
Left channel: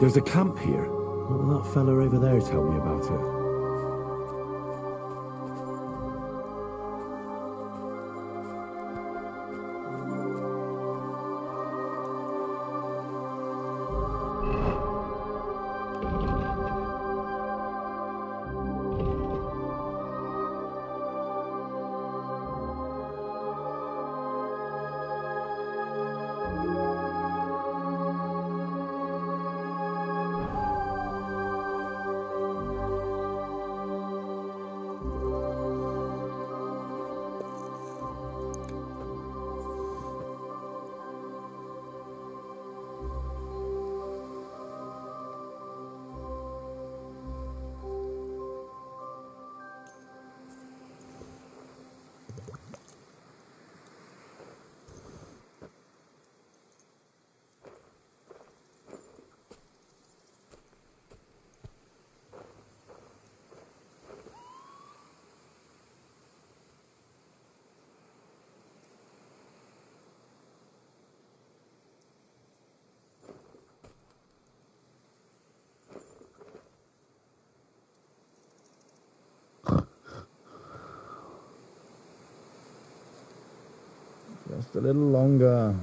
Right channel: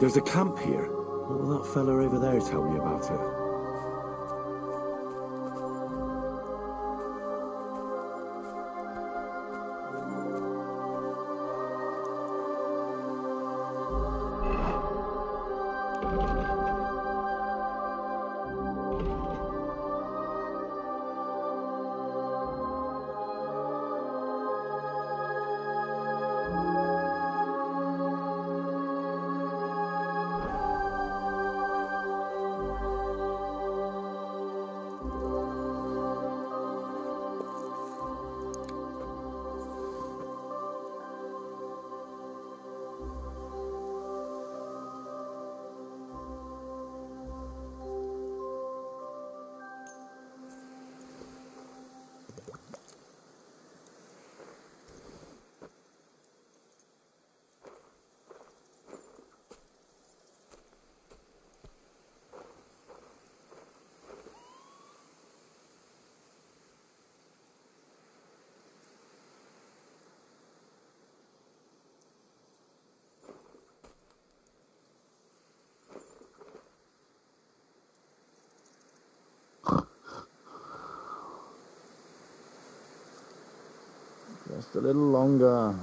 There's a camp here. What will that fella over there tell me about it? Just a little longer.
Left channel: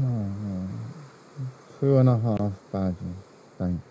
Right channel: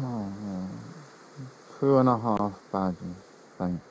Oh, 2.5 badges. Thanks.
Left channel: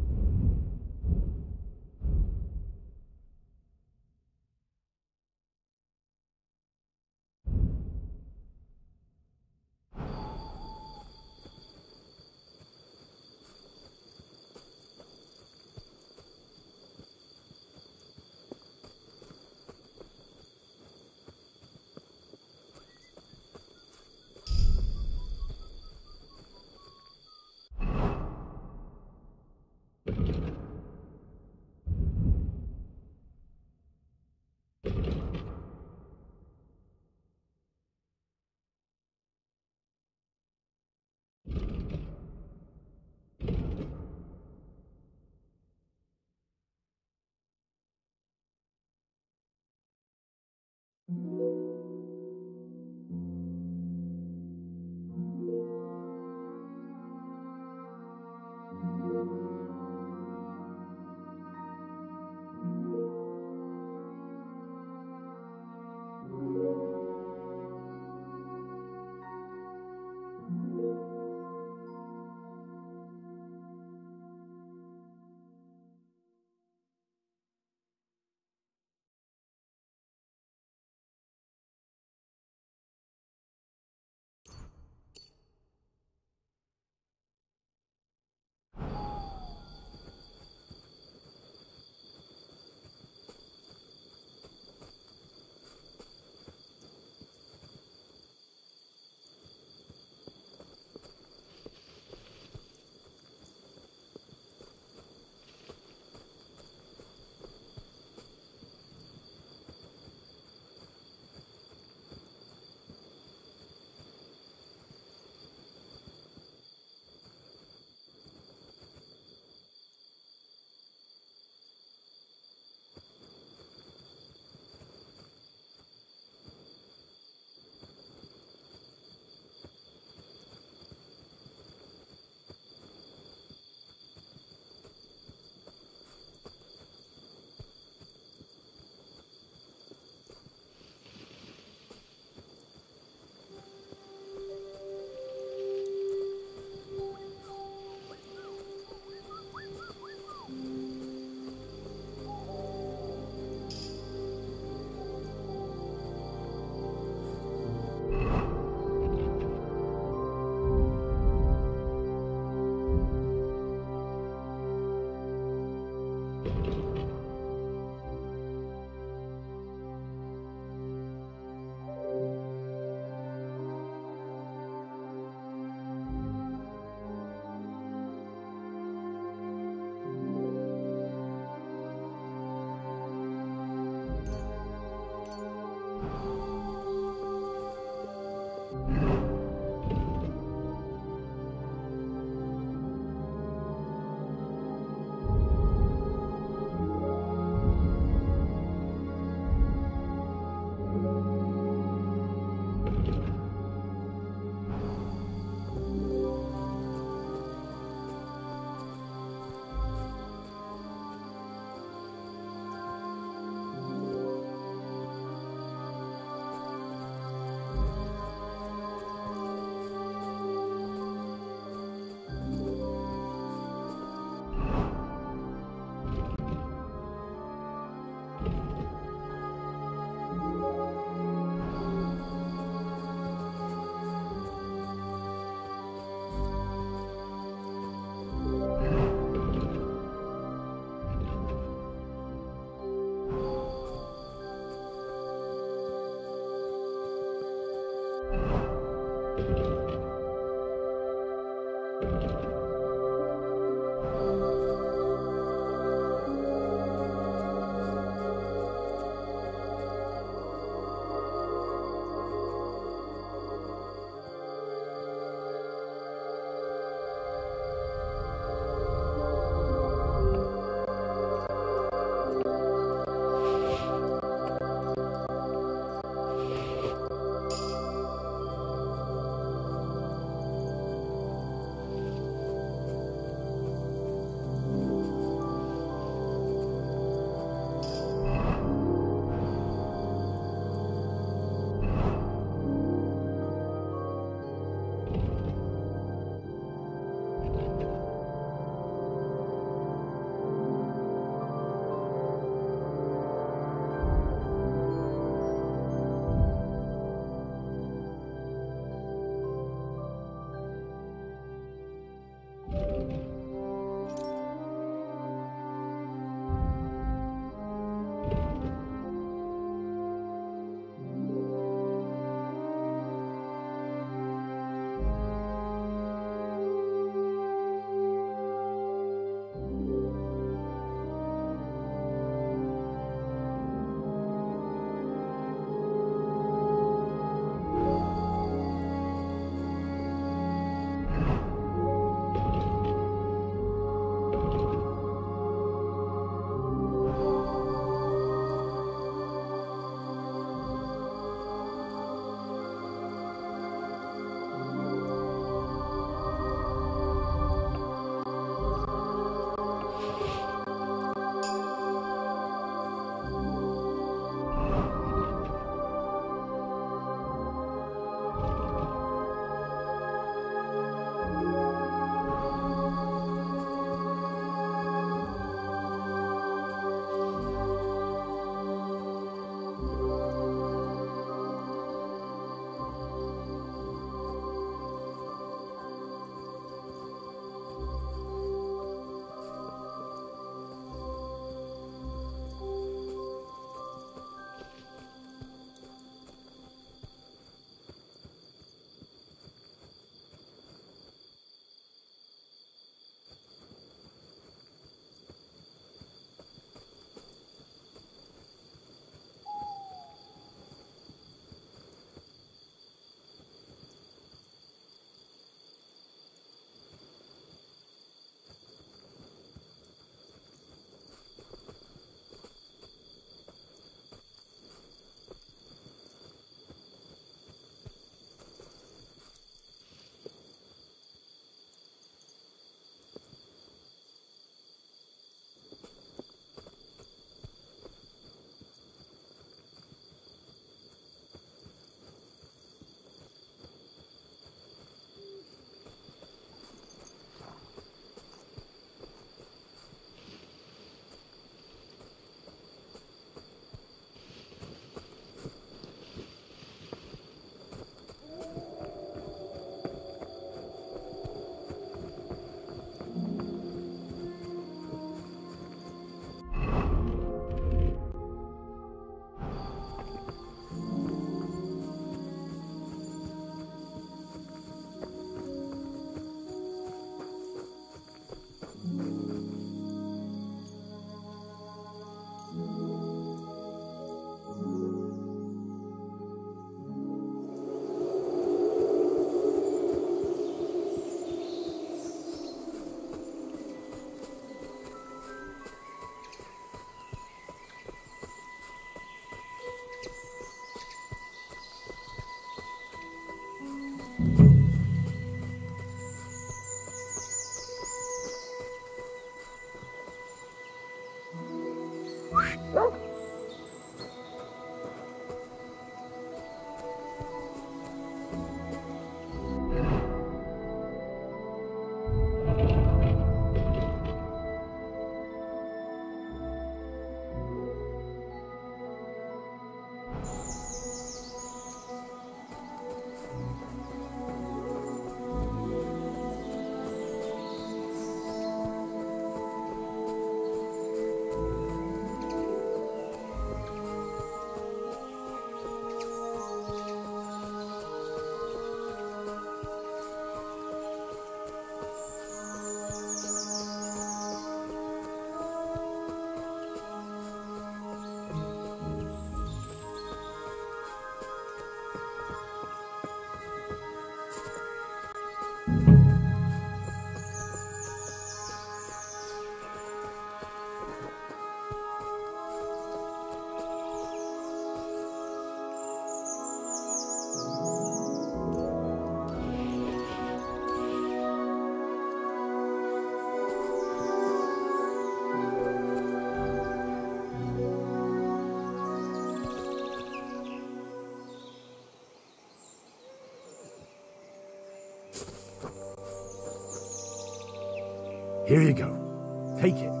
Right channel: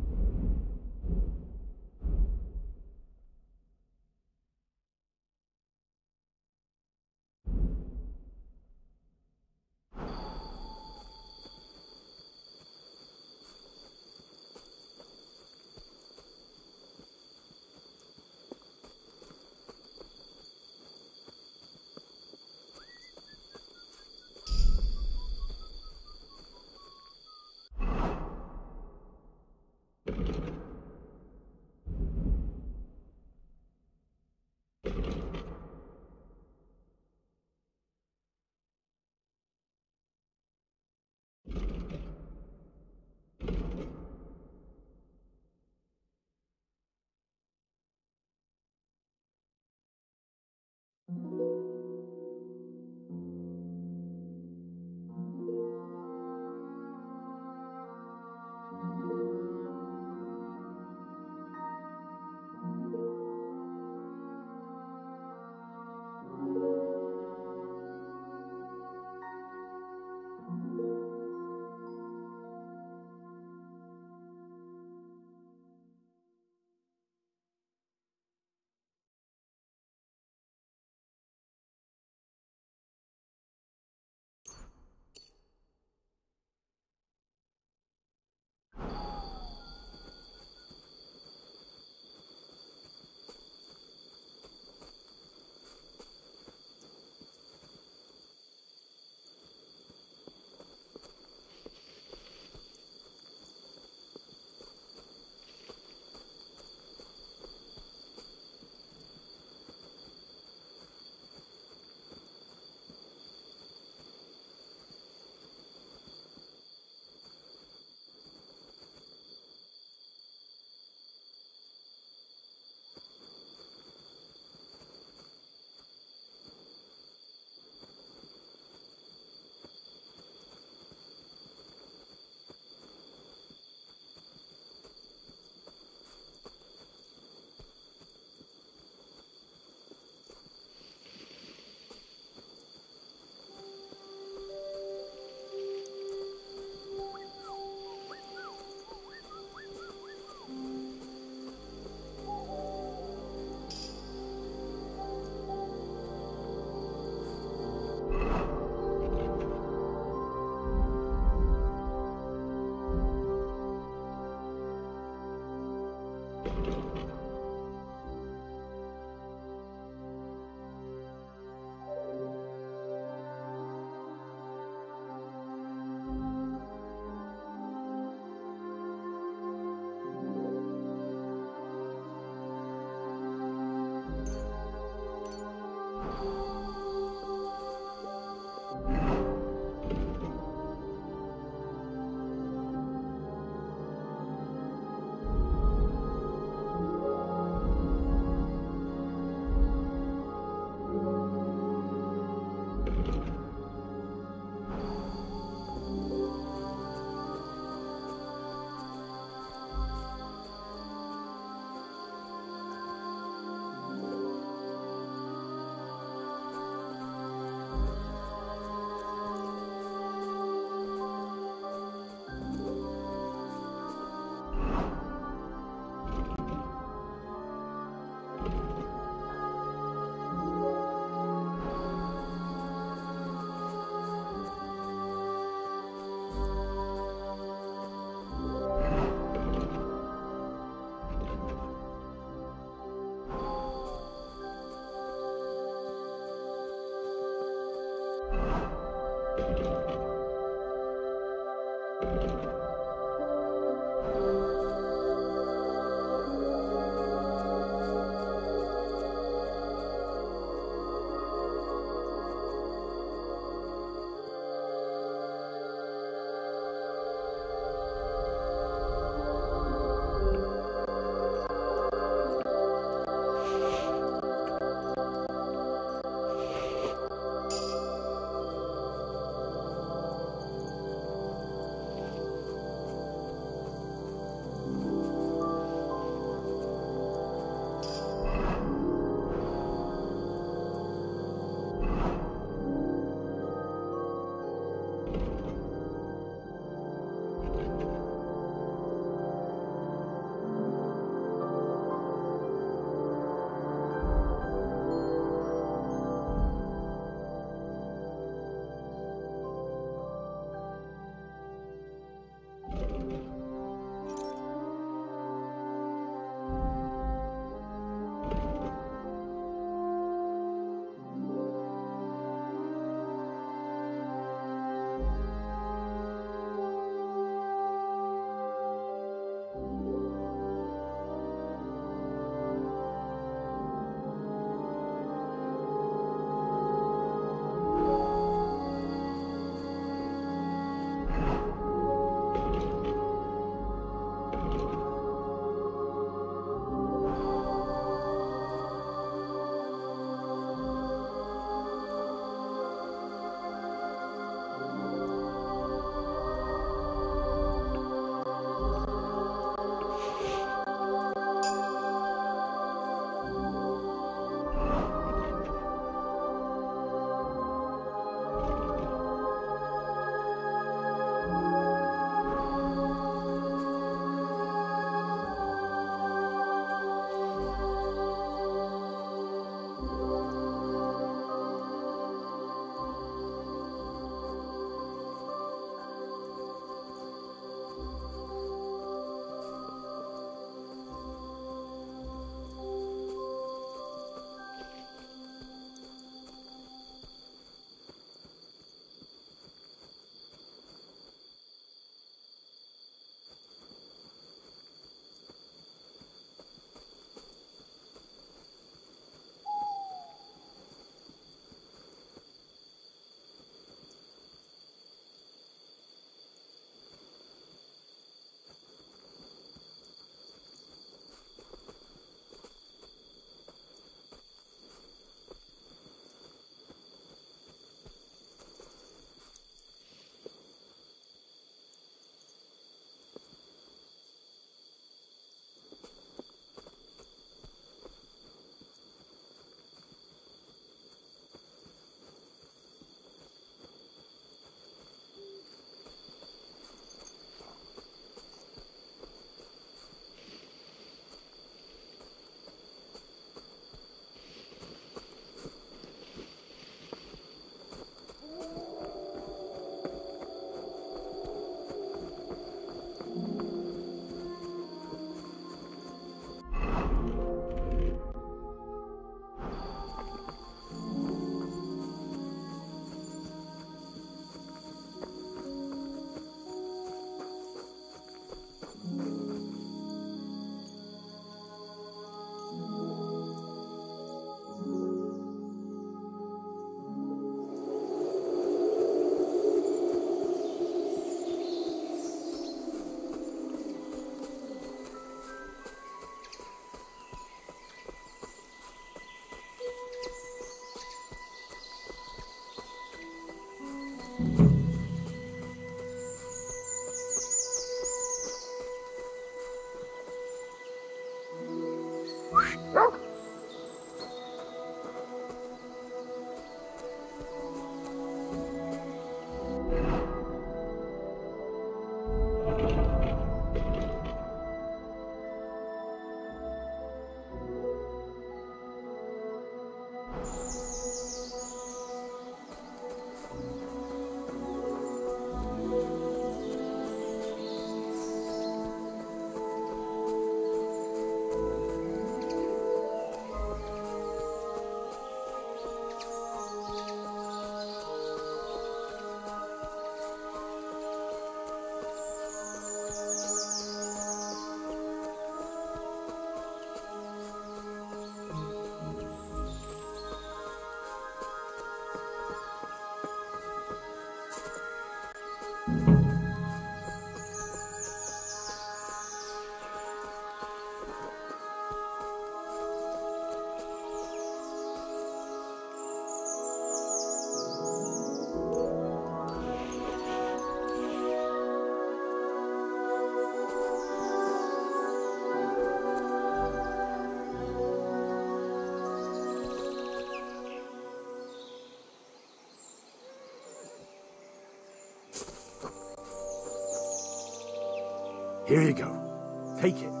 Here you go. Take it.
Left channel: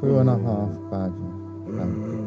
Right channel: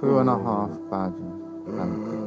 2.5 badges. Thank you.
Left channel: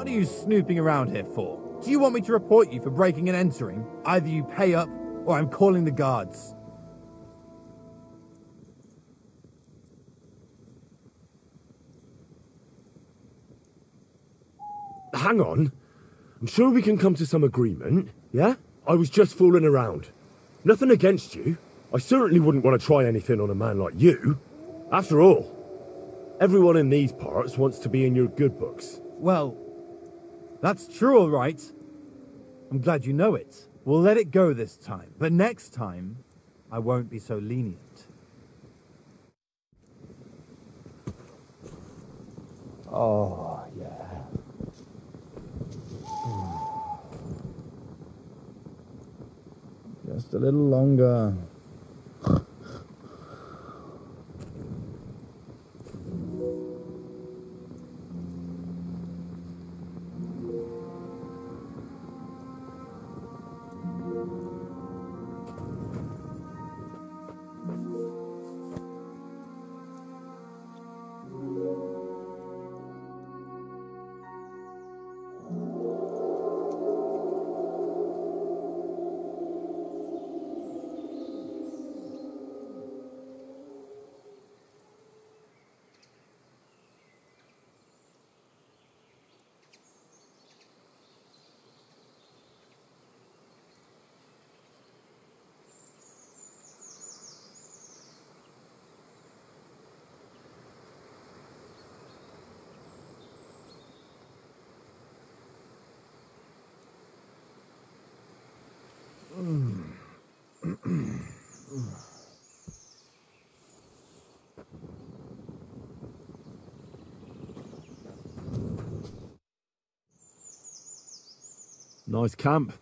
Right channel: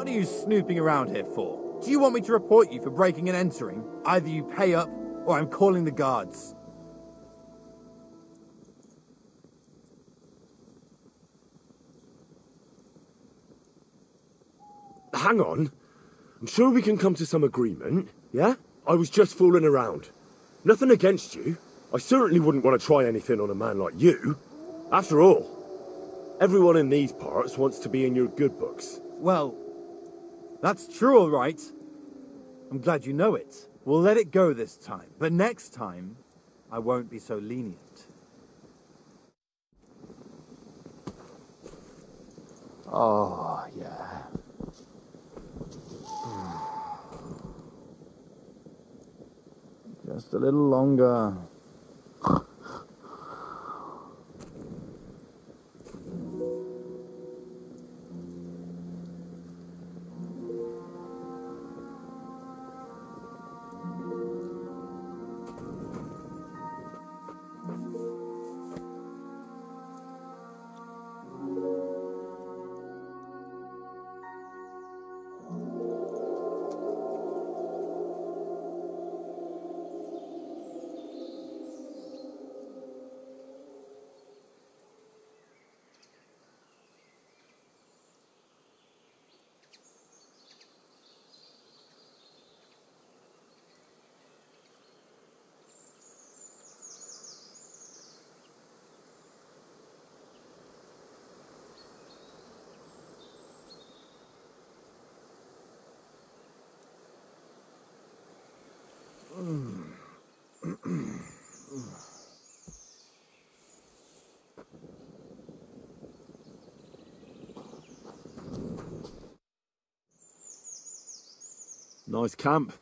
What are you snooping around here for? Do you want me to report you for breaking and entering? Either you pay up, or I'm calling the guards. Hang on. I'm sure we can come to some agreement, yeah? I was just fooling around. Nothing against you. I certainly wouldn't want to try anything on a man like you. After all, everyone in these parts wants to be in your good books. Well, that's true, all right. I'm glad you know it. We'll let it go this time, but next time, I won't be so lenient. Oh, yeah. Just a little longer. Nice camp.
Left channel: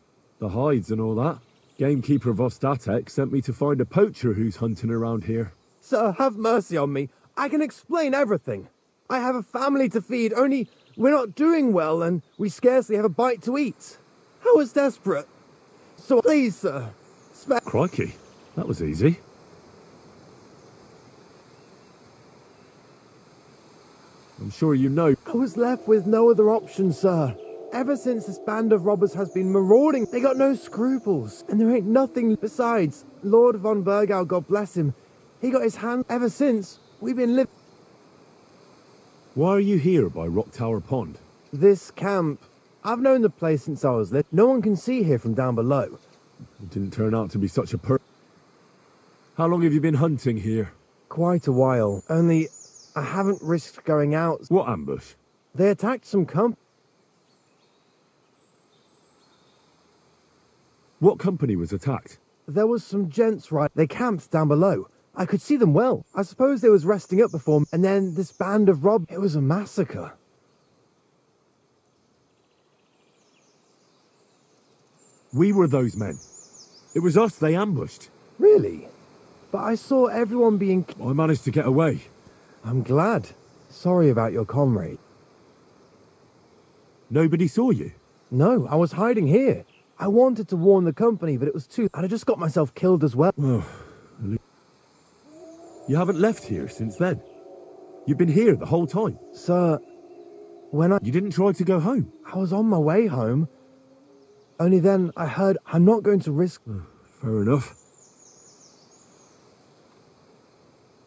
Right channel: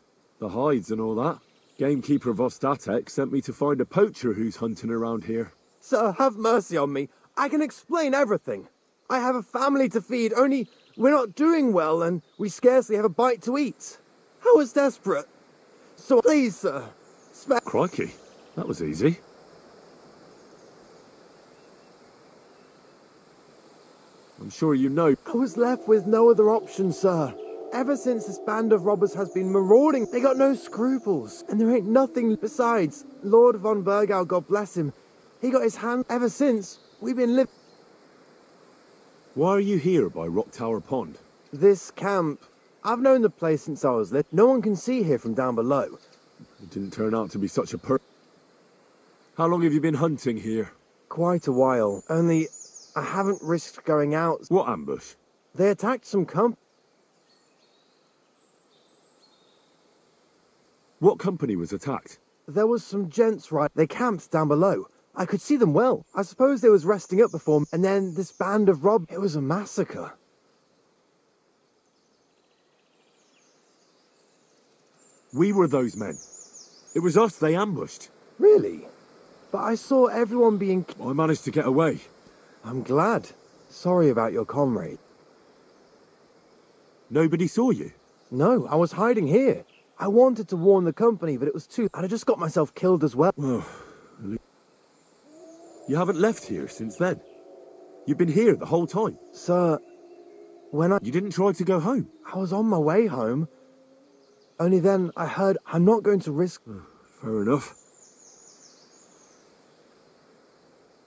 The hides and all that. Gamekeeper Vostatek sent me to find a poacher who's hunting around here. Sir, have mercy on me. I can explain everything. I have a family to feed, only we're not doing well and we scarcely have a bite to eat. I was desperate. So please, sir, Crikey, that was easy. I'm sure you know. I was left with no other option, sir. Ever since this band of robbers has been marauding, they got no scruples. And there ain't nothing besides. Lord von Burgau, God bless him, he got his hand. Ever since, we've been living. Why are you here by Rock Tower Pond? This camp, I've known the place since I was little. No one can see here from down below. It didn't turn out to be such a How long have you been hunting here? Quite a while. Only, I haven't risked going out. What ambush? They attacked some What company was attacked? There was some gents, right? They camped down below. I could see them well. I suppose they was resting up before, and then this band of robbers. It was a massacre. We were those men. It was us they ambushed. Really? But I saw everyone being... I managed to get away. I'm glad. Sorry about your comrade. Nobody saw you? No, I was hiding here. I wanted to warn the company, but it was too... I'd have just got myself killed as well. You haven't left here since then. You've been here the whole time. Sir, when You didn't try to go home? I was on my way home. Only then I heard I'm not going to risk... Fair enough.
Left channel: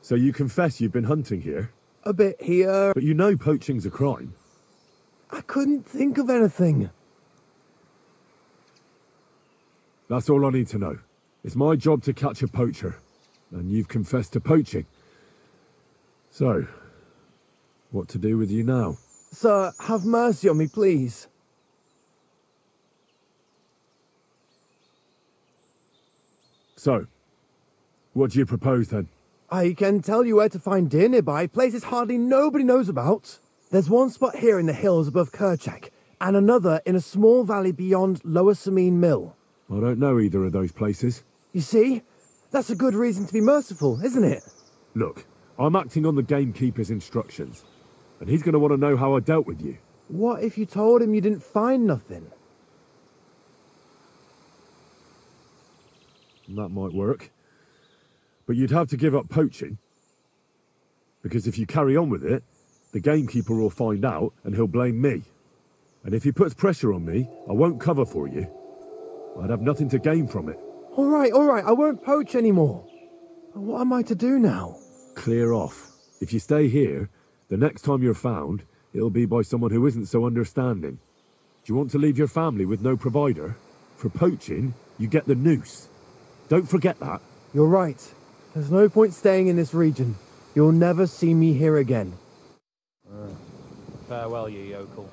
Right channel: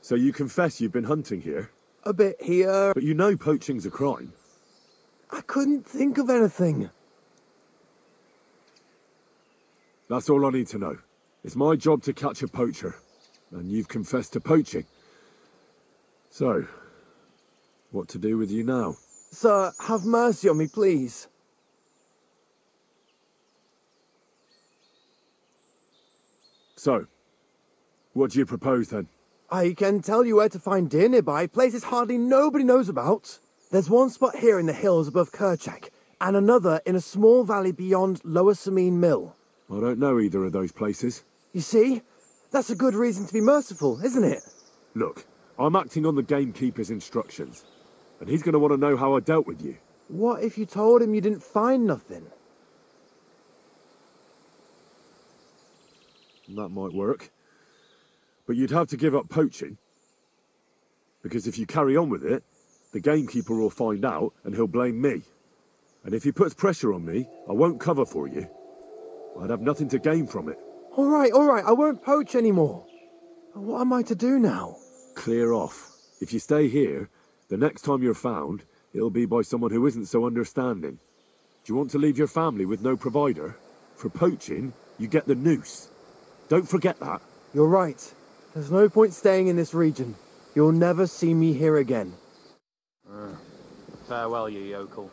So you confess you've been hunting here? A bit here. But you know poaching's a crime. I couldn't think of anything. That's all I need to know. It's my job to catch a poacher. And you've confessed to poaching. So, what to do with you now? Sir, have mercy on me, please. So, what do you propose then? I can tell you where to find deer nearby, places hardly nobody knows about. There's one spot here in the hills above Kerchak, and another in a small valley beyond Lower Samine Mill. I don't know either of those places. You see? That's a good reason to be merciful, isn't it? Look, I'm acting on the gamekeeper's instructions, and he's going to want to know how I dealt with you. What if you told him you didn't find nothing? That might work. But you'd have to give up poaching. Because if you carry on with it, the gamekeeper will find out and he'll blame me. And if he puts pressure on me, I won't cover for you. I'd have nothing to gain from it. All right, I won't poach anymore. What am I to do now? Clear off. If you stay here, the next time you're found, it'll be by someone who isn't so understanding. Do you want to leave your family with no provider? For poaching, you get the noose. Don't forget that. You're right. There's no point staying in this region. You'll never see me here again. Farewell, you yokel.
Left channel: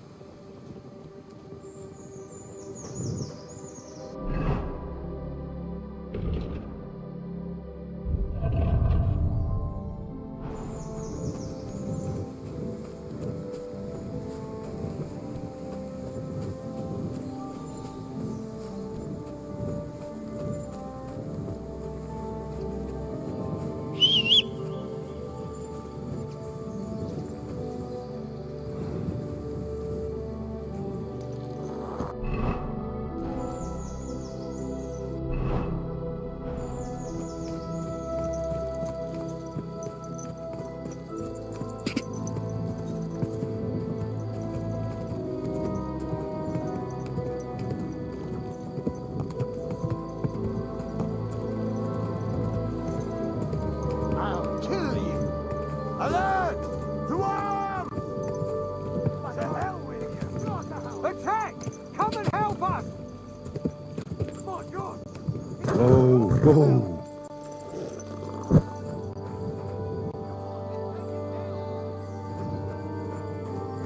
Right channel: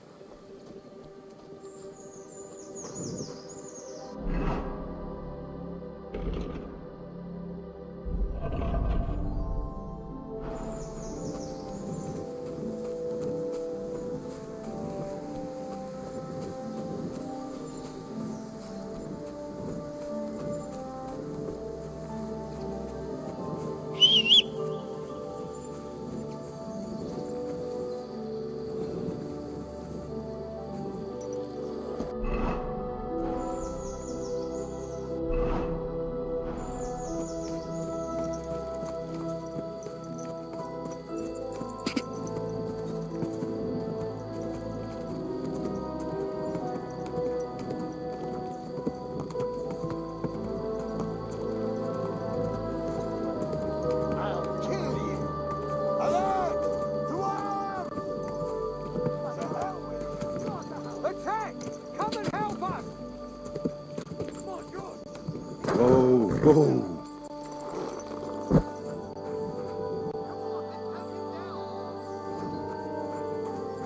Whoa.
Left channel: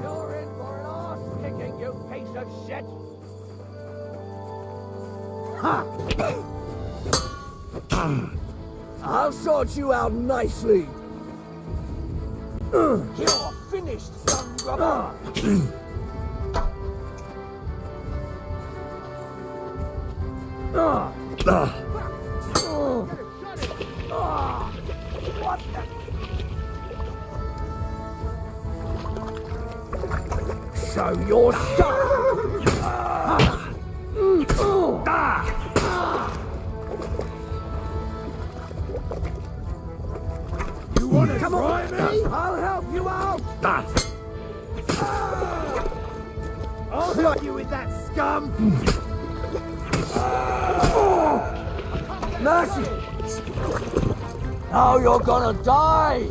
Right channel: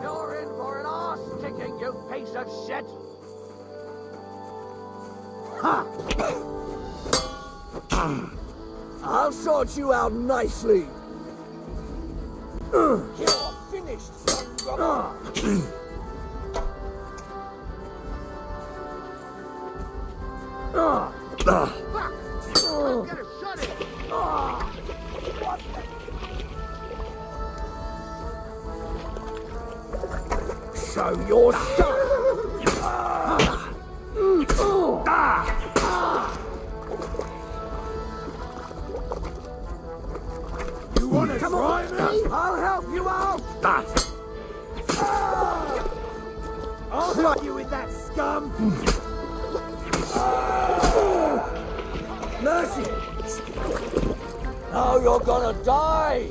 You're in for an arse kicking, you piece of shit! Ha! I'll sort you out nicely. You're finished. Show your stuff. You wanna try me? I'll help you out! I'll help you with that scum! Mercy! Now you're gonna die!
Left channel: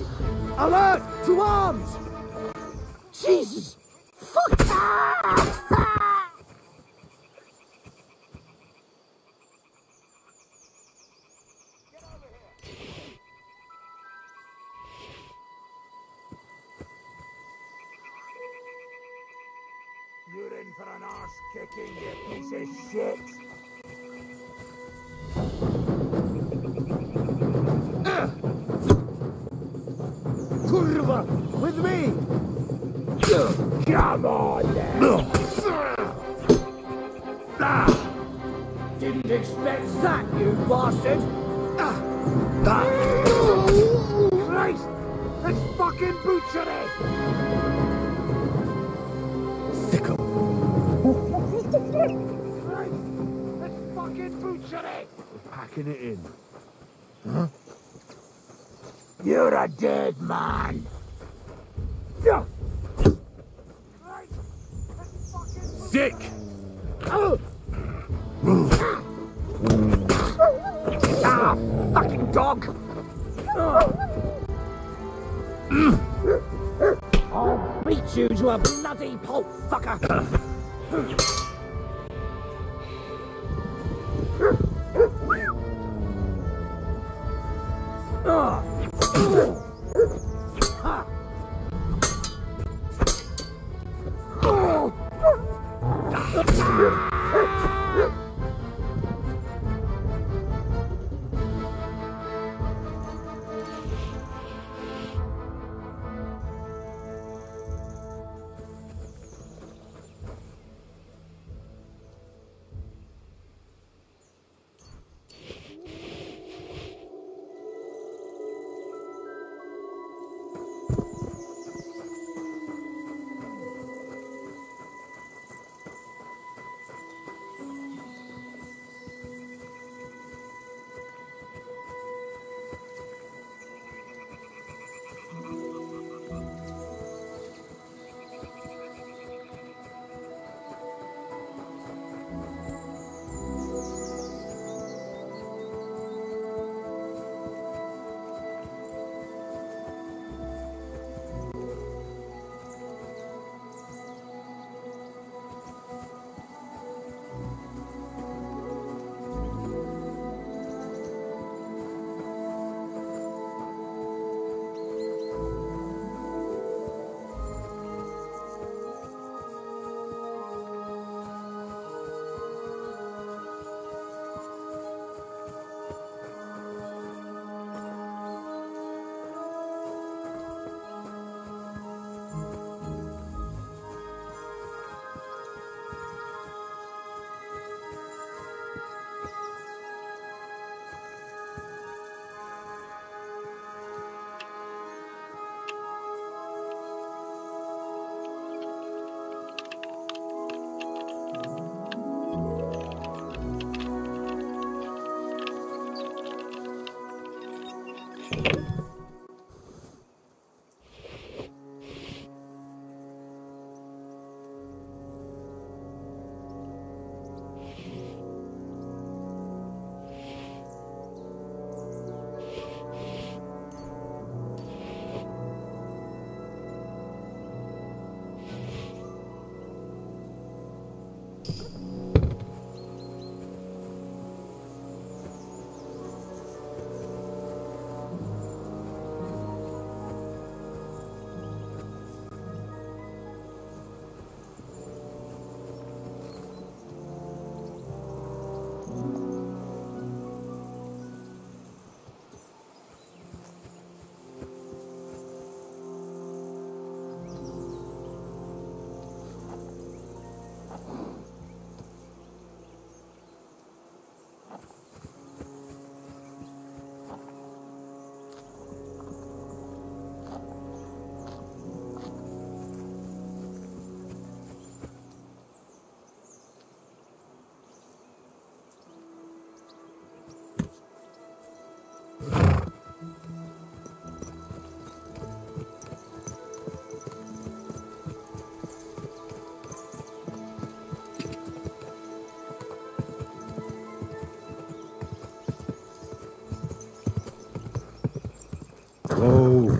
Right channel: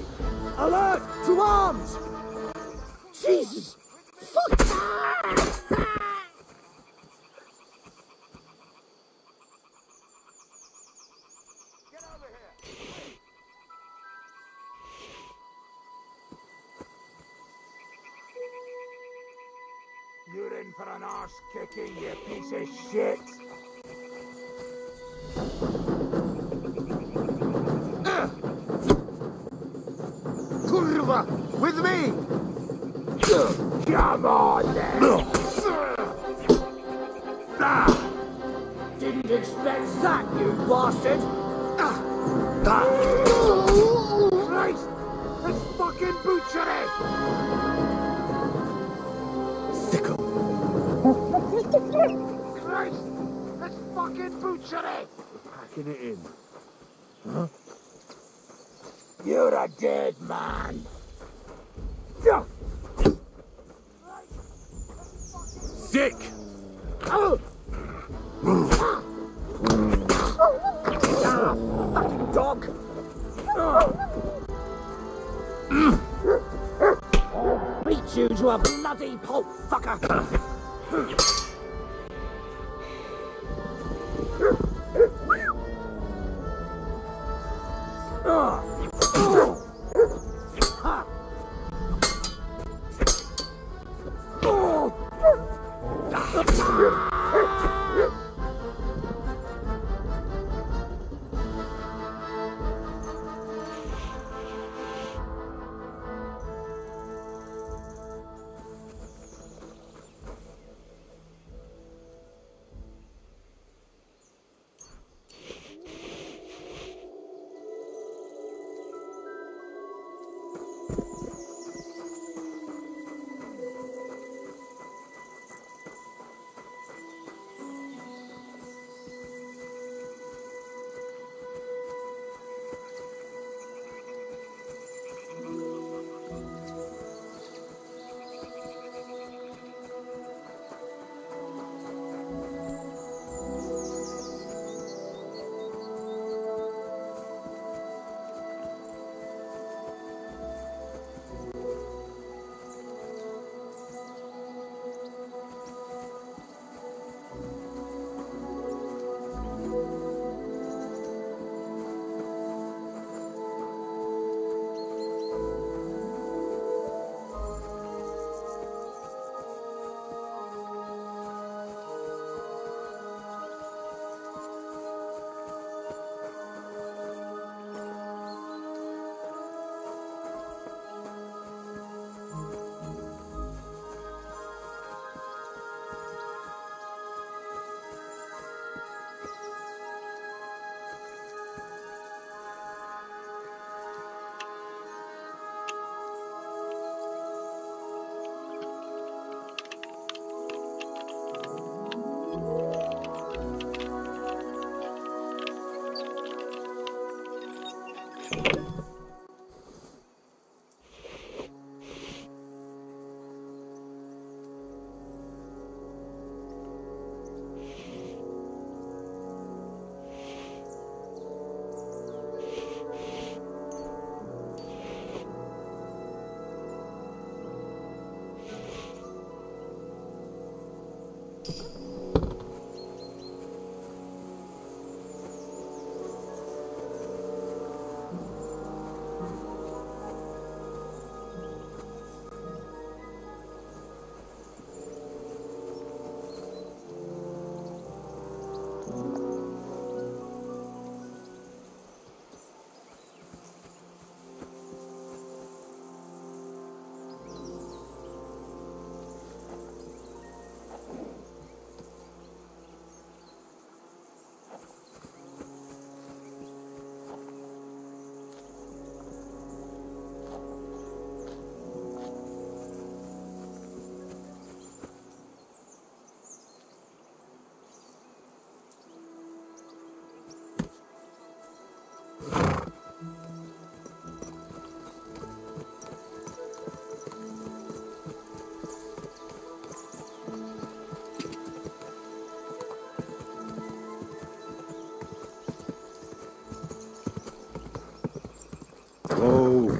Alert! To arms! Jesus! Fuck! You're in for an arse kicking, you piece of shit! Kurva! With me! Come on, then! Didn't expect that, you bastard! Christ! That's fucking butchery! Sicko! Christ! That's fucking butchery! We're packing it in. Huh? You're a dead man! Sick! Fucking dog! I'll beat you to a bloody pulp, fucker!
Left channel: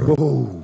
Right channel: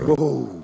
Whoa.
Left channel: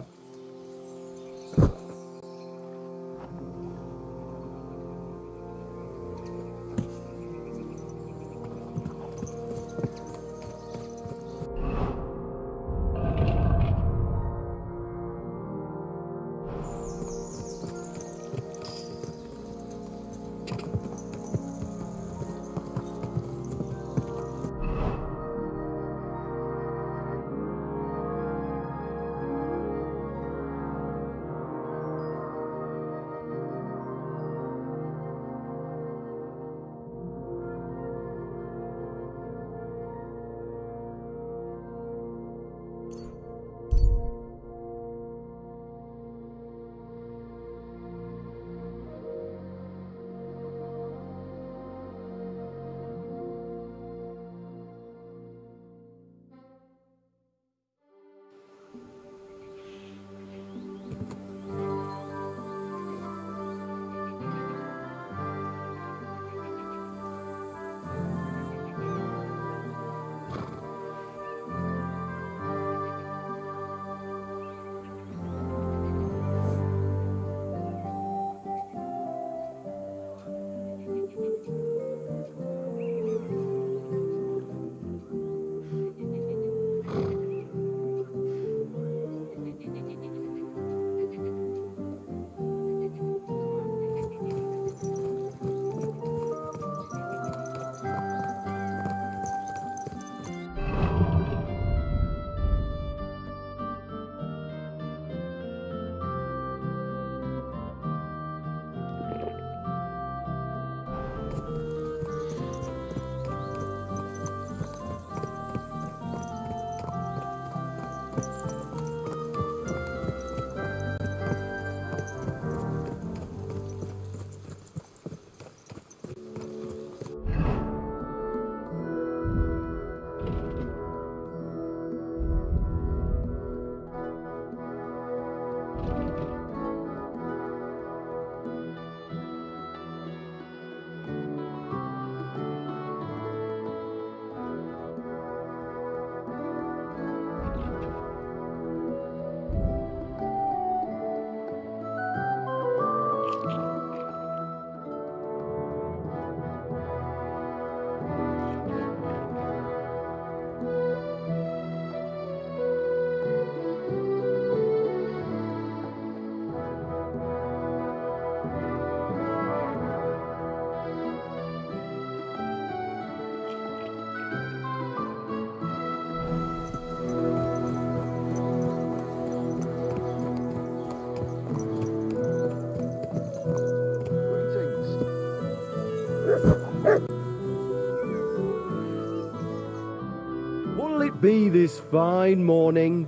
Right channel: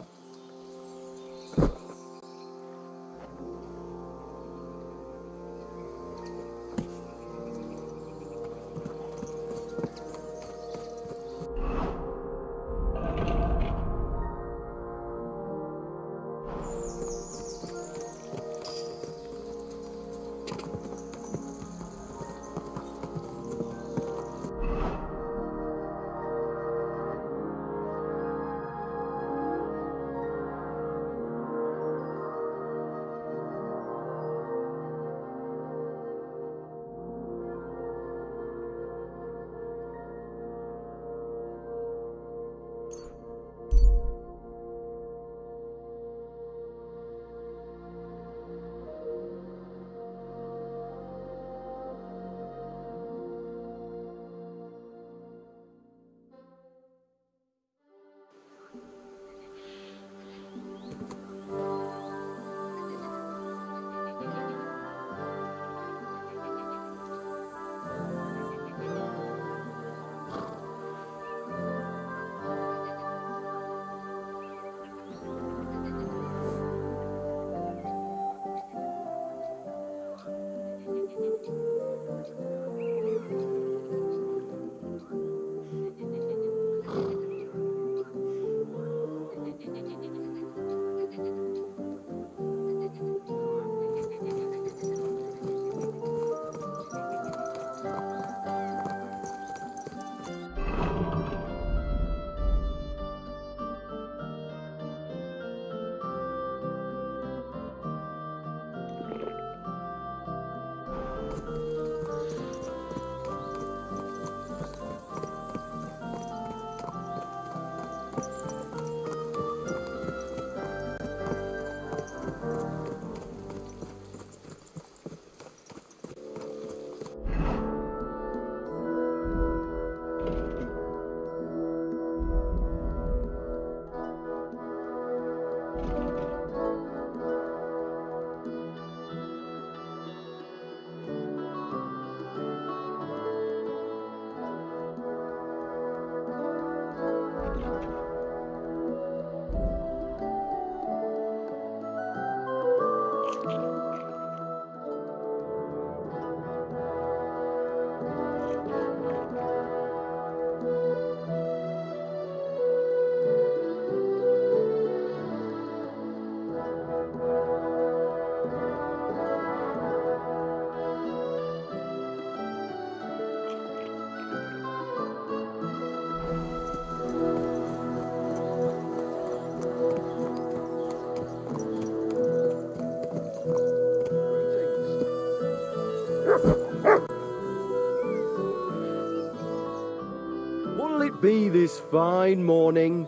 What'll it be this fine morning?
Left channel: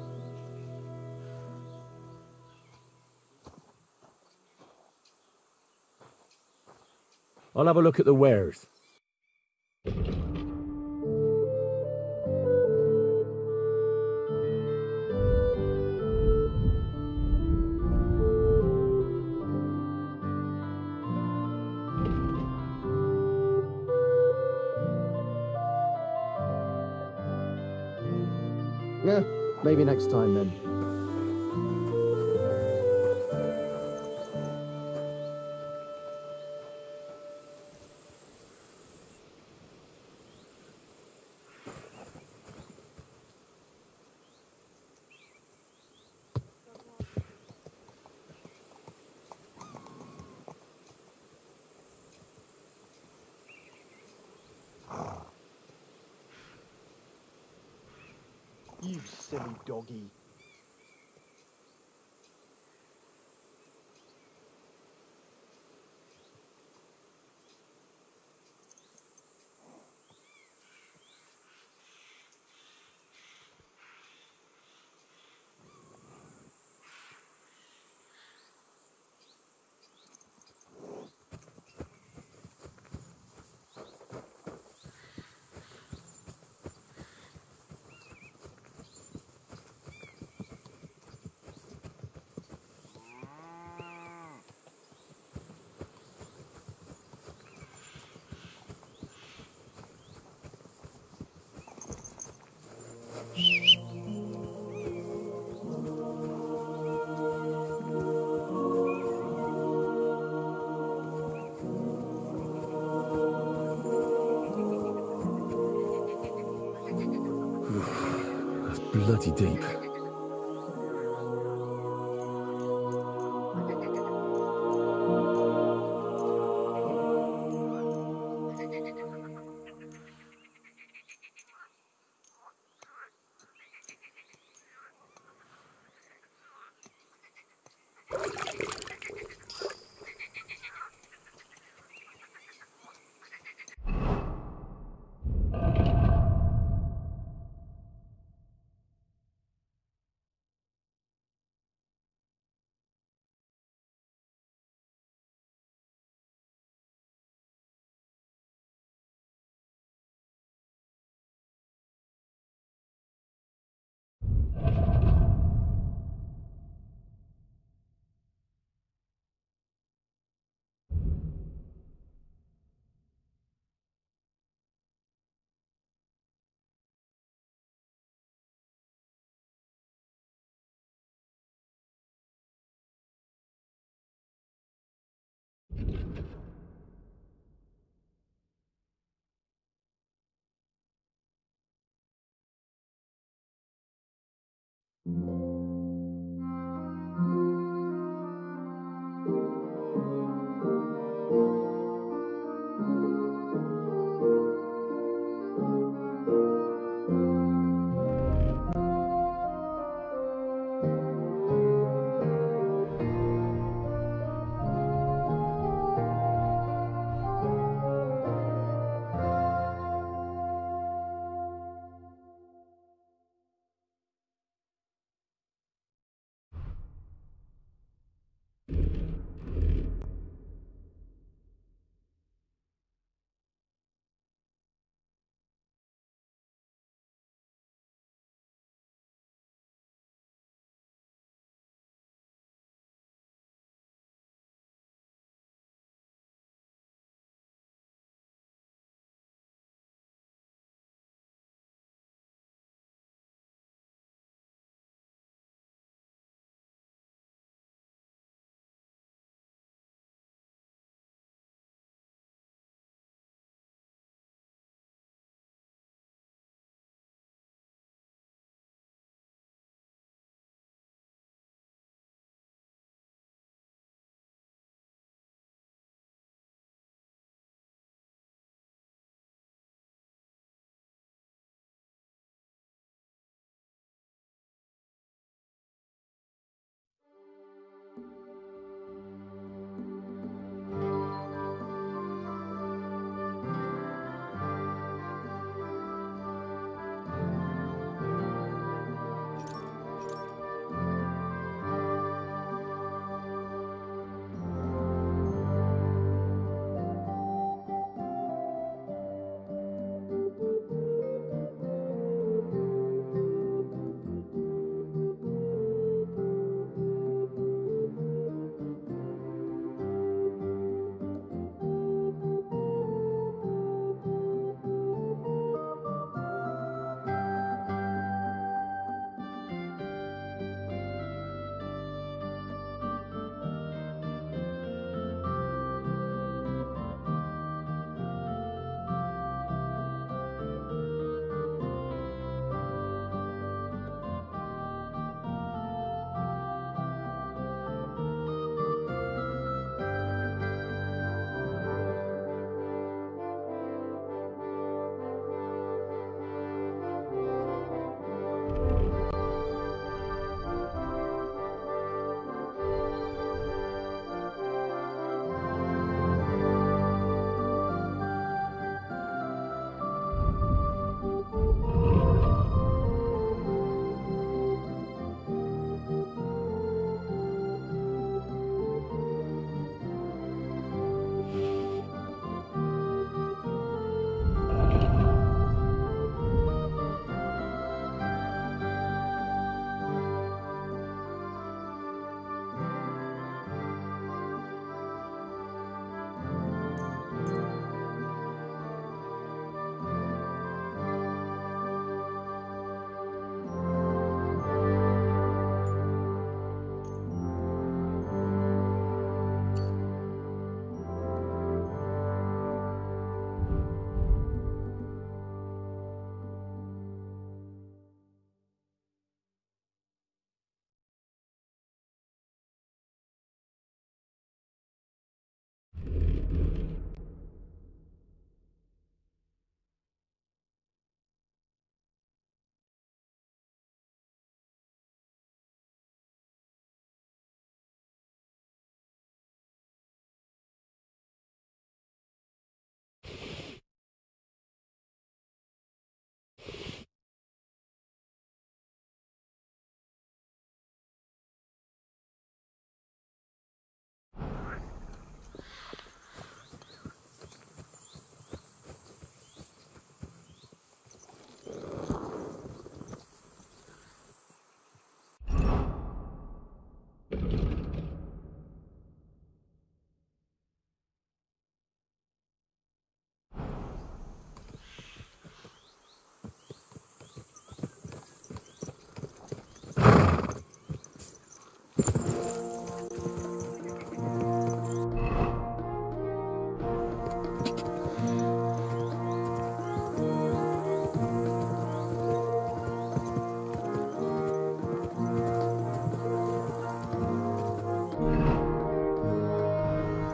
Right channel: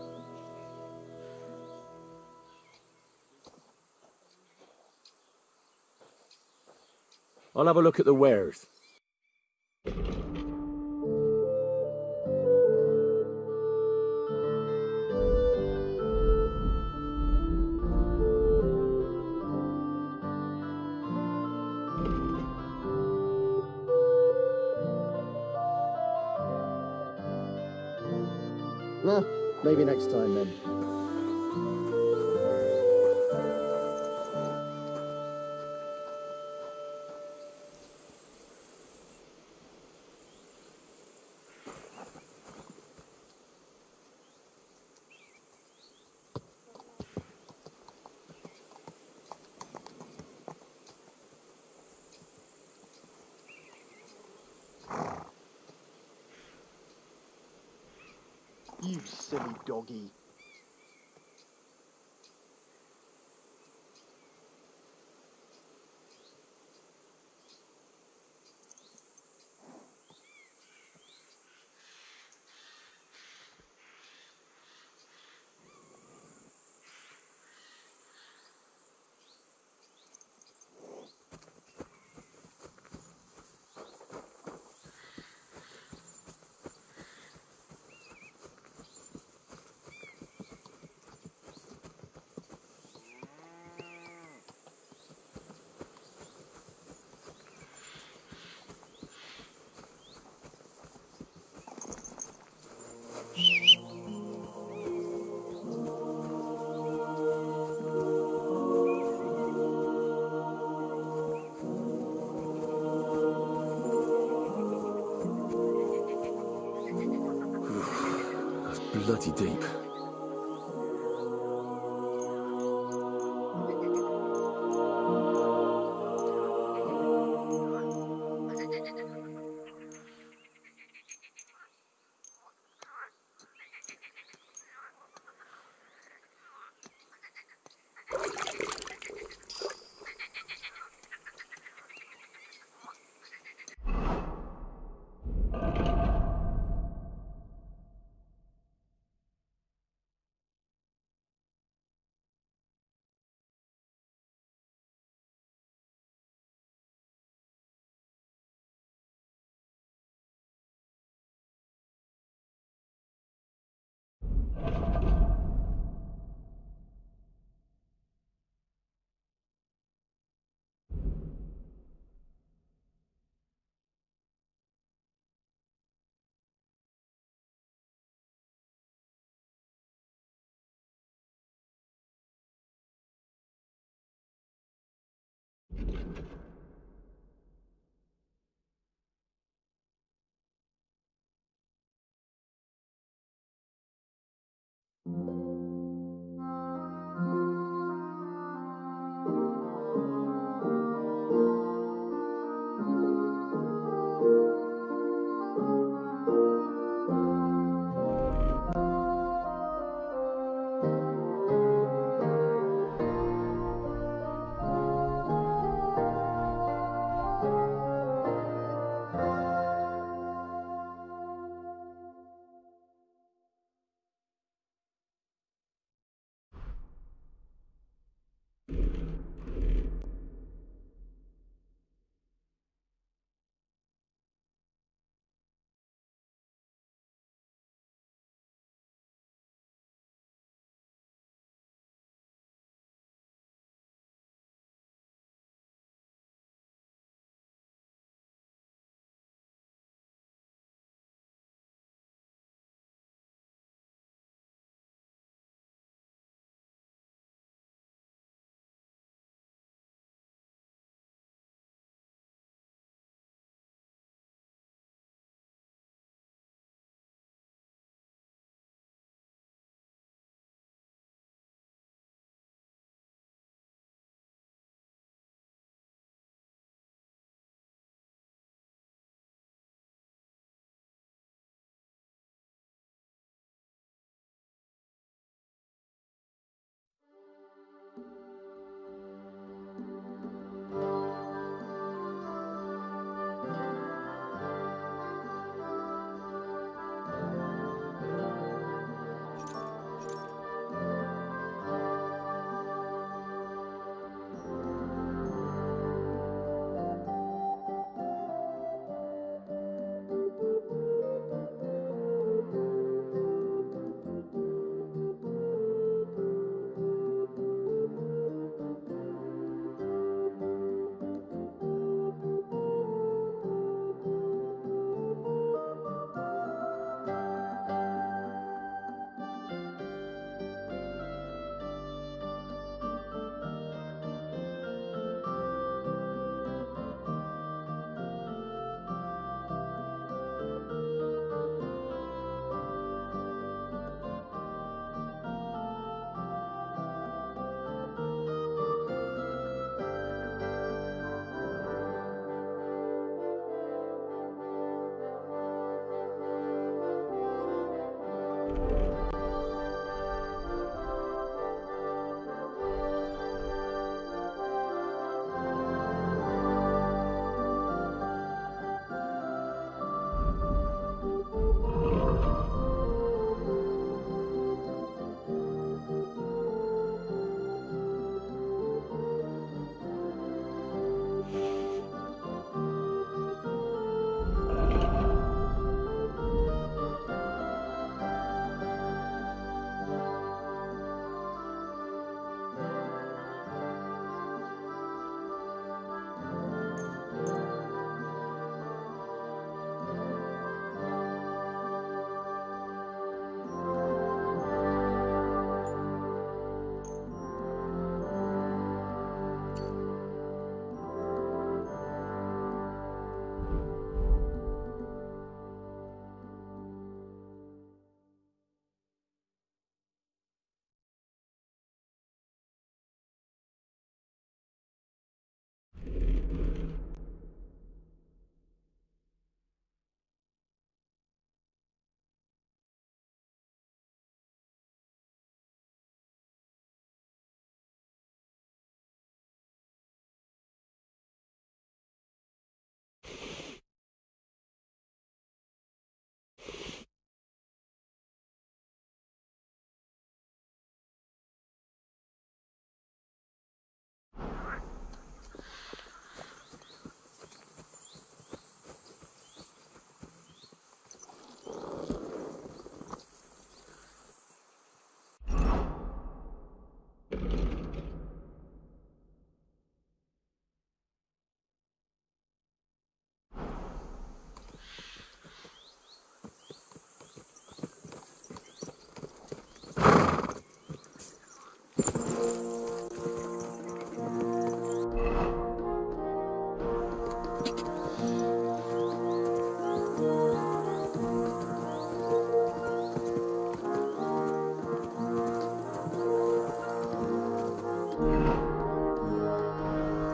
I'll have a look at the wares. Maybe next time then. You silly doggy. bloody deep.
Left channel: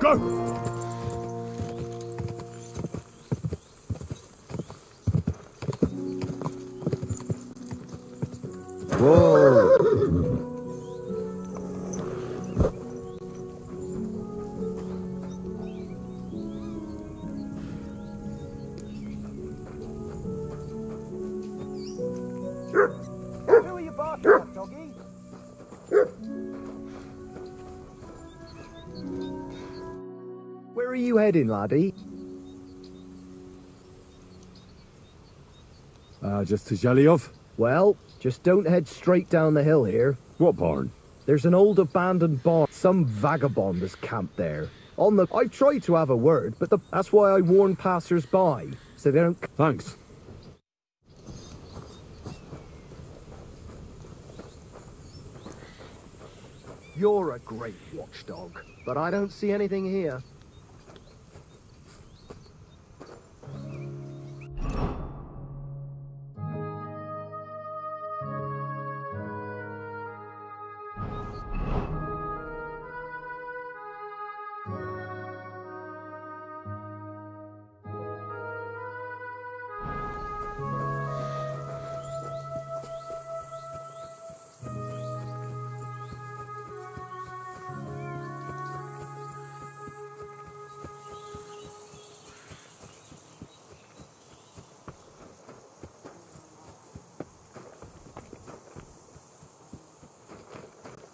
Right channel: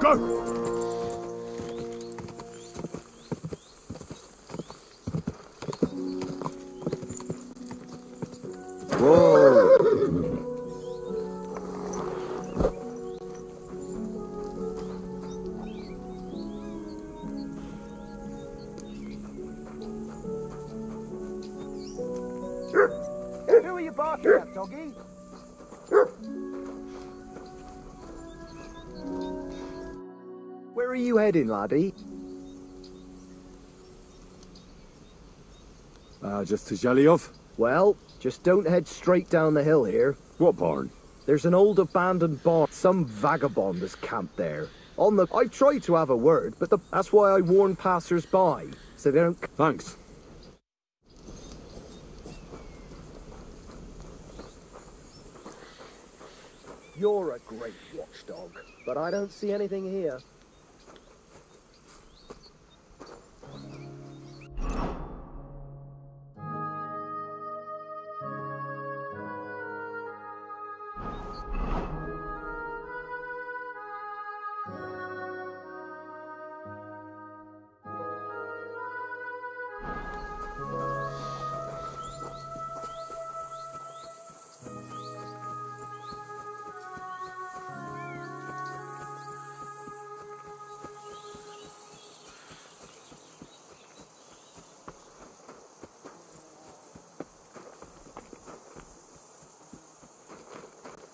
Go! Whoa! Who are you barking at, doggy? Where are you heading, laddie? Just to Zhelyov. Well, just don't head straight down the hill here. What barn? There's an old abandoned barn. Some vagabond has camped there. I've tried to have a word, but that's why I warn passers-by, so they don't... Thanks. You're a great watchdog, but I don't see anything here.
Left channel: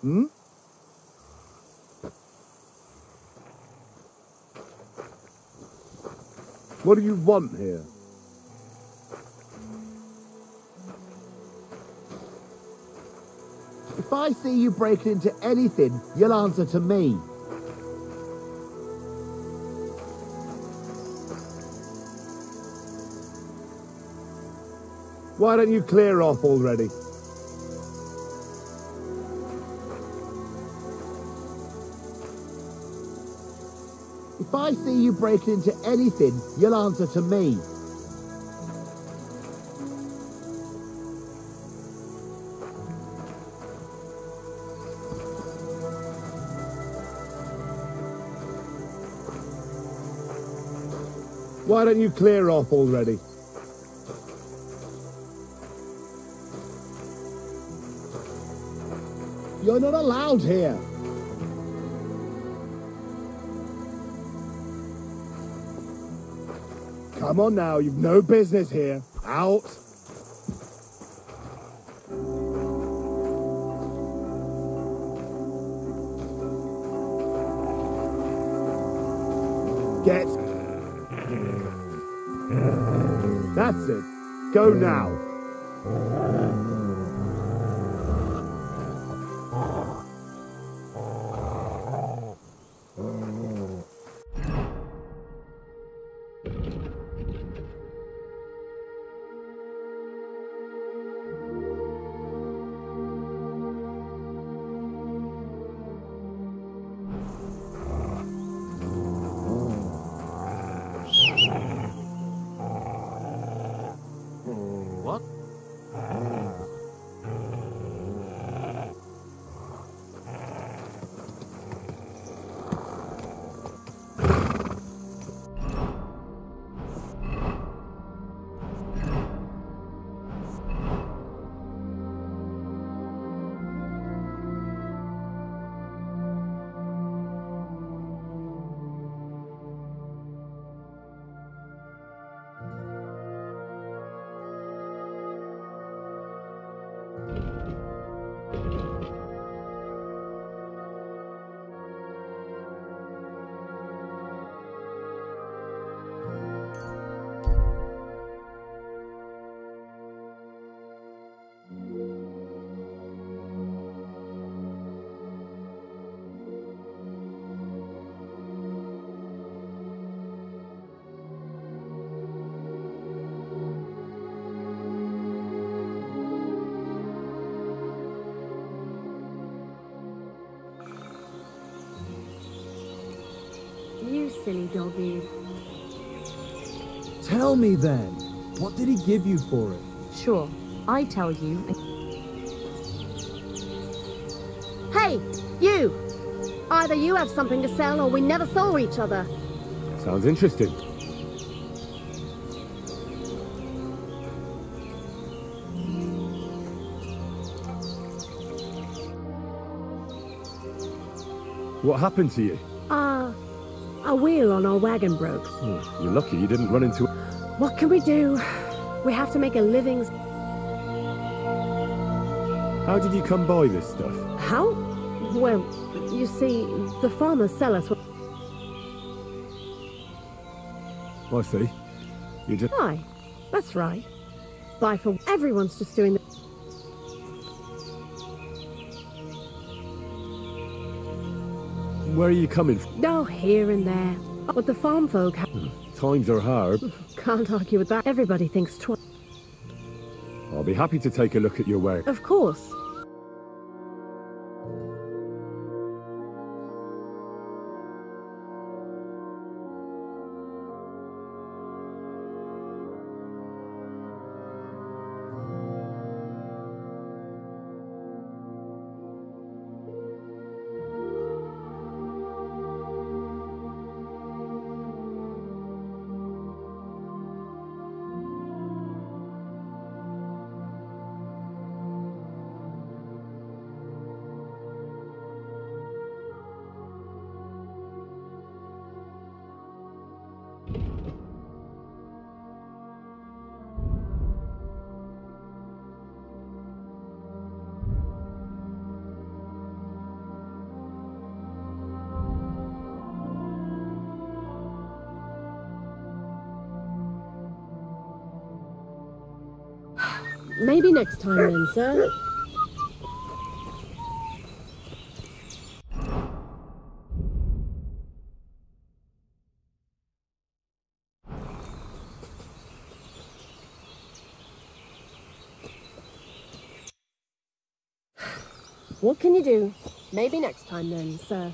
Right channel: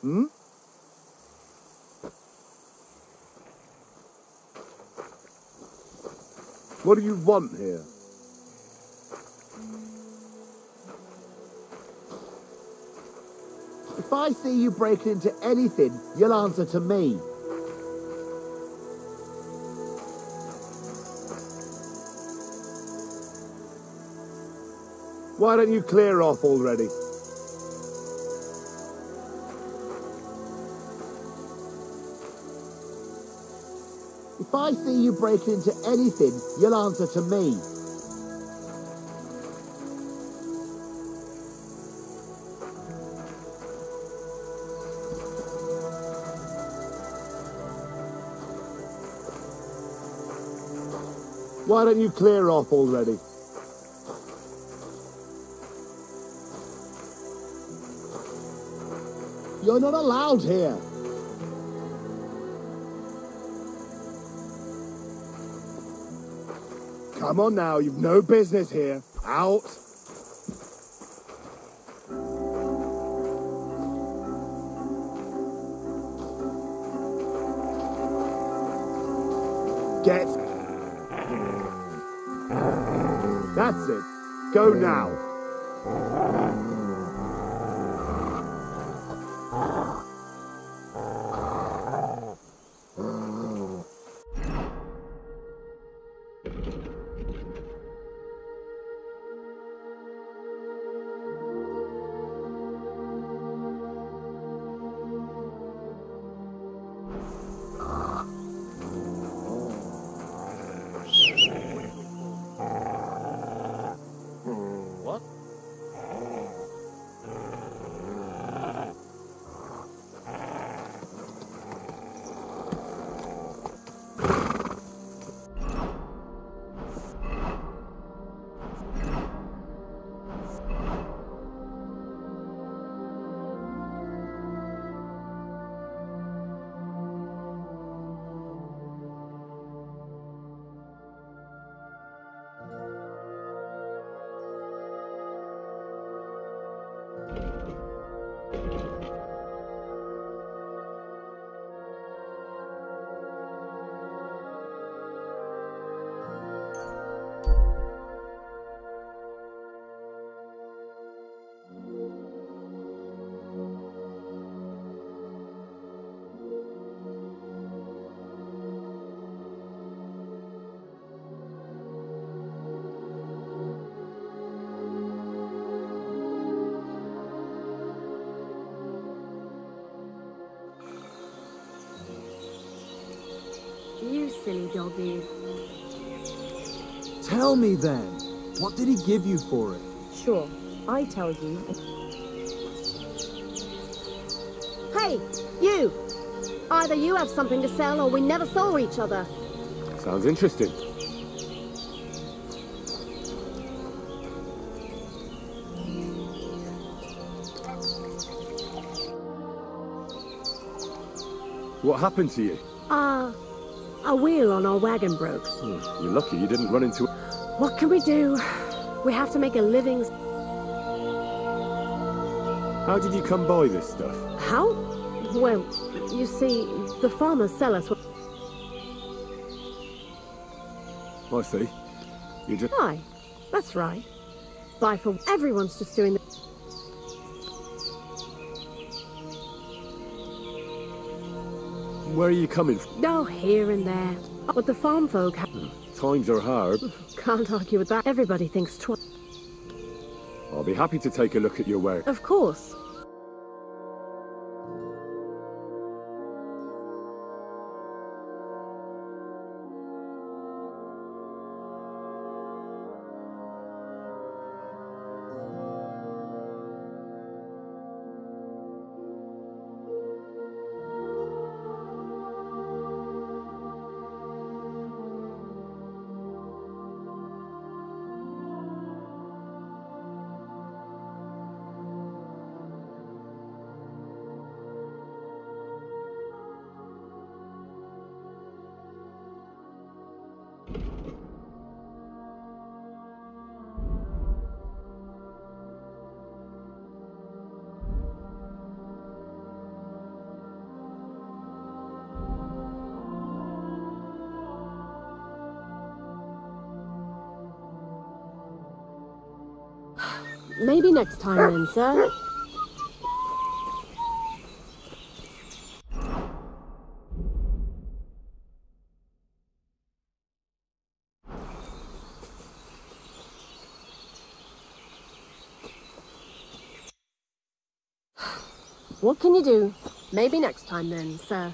Hmm? What do you want here? If I see you breaking into anything, you'll answer to me. Why don't you clear off already? If I see you breaking into anything, you'll answer to me. Why don't you clear off already? You're not allowed here. Come on now, you've no business here. Out. Get. That's it. Go now. What? You silly doggy. Tell me then, what did he give you for it? Sure, I tell you. Hey, you! either you have something to sell or we never saw each other. Sounds interesting. What happened to you? A wheel on our wagon broke. You're lucky you didn't run into... What can we do? We have to make a living. How did you come by this stuff? How? Well, you see, the farmers sell us... I see. You just... Aye, that's right. Buy for... Everyone's just doing the... Where are you coming from? Oh, here and there. But the farm folk have... Times are hard. Can't argue with that. Everybody thinks twice. I'll be happy to take a look at your work. Of course. Maybe next time then, sir. What can you do? Maybe next time then, sir.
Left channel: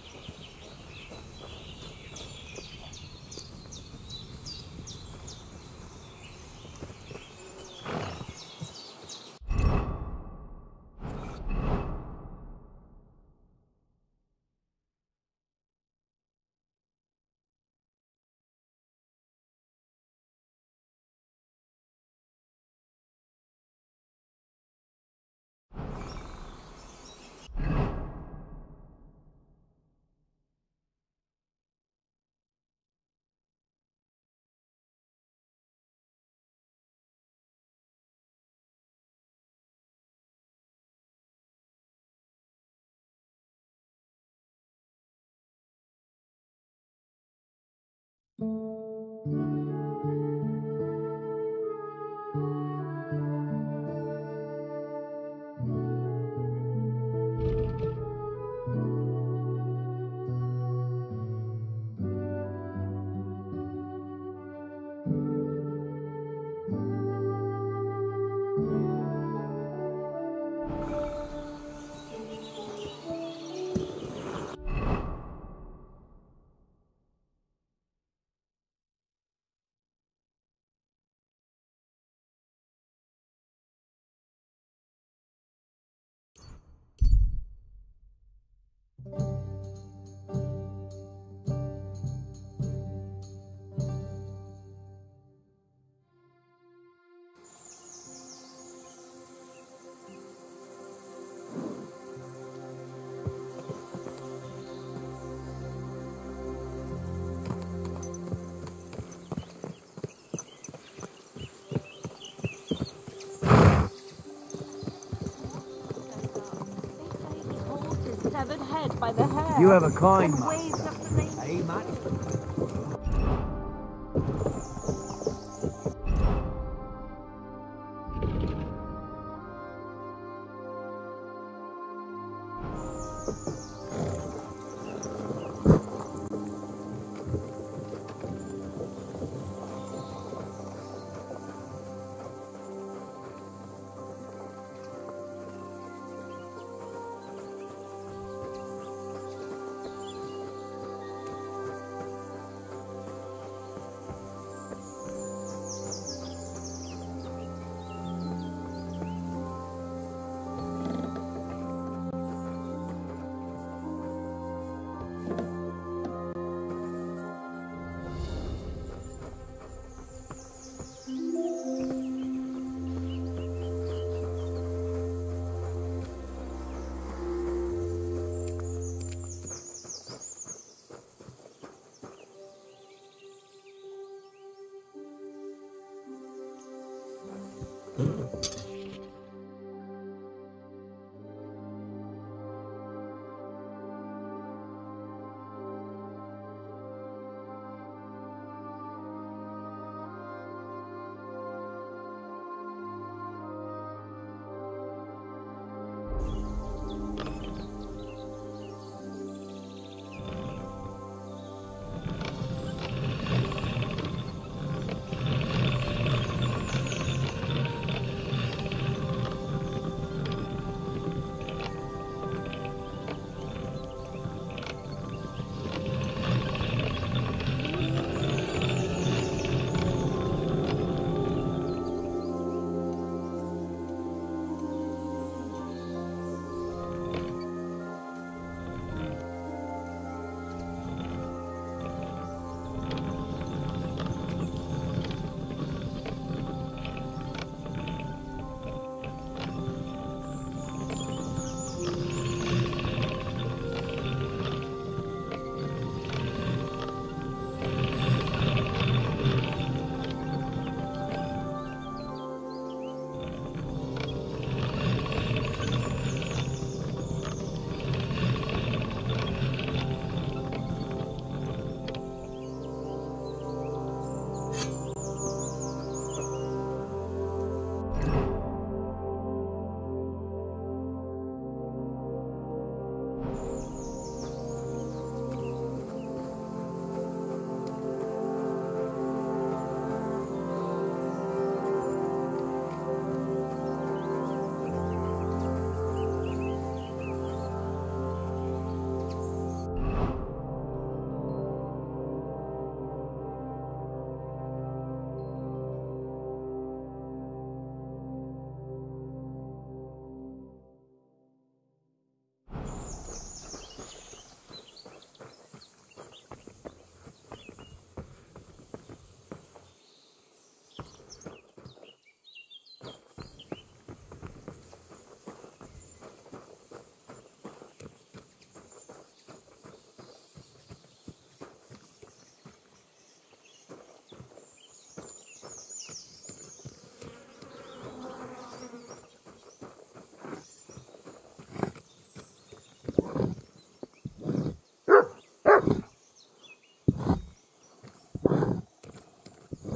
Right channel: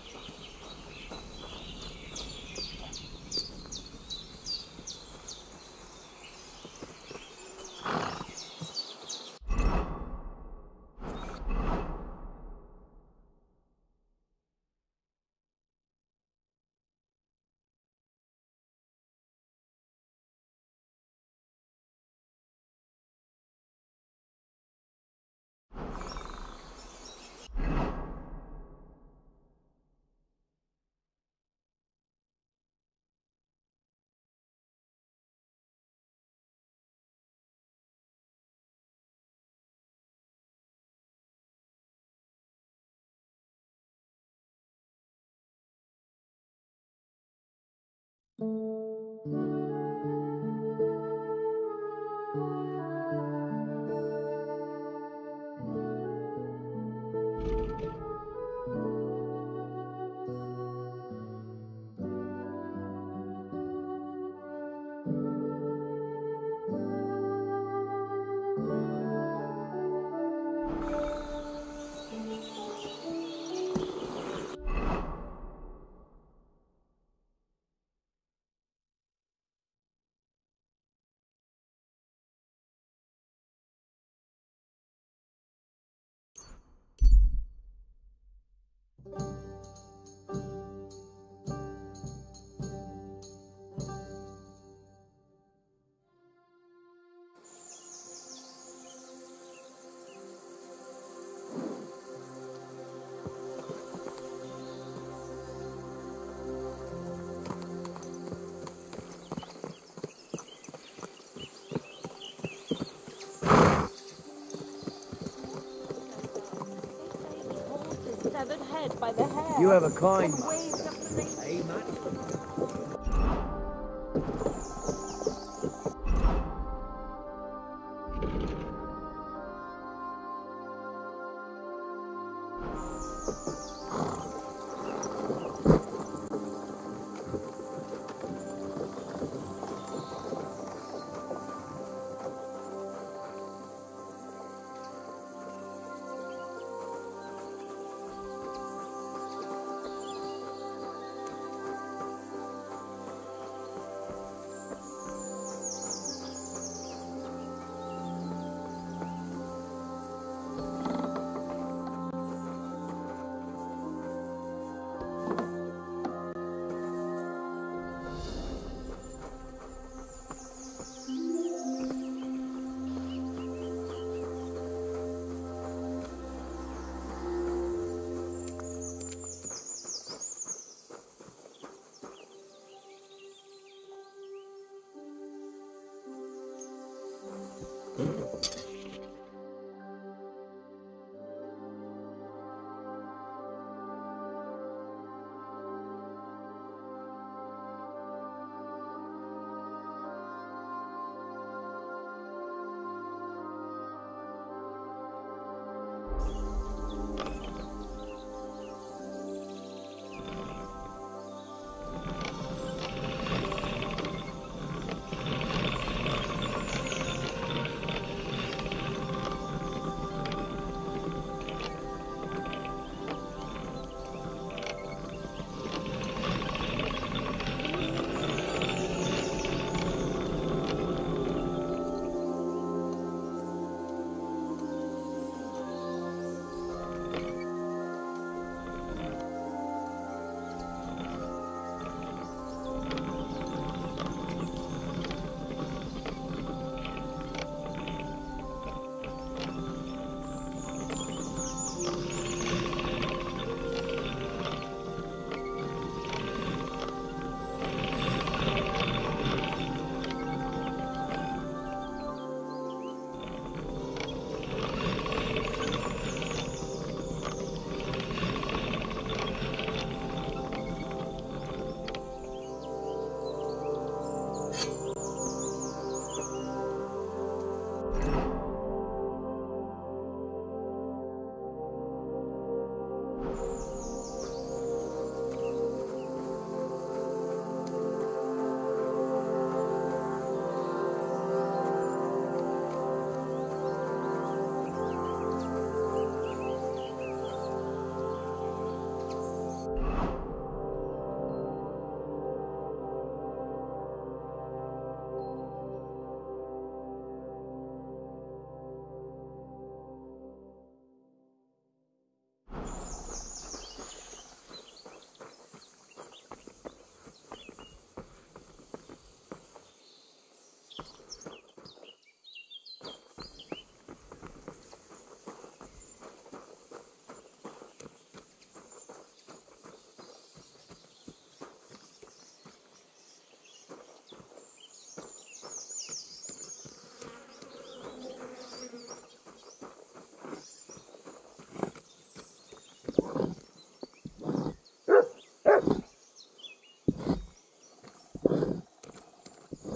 You have a kind master. Hey, Matt.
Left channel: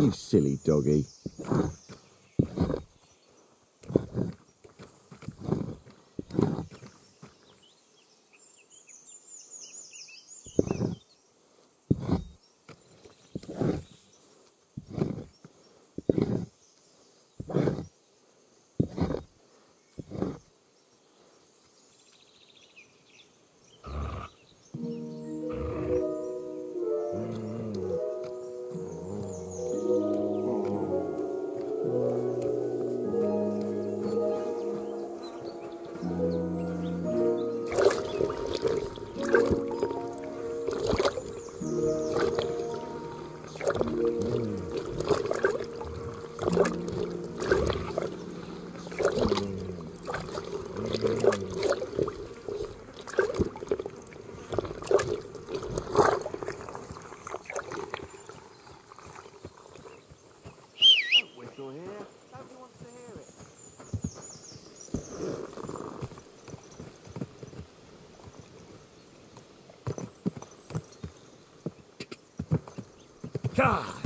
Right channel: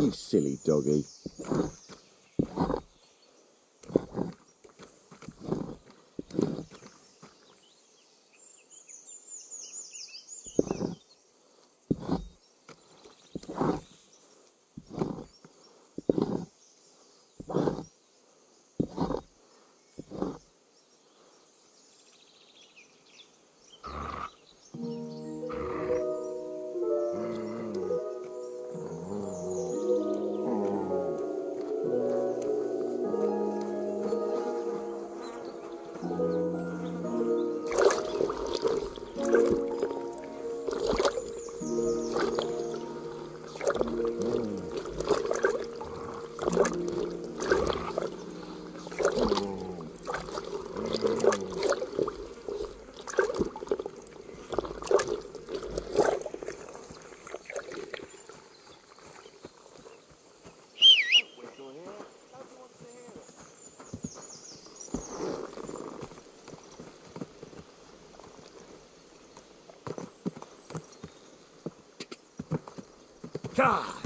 You silly doggy. God!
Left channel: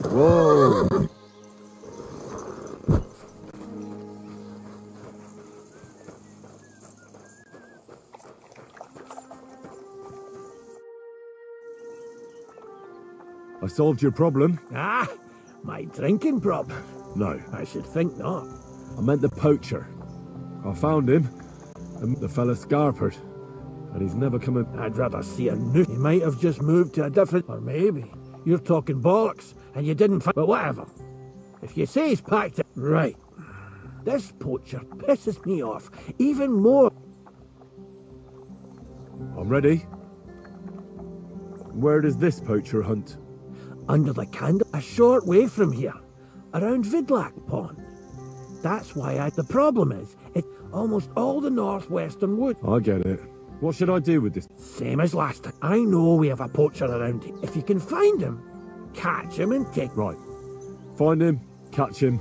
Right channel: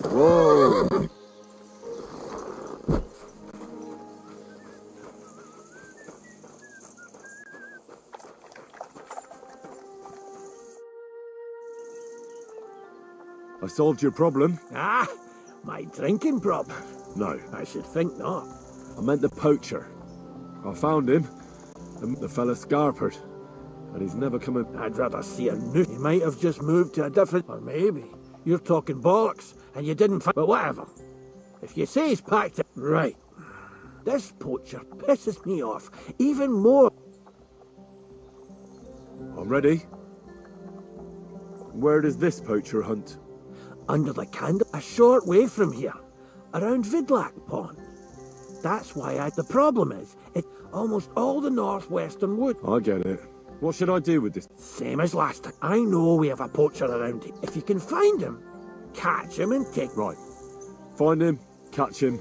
Whoa! I solved your problem. Ah, my drinking problem? No. I should think not. I meant the poacher. I found him, and the fella Scarpered, and he's never come in. I'd rather see a new. He might have just moved to a different. Or maybe you're talking bollocks and you didn't find. But whatever. If you say he's packed it. Right. This poacher pisses me off even more. I'm ready. Where does this poacher hunt? Under the candle, a short way from here, around Vidlac Pond. That's why the problem is, it's almost all the northwestern wood. I get it. What should I do with this? Same as last time. I know we have a poacher around here. If you can find him, catch him and take... Right. Find him, catch him.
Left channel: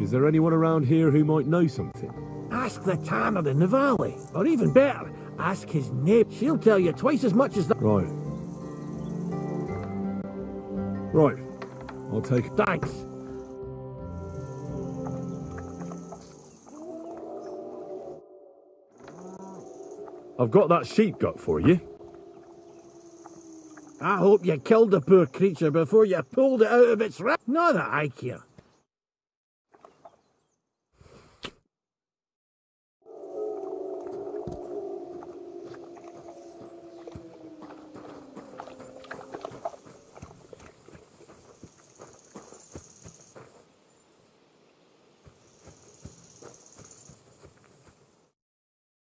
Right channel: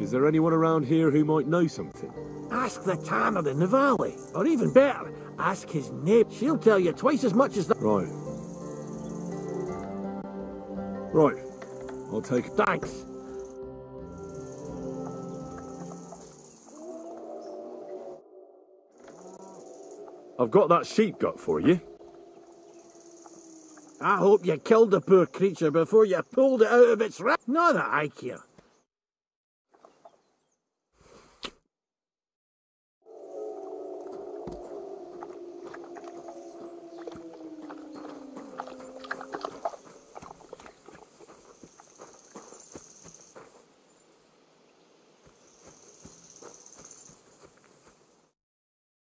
Is there anyone around here who might know something? Ask the tanner in the valley. Or even better, ask his neighbour. She'll tell you twice as much as that. Right. Right. I'll take... Thanks. I've got that sheep gut for you. I hope you killed the poor creature before you pulled it out of its rack. Not that I care.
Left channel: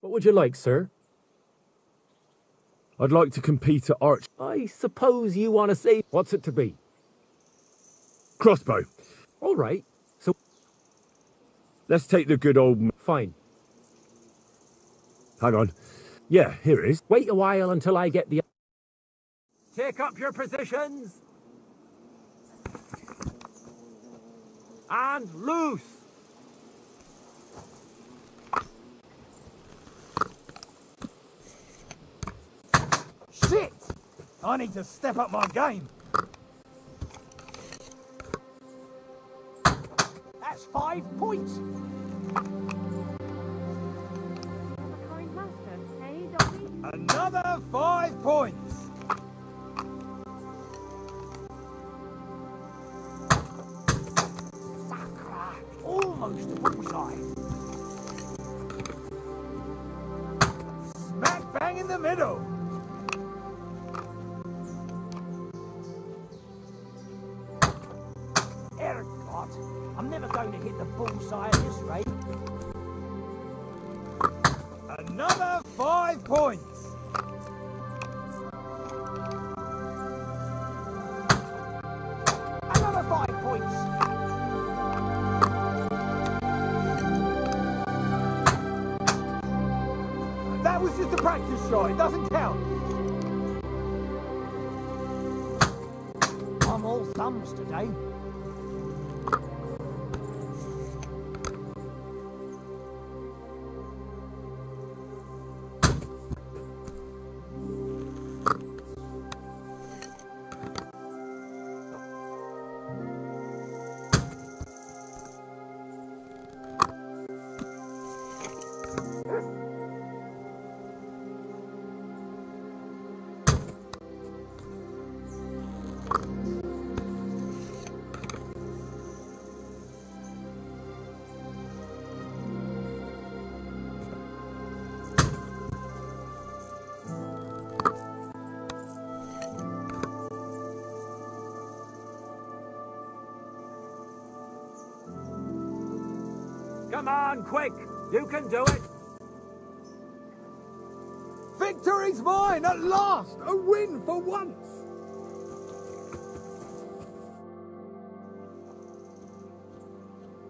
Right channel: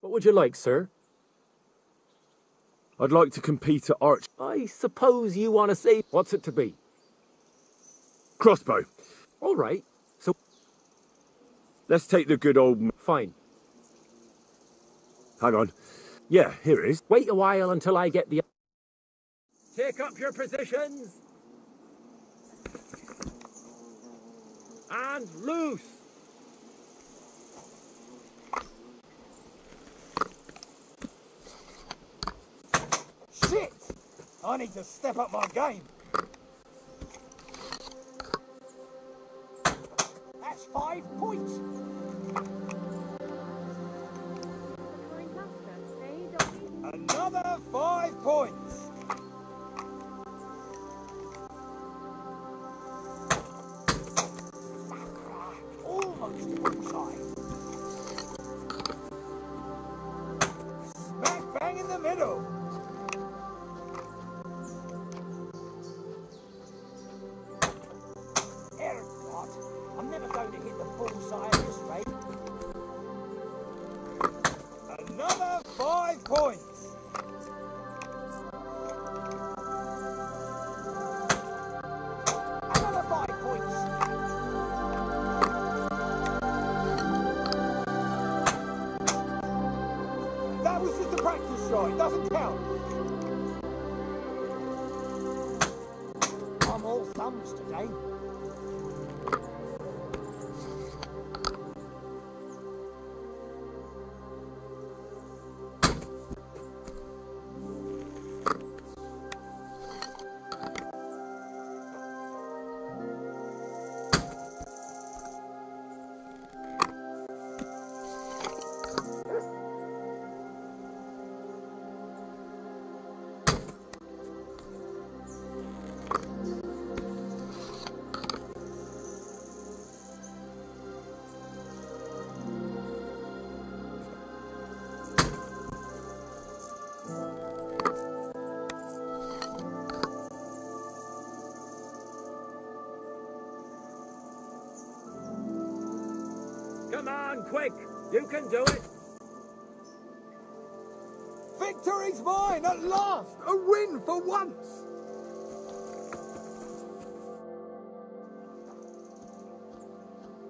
What would you like, sir? I'd like to compete at arch. I suppose you want to say... What's it to be? Crossbow. All right. So... Let's take the good old... Fine. Hang on. Yeah, here it is. Wait a while until I get the... Take up your positions. And loose. Shit! I need to step up my game. That's 5 points. Another 5 points. Almost bullseye. Smack bang in the middle. I'm never going to hit the bullseye at this rate. Another 5 points. Another 5 points. That was just a practice shot. It doesn't count. I'm all thumbs today. Come on, quick! You can do it! Victory's mine at last! A win for once!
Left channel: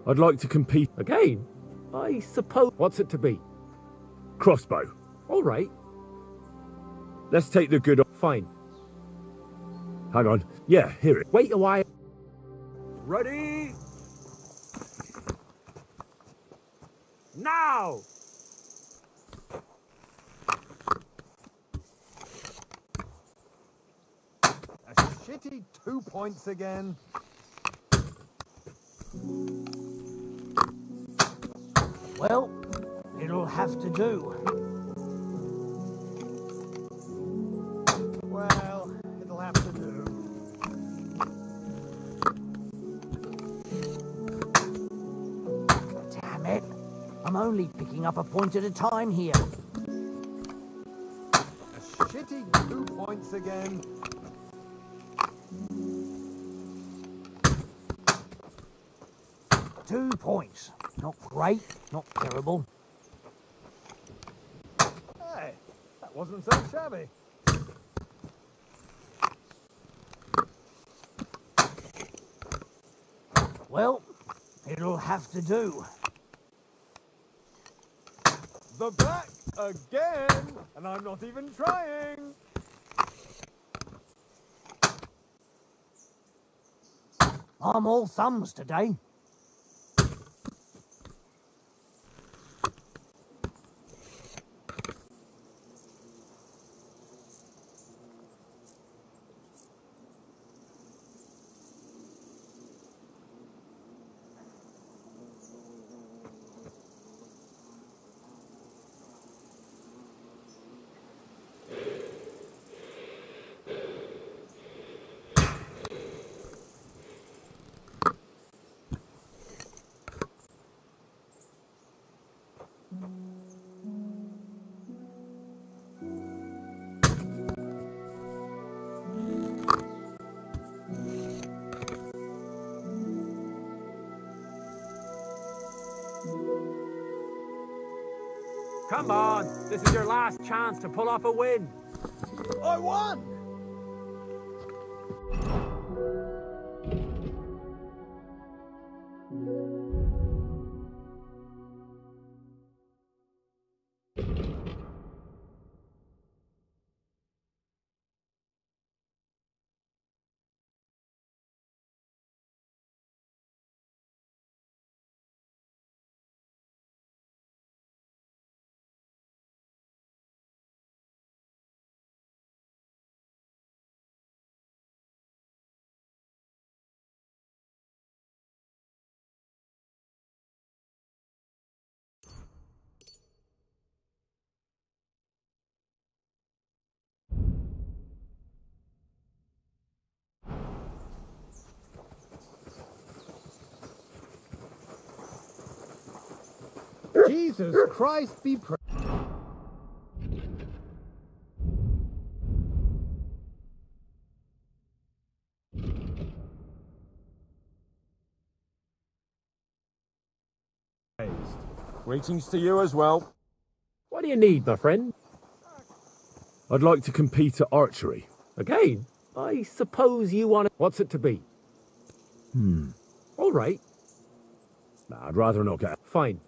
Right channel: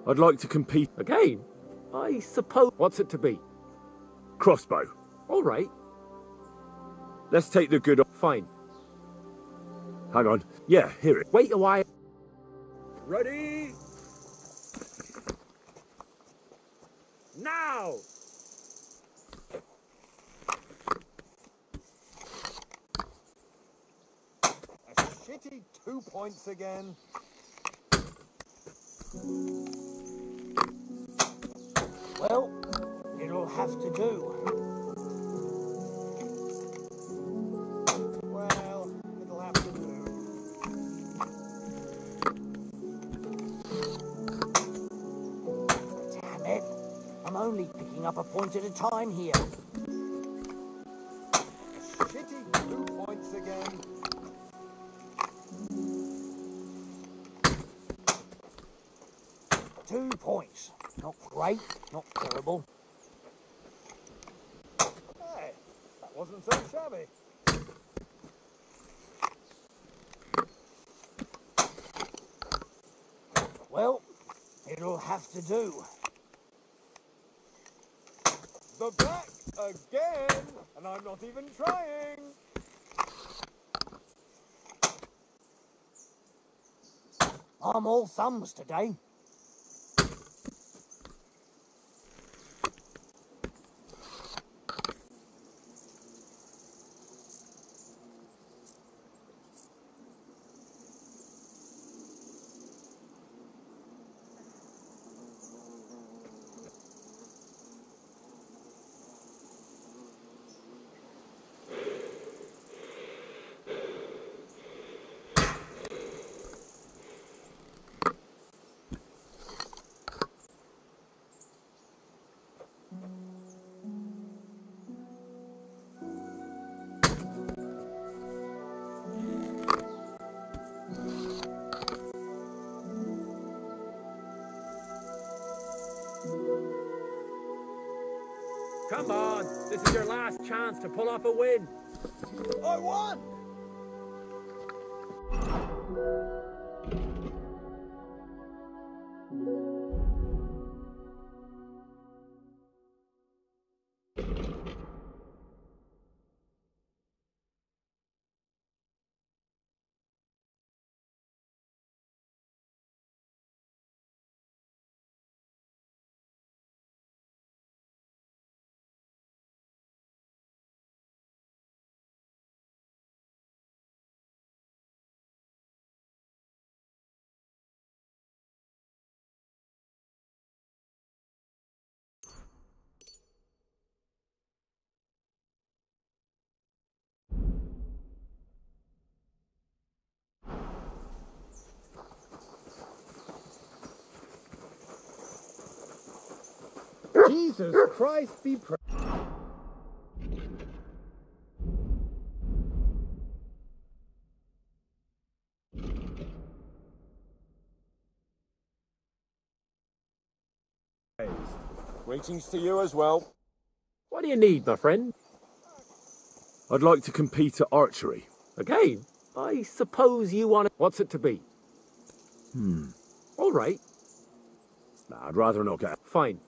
I'd like to compete... Again? I suppose... What's it to be? Crossbow. All right. Let's take the good... Fine. Hang on. Yeah, here it... Wait a while. Ready? Now! A shitty 2 points again. Well, it'll have to do. Well, it'll have to do. Damn it. I'm only picking up a point at a time here. Shitty 2 points again. Two points. Not great, not terrible. Hey, that wasn't so shabby. Well, it'll have to do. The back again, and I'm not even trying. I'm all thumbs today. Come on, this is your last chance to pull off a win. I won! Jesus Christ be praised. Greetings to you as well. What do you need, my friend? I'd like to compete at archery. Again? I suppose you want it. What's it to be? All right. Nah, I'd rather not get... Fine.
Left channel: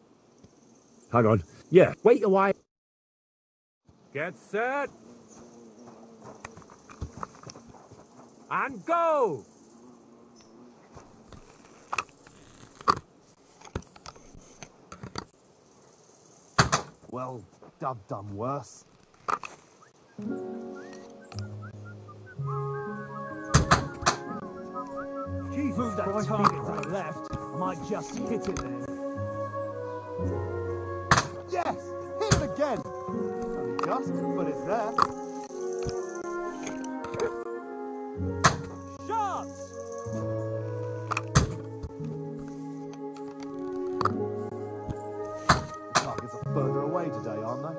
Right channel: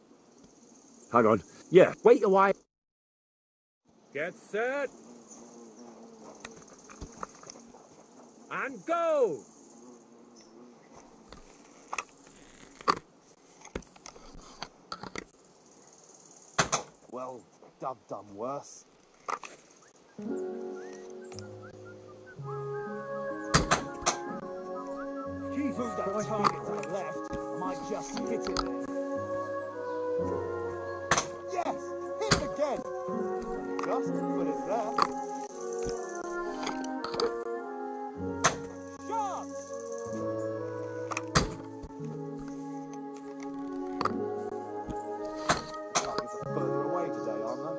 Hang on. Yeah. Wait a while. Get set. And go! Well, I've done worse. Jesus Christ, left. Might just hit it there. Yes! Hit it again! Only just, but it's there. Shots! Targets are further away today, aren't they?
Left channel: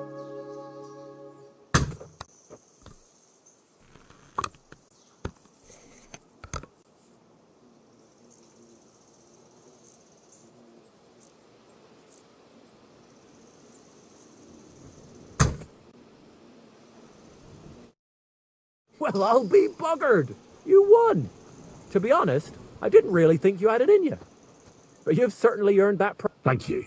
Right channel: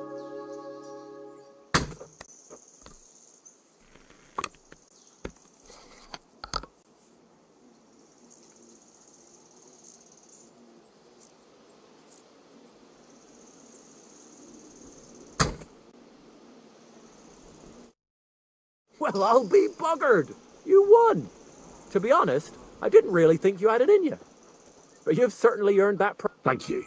Well, I'll be buggered. You won. To be honest, I didn't really think you had it in you. But you've certainly earned that. Thank you.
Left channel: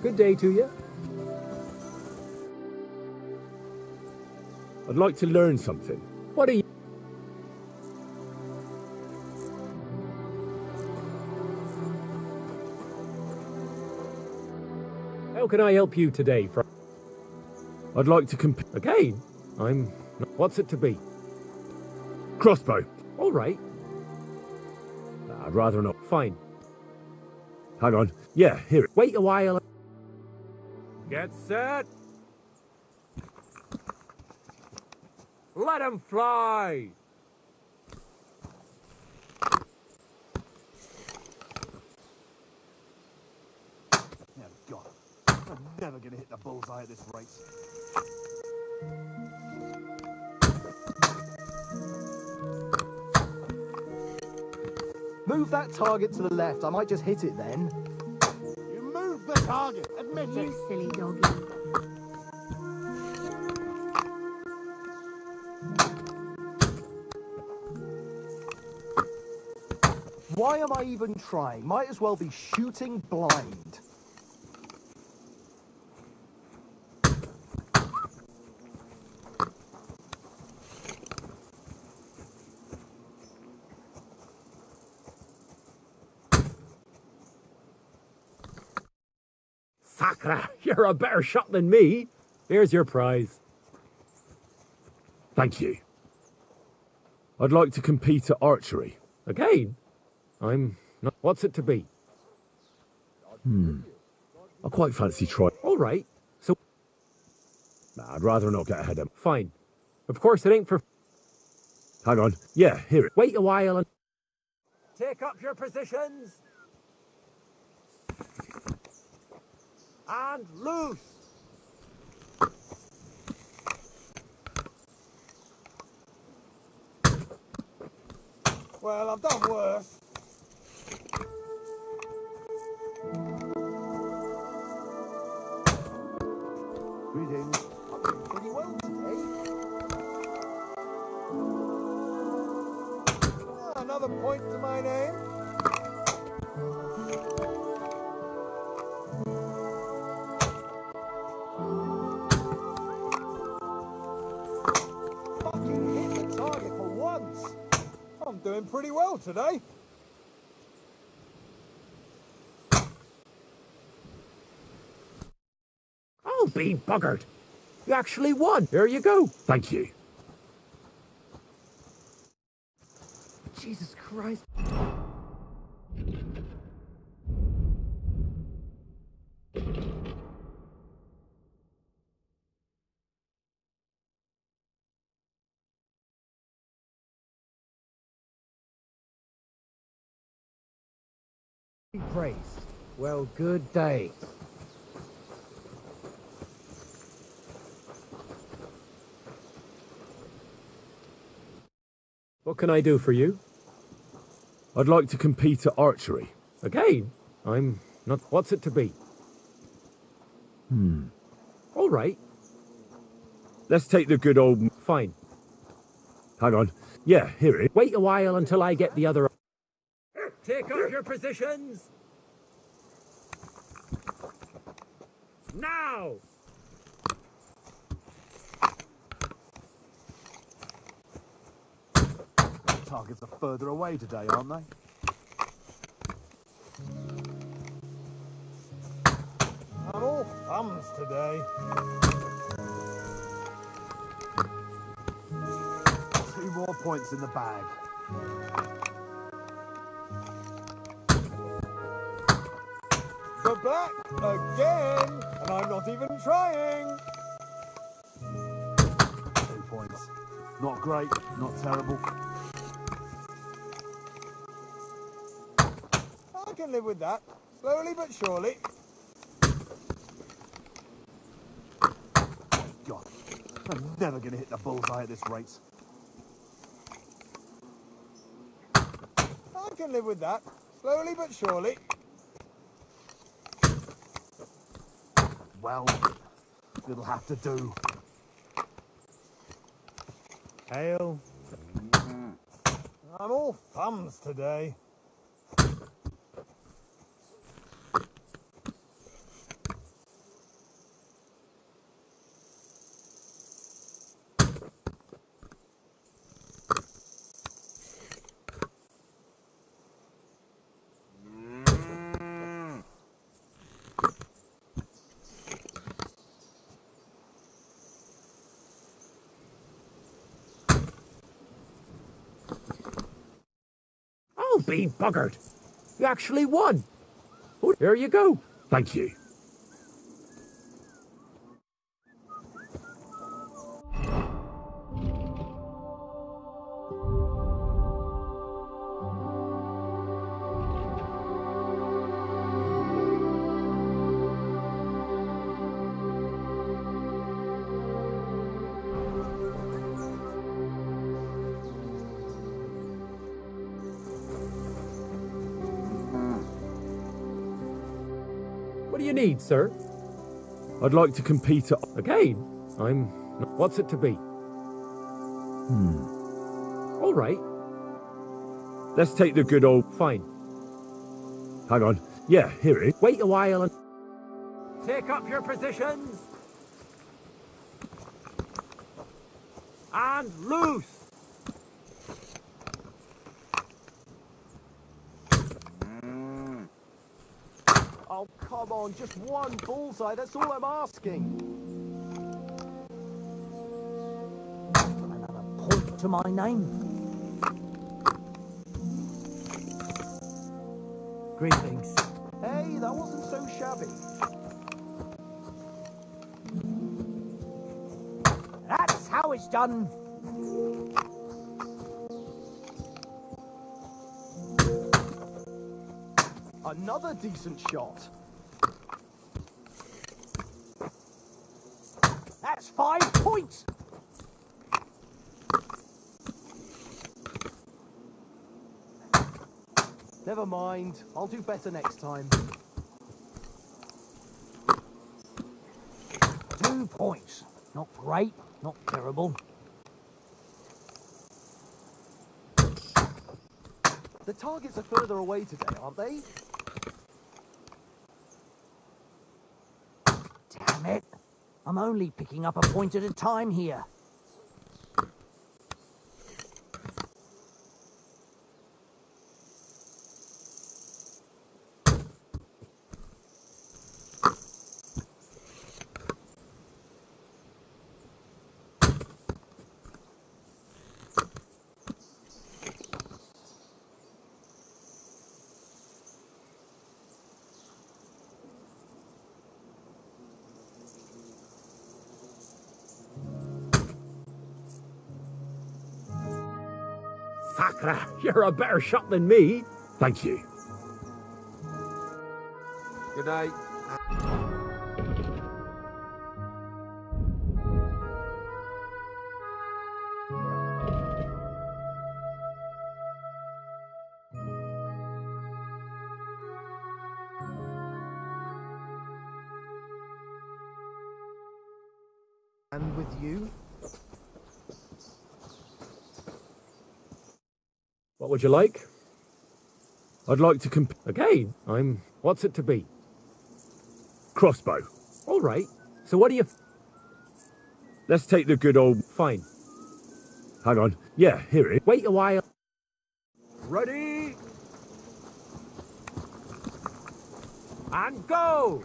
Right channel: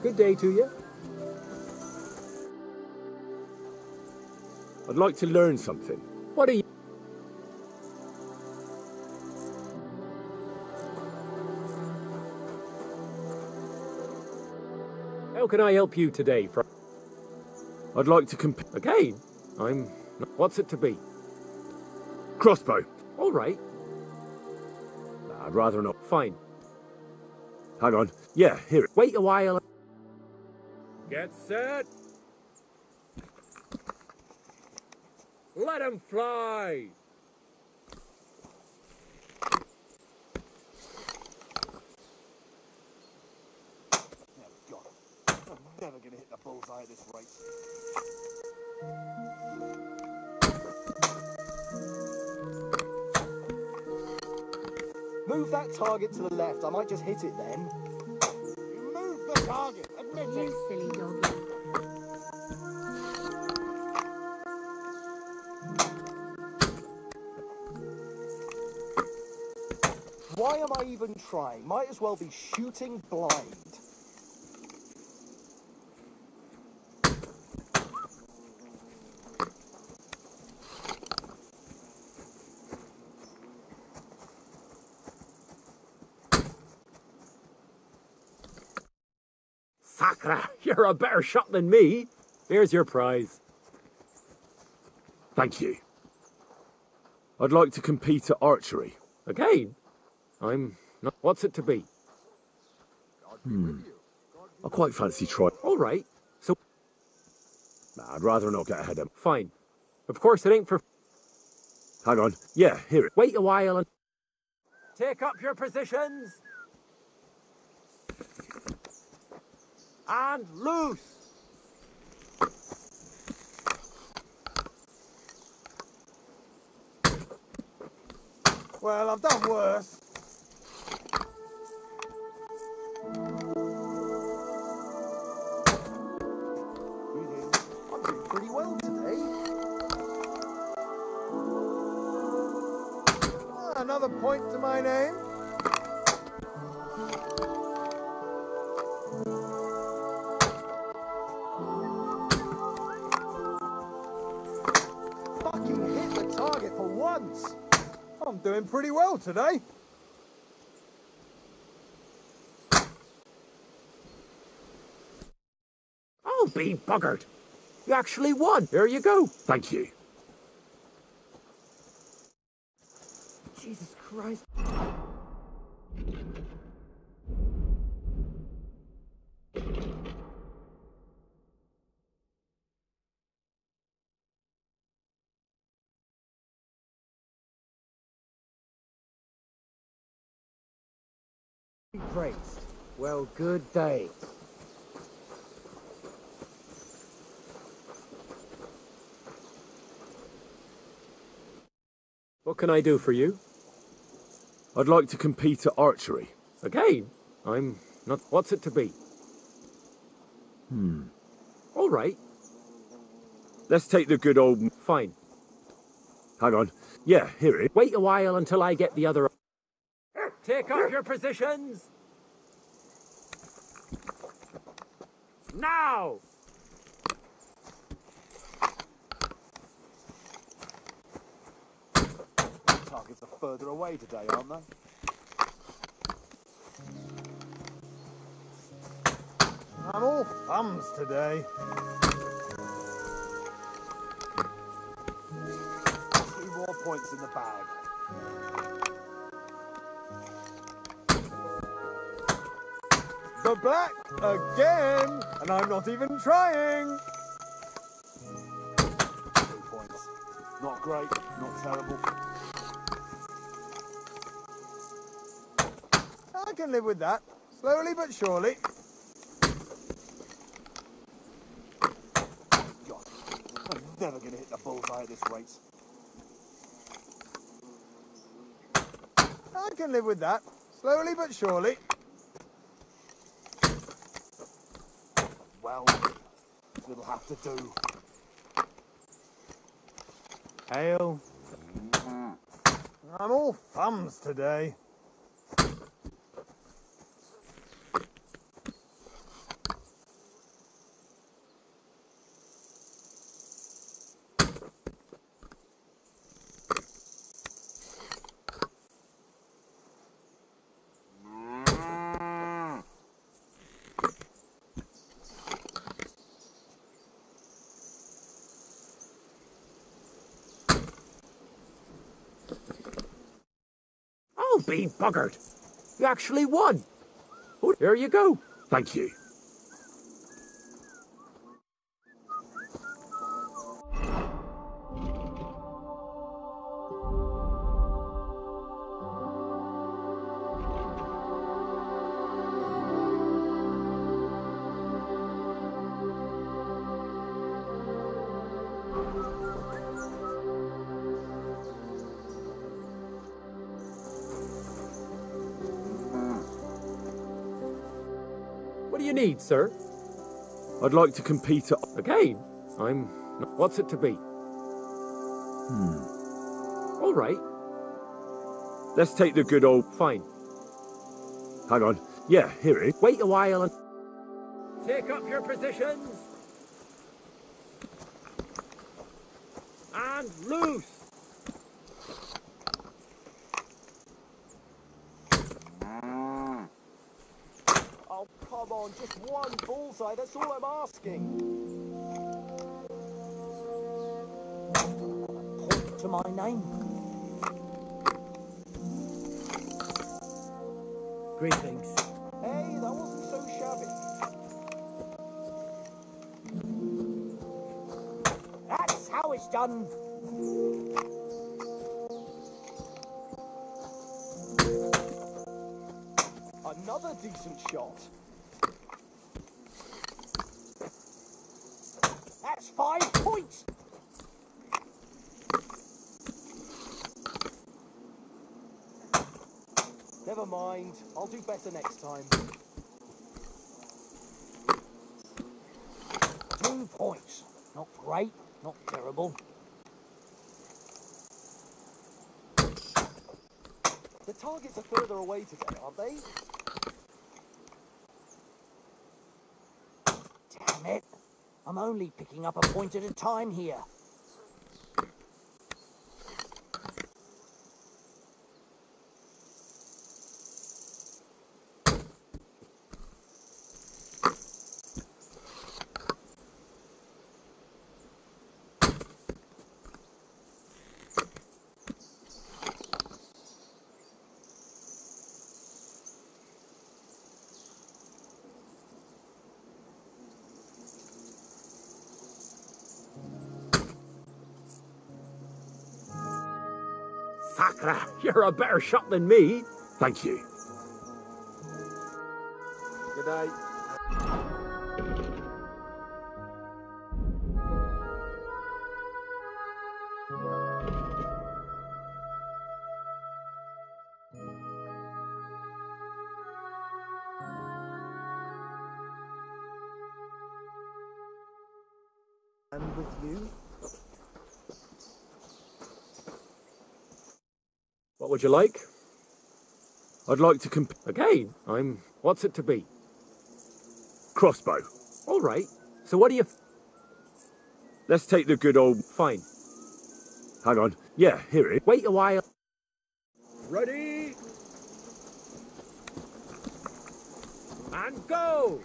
Good day to you. I'd like to learn something. What are you... How can I help you today, I'd like to compete. Again? What's it to be? Crossbow. All right. Nah, I'd rather not. Fine. Hang on. Yeah, here it. Wait a while. Get set. Let 'em fly. Never gonna hit the bullseye at this rate. Move that target to the left. I might just hit it then. You move the target. Admit You it. silly doggy. Why am I even trying? Might as well be shooting blind. Sacra, you're a better shot than me. Here's your prize. Thank you. I'd like to compete at archery. Again? What's it to be? I quite fancy trying. All right. So... Nah, I'd rather not get ahead of... Fine. Of course it ain't for... Hang on. Yeah, here it. Wait a while and... Take up your positions. And loose. Well, I've done worse. Greetings. I'm doing pretty well today. Another point to my name. Fucking hit the target for once. I'm doing pretty well today. Oh, be buggered. You actually won. There you go. Thank you. Jesus Christ. Be praised. Well, good day. What can I do for you? I'd like to compete at archery. Again? What's it to be? All right. Let's take the good old... Fine. Hang on. Yeah, here it is. Wait a while until I get the other... Take up your positions. Now. Targets are further away today, aren't they? I'm all thumbs today. 2 more points in the bag. The black again, and I'm not even trying. 2 points. Not great, not terrible. I can live with that, slowly but surely. God, I'm never going to hit the bullseye at this rate. I can live with that, slowly but surely. Well, it'll have to do. Hail. I'm all thumbs today. be buggered. You actually won. Oh, here you go. Thank you. What do you need, sir? I'd like to compete at... Again? What's it to be? All right. Let's take the good old... Fine. Hang on. Yeah, here it is. Wait a while and... Take up your positions. And loose. Oh, come on, just one bullseye, that's all I'm asking. Another point to my name. Greetings. Hey, that wasn't so shabby. That's how it's done. Another decent shot. That's 5 points. Never mind, I'll do better next time. 2 points. Not great, not terrible. The targets are further away today, aren't they? Damn it. I'm only picking up a point at a time here. Sakra, you're a better shot than me. Thank you. Good day. And with you? What would you like? I'd like to Again, What's it to be? Crossbow. All right. So what do you... Let's take the good old... Fine. Hang on. Yeah, here it is. Wait a while. Ready? And go!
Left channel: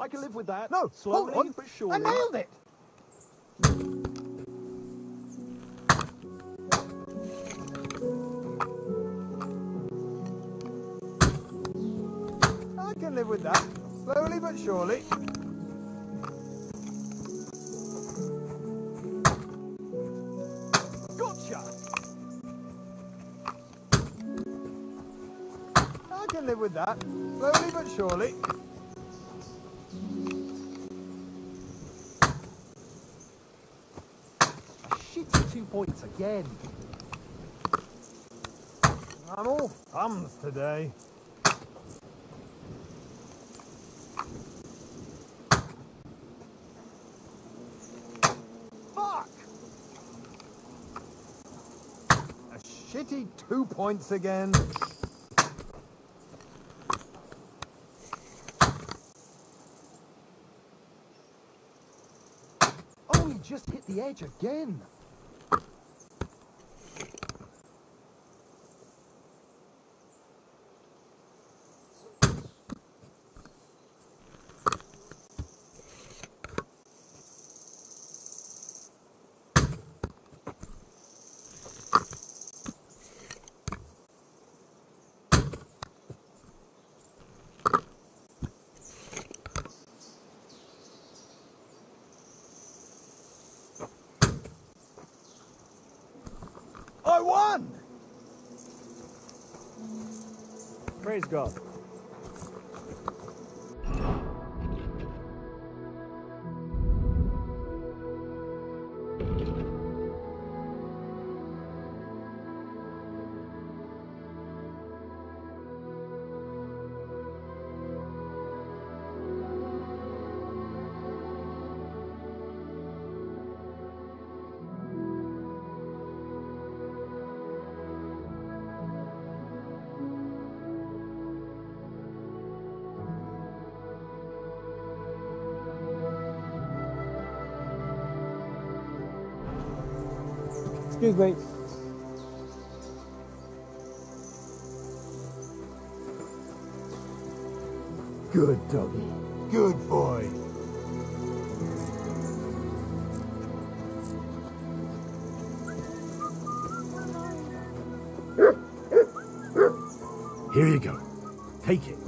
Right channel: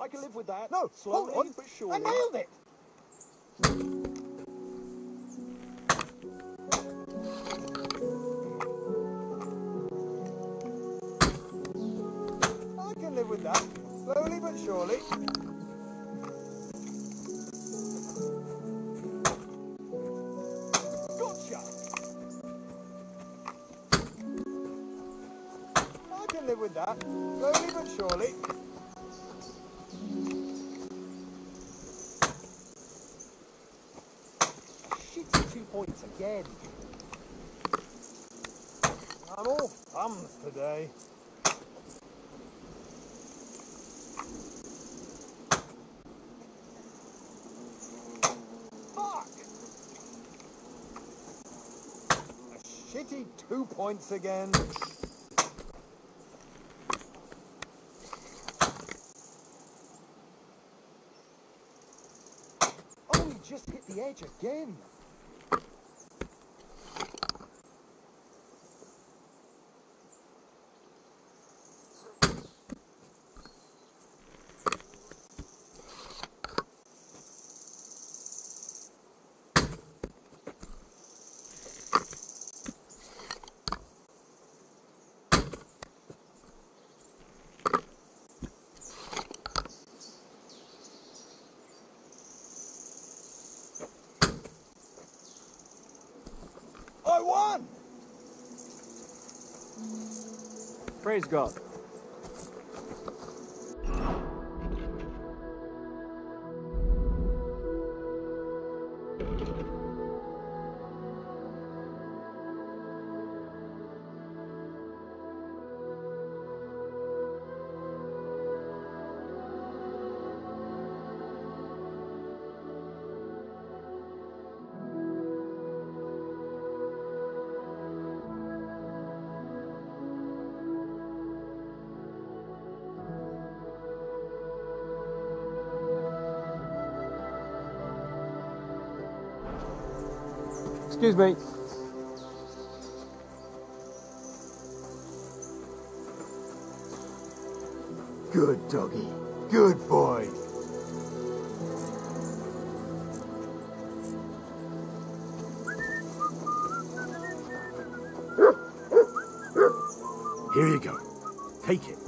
I can live with that. No, slowly but surely. I nailed it. I can live with that. Slowly but surely. Gotcha. I can live with that. Slowly but surely. Shitty 2 points again. I'm all thumbs today. Fuck! A shitty 2 points again. Oh, he just hit the edge again. I won! Praise God. Excuse me. Good doggy. Good boy. Here you go. Take it.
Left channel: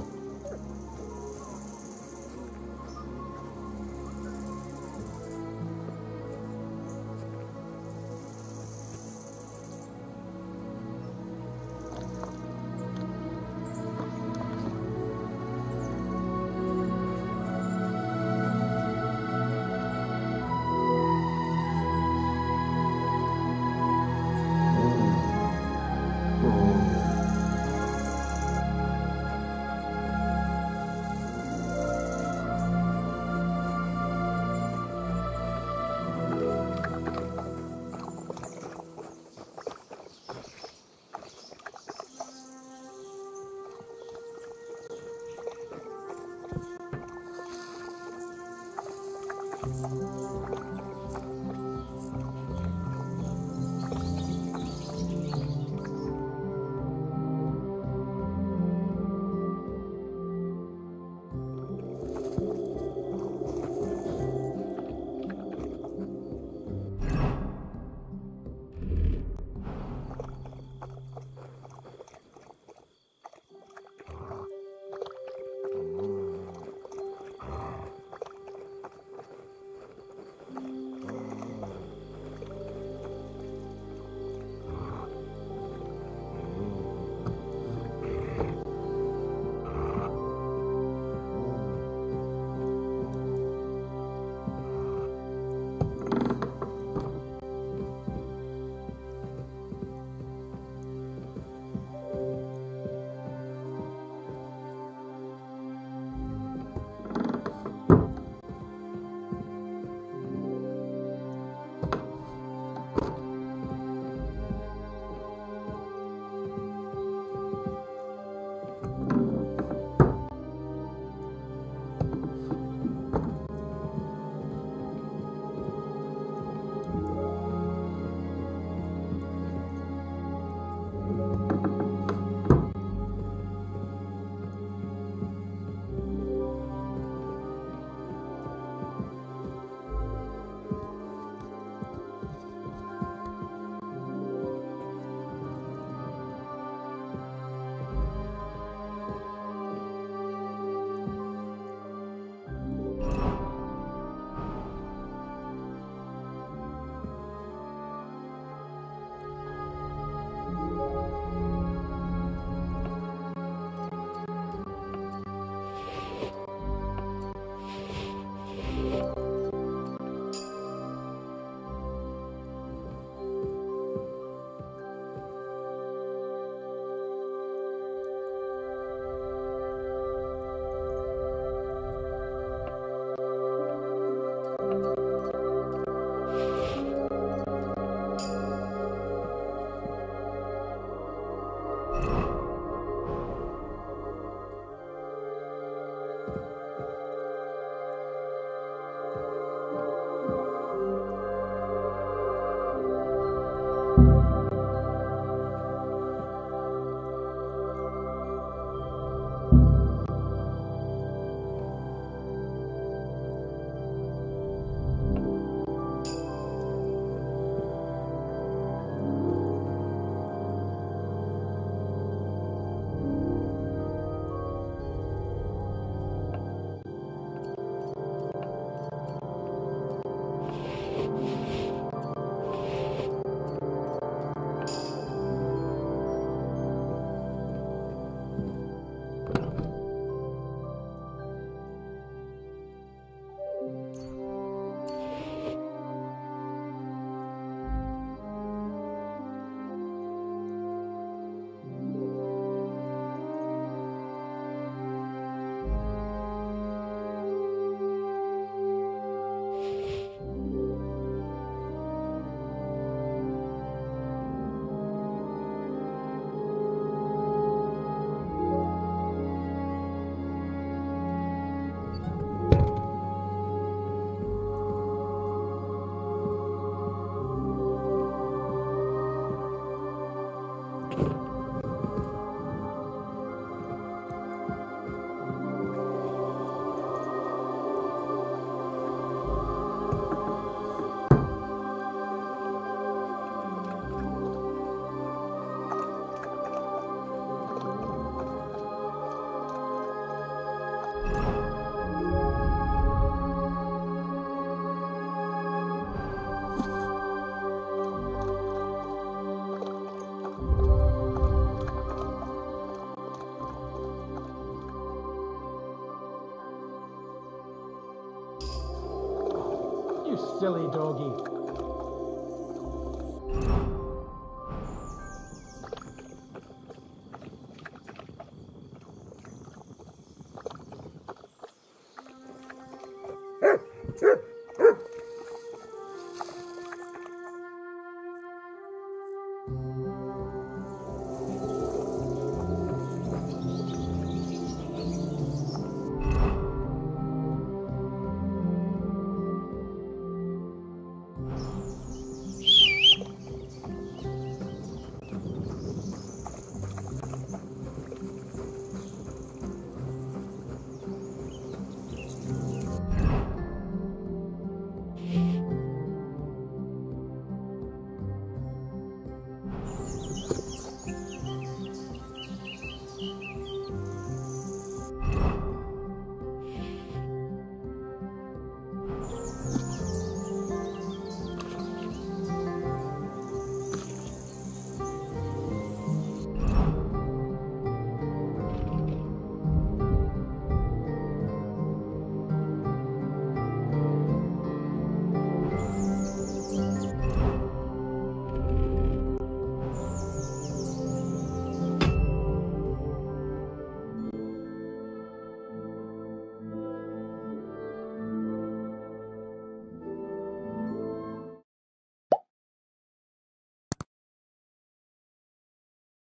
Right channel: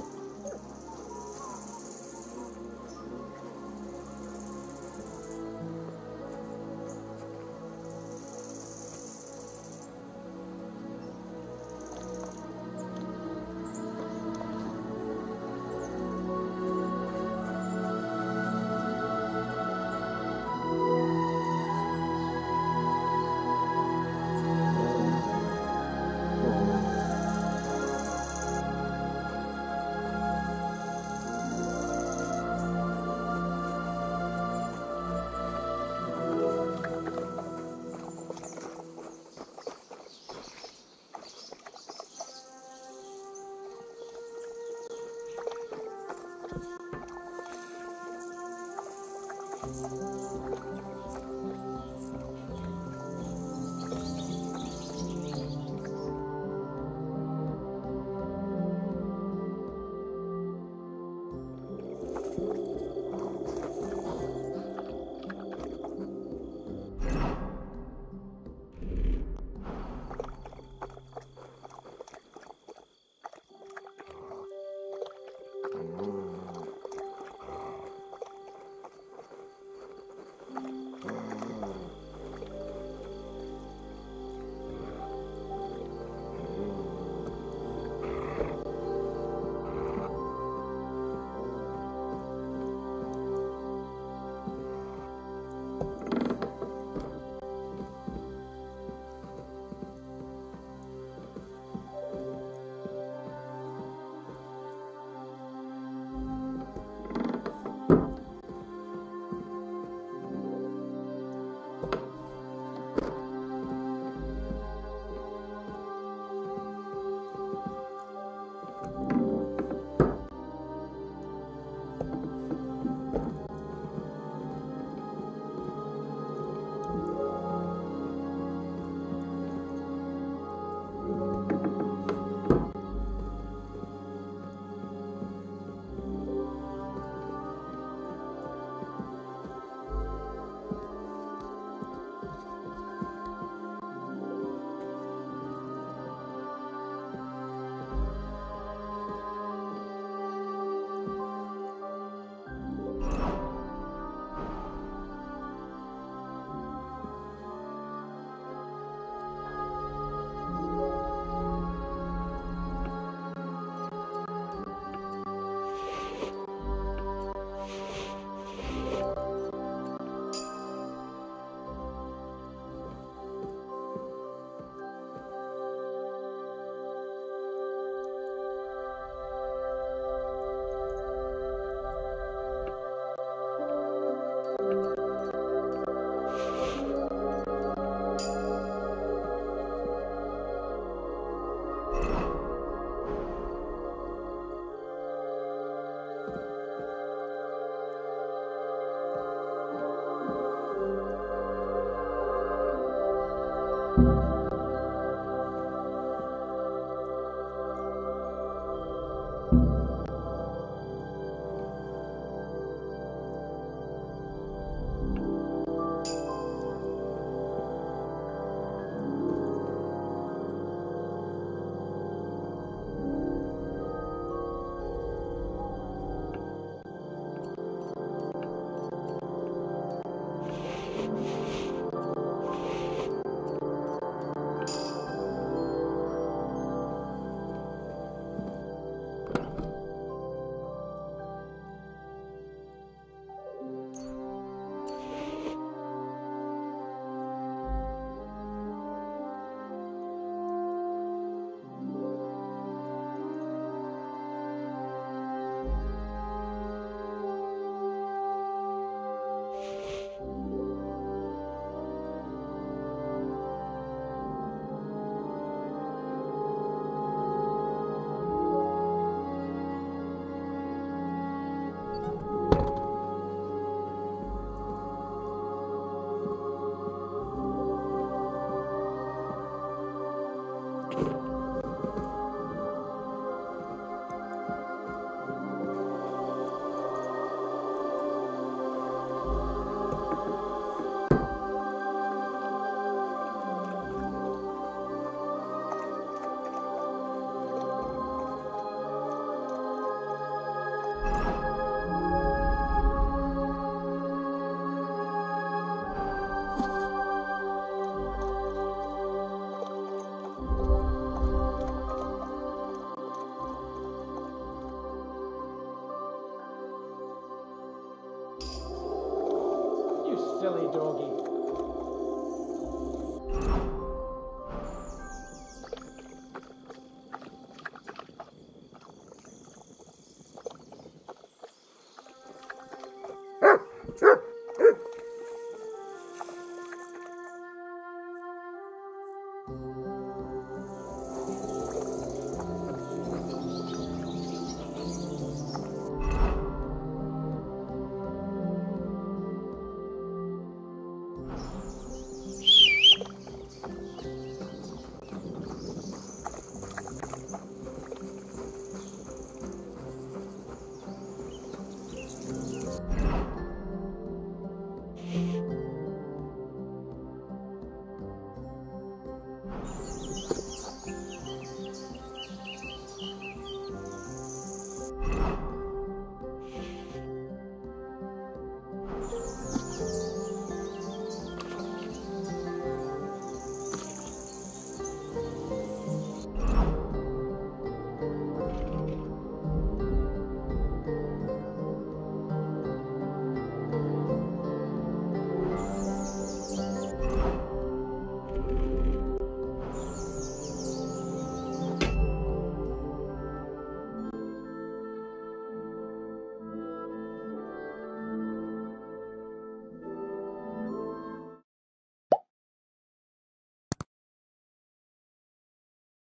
silly doggy.